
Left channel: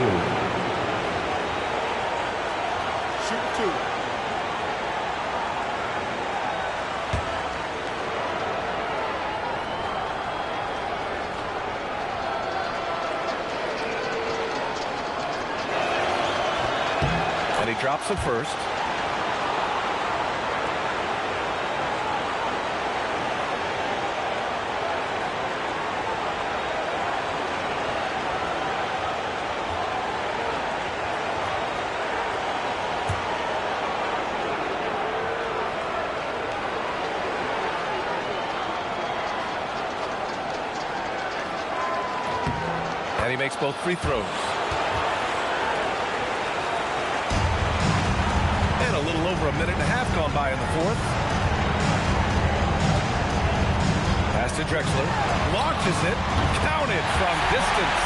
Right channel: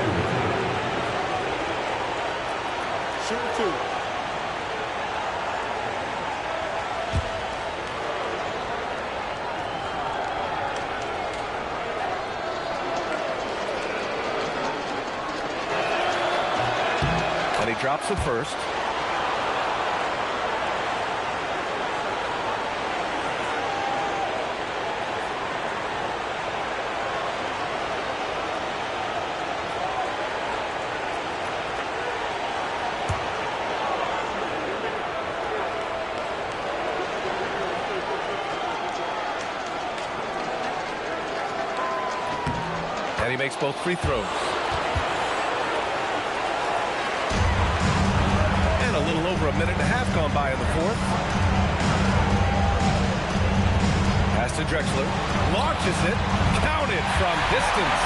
Shooting 2. And he drops it first. And he makes both free throws. And a little over a minute and a half gone by in the fourth. Pass to Drexler. Launches it. Counted from distance.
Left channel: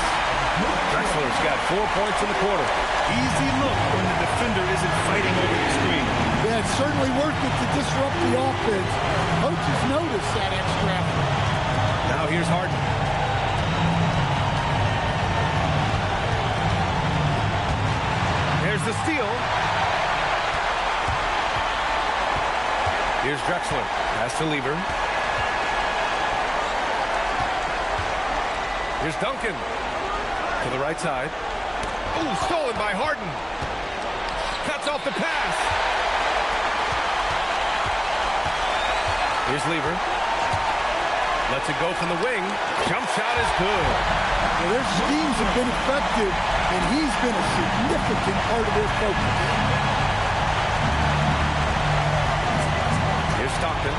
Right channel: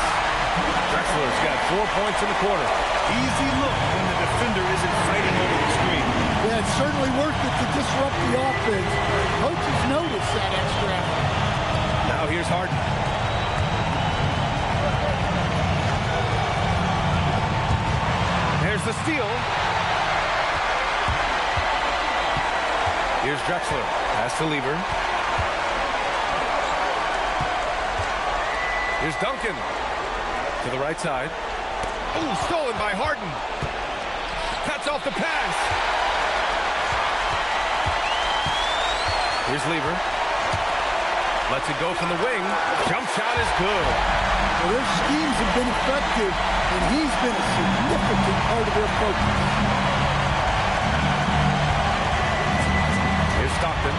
Drexler's got 4 points in the quarter. Easy look when the defender isn't fighting over the screen. Yeah, it's certainly worth it to disrupt the offense. Coaches notice that extra effort. Now here's Harden. There's the steal. Here's Drexler. Pass to Lever. Here's Duncan. To the right side. Oh, stolen by Harden. Cuts off the pass. Here's Lever. Lets it go from the wing. Jump shot is good. Well, their schemes have been effective, and he's been a significant part of their focus. Here's Stockton.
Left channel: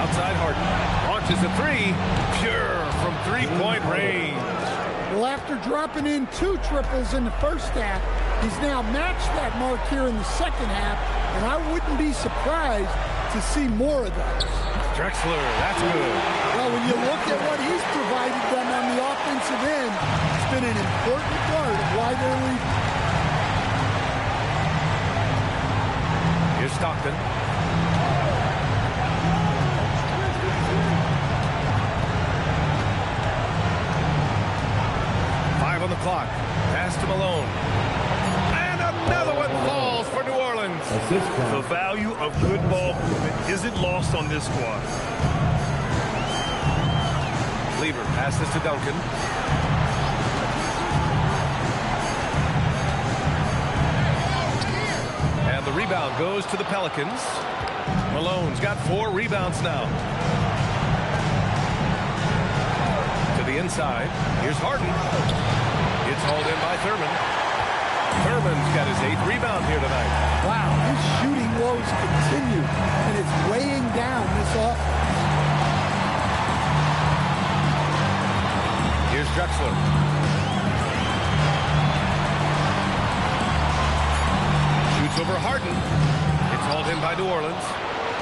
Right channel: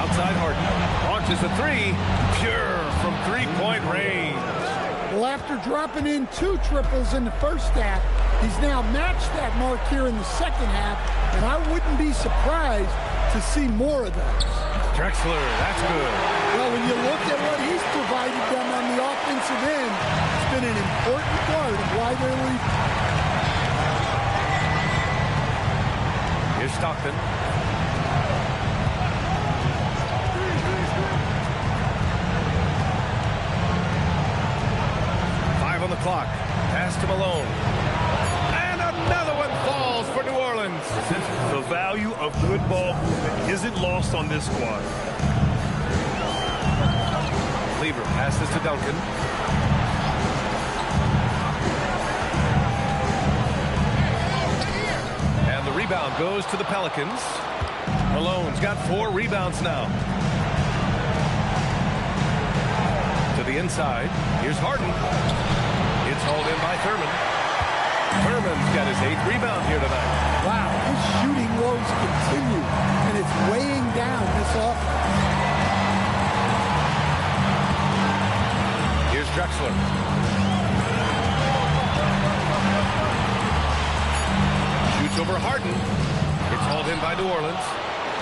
Outside Harden. Launches a three. Pure from three-point range. Well, after dropping in 2 triples in the first half, he's now matched that mark here in the second half, and I wouldn't be surprised to see more of those. Drexler, that's good. Well, when you look at what he's provided them on the offensive end, it's been an important part of why they're leading. Here's Stockton. On the clock. Pass to Malone. And another one falls for New Orleans. The value of good ball movement isn't lost on this squad. Lever passes to Duncan. And the rebound goes to the Pelicans. Malone's got 4 rebounds now. To the inside. Here's Harden. It's hauled in by Thurman. Thurman's got his 8th rebound here tonight. Wow, his shooting woes continue, and it's weighing down this offense. Here's Drexler. Shoots over Harden. It's hauled in by New Orleans.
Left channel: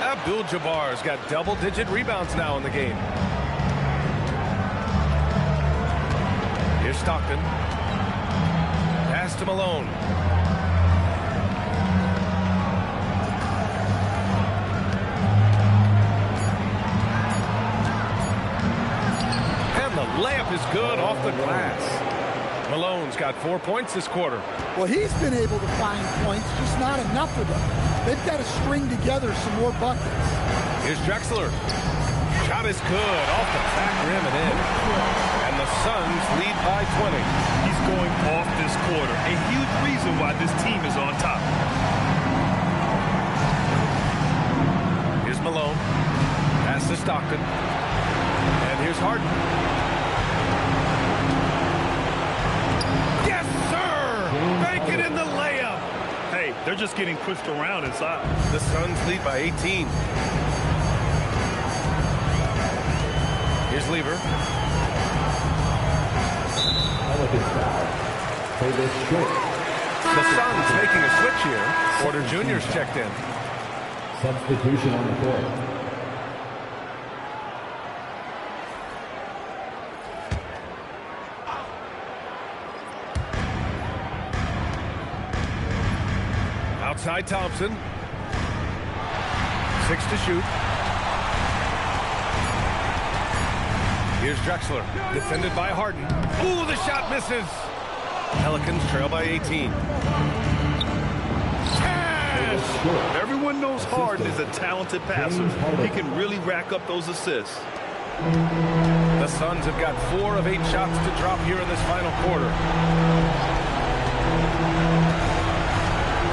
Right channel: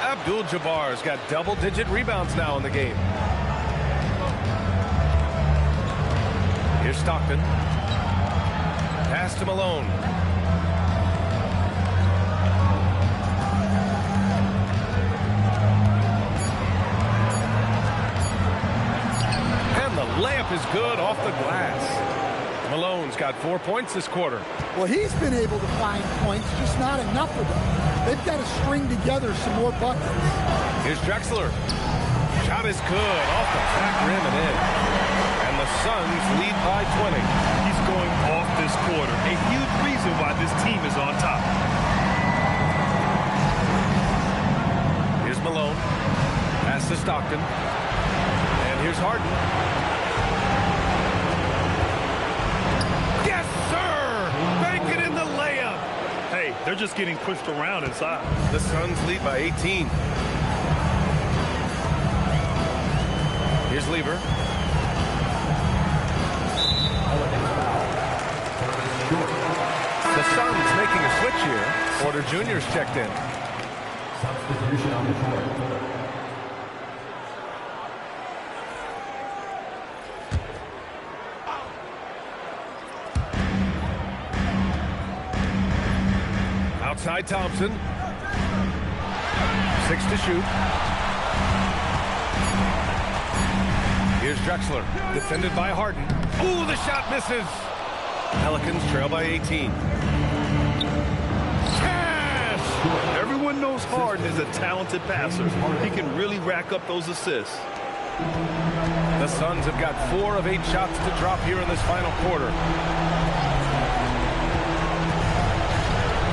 Abdul-Jabbar's got double-digit rebounds now in the game. Here's Stockton. Pass to Malone. And the layup is good off the glass. Malone's got 4 points this quarter. Well, he's been able to find points, just not enough of them. They've got to string together some more buckets. Here's Drexler. Shot is good, off the back rim and in. And the Suns lead by 20. He's going off this quarter. A huge reason why this team is on top. Here's Malone. Pass to Stockton. And here's Harden. Yes, sir! Bank it in the layup. Hey, they're just getting pushed around inside. The Suns lead by 18. Here's Lever. The Suns making a switch here. Porter Jr.'s checked in. Substitution on the court. Outside Thompson. 6 to shoot. Here's Drexler, defended by Harden. Ooh, the shot misses. Pelicans trail by 18. Cash! Everyone knows Harden is a talented passer. He can really rack up those assists. The Suns have got 4 of 8 shots to drop here in this final quarter.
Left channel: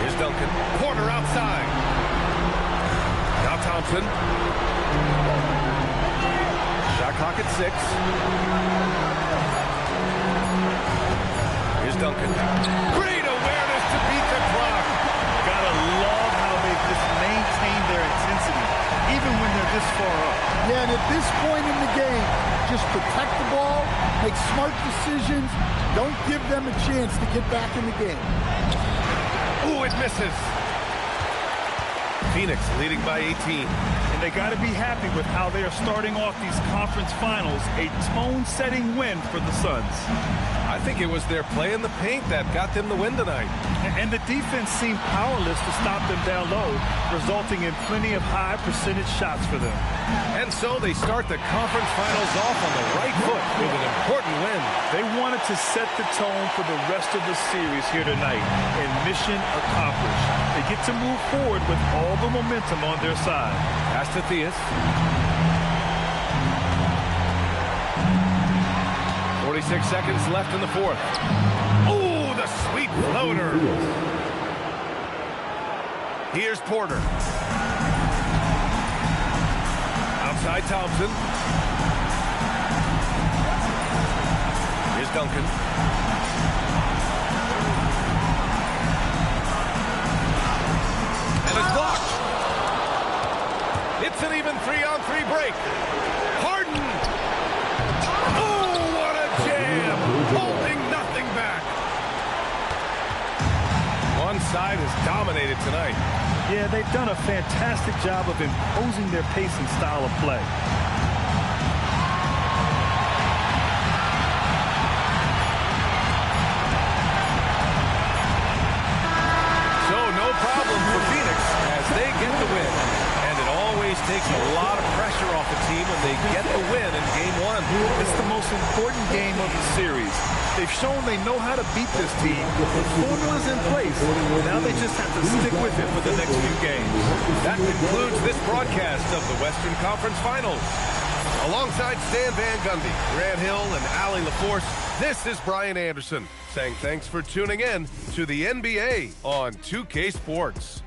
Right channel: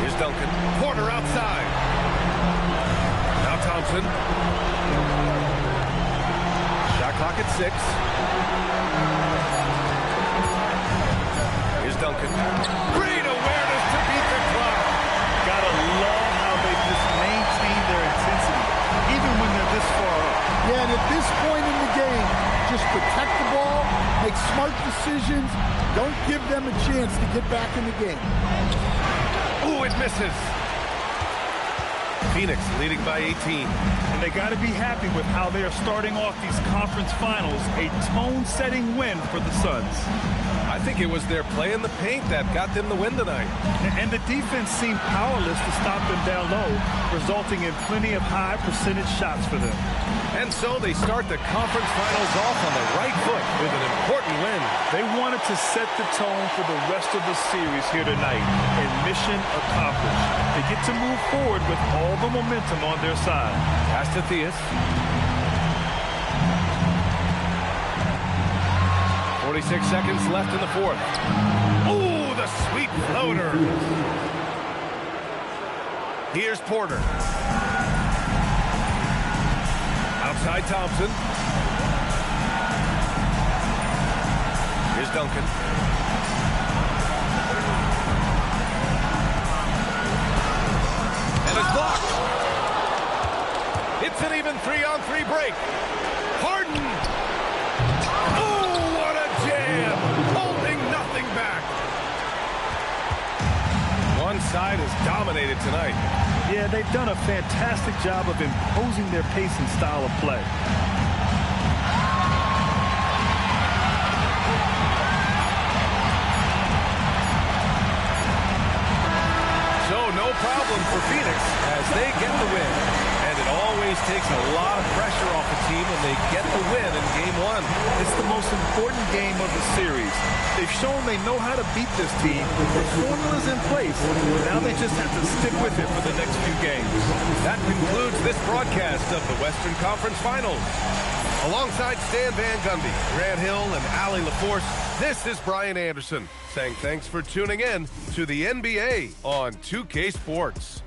Here's Duncan. Porter outside. Now Thompson. Shot clock at 6. Here's Duncan. Great awareness to beat the clock. Gotta love how they just maintain their intensity, even when they're this far up. Yeah, and at this point in the game, just protect the ball, make smart decisions, don't give them a chance to get back in the game. Ooh, it misses. Phoenix leading by 18. And they got to be happy with how they are starting off these conference finals. A tone-setting win for the Suns. I think it was their play in the paint that got them the win tonight. And the defense seemed powerless to stop them down low, resulting in plenty of high percentage shots for them. And so they start the conference finals off on the right foot with an important win. They wanted to set the tone for the rest of the series here tonight, and mission accomplished. They get to move forward with all the momentum on their side. Pass to Theus. 46 seconds left in the fourth. Oh, the sweet floater. Here's Porter. Outside Thompson. Here's Duncan. And it's blocked. It's an even 3-on-3 break. Harden. Oh, what a jam. Holding nothing back. One side has dominated tonight. Yeah, they've done a fantastic job of imposing their pace and style of play. So no problem for Phoenix as they get the win. And it always takes a lot of pressure off a team when they get the win in Game 1. It's the most important game of the series. They've shown they know how to beat this team. The formula's in place. Now they just have to stick with it for the next few games. That concludes this broadcast of the Western Conference Finals. Alongside Stan Van Gundy, Grant Hill, and Allie LaForce, this is Brian Anderson saying thanks for tuning in to the NBA on 2K Sports.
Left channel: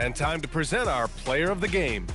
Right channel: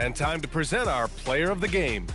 And time to present our player of the game.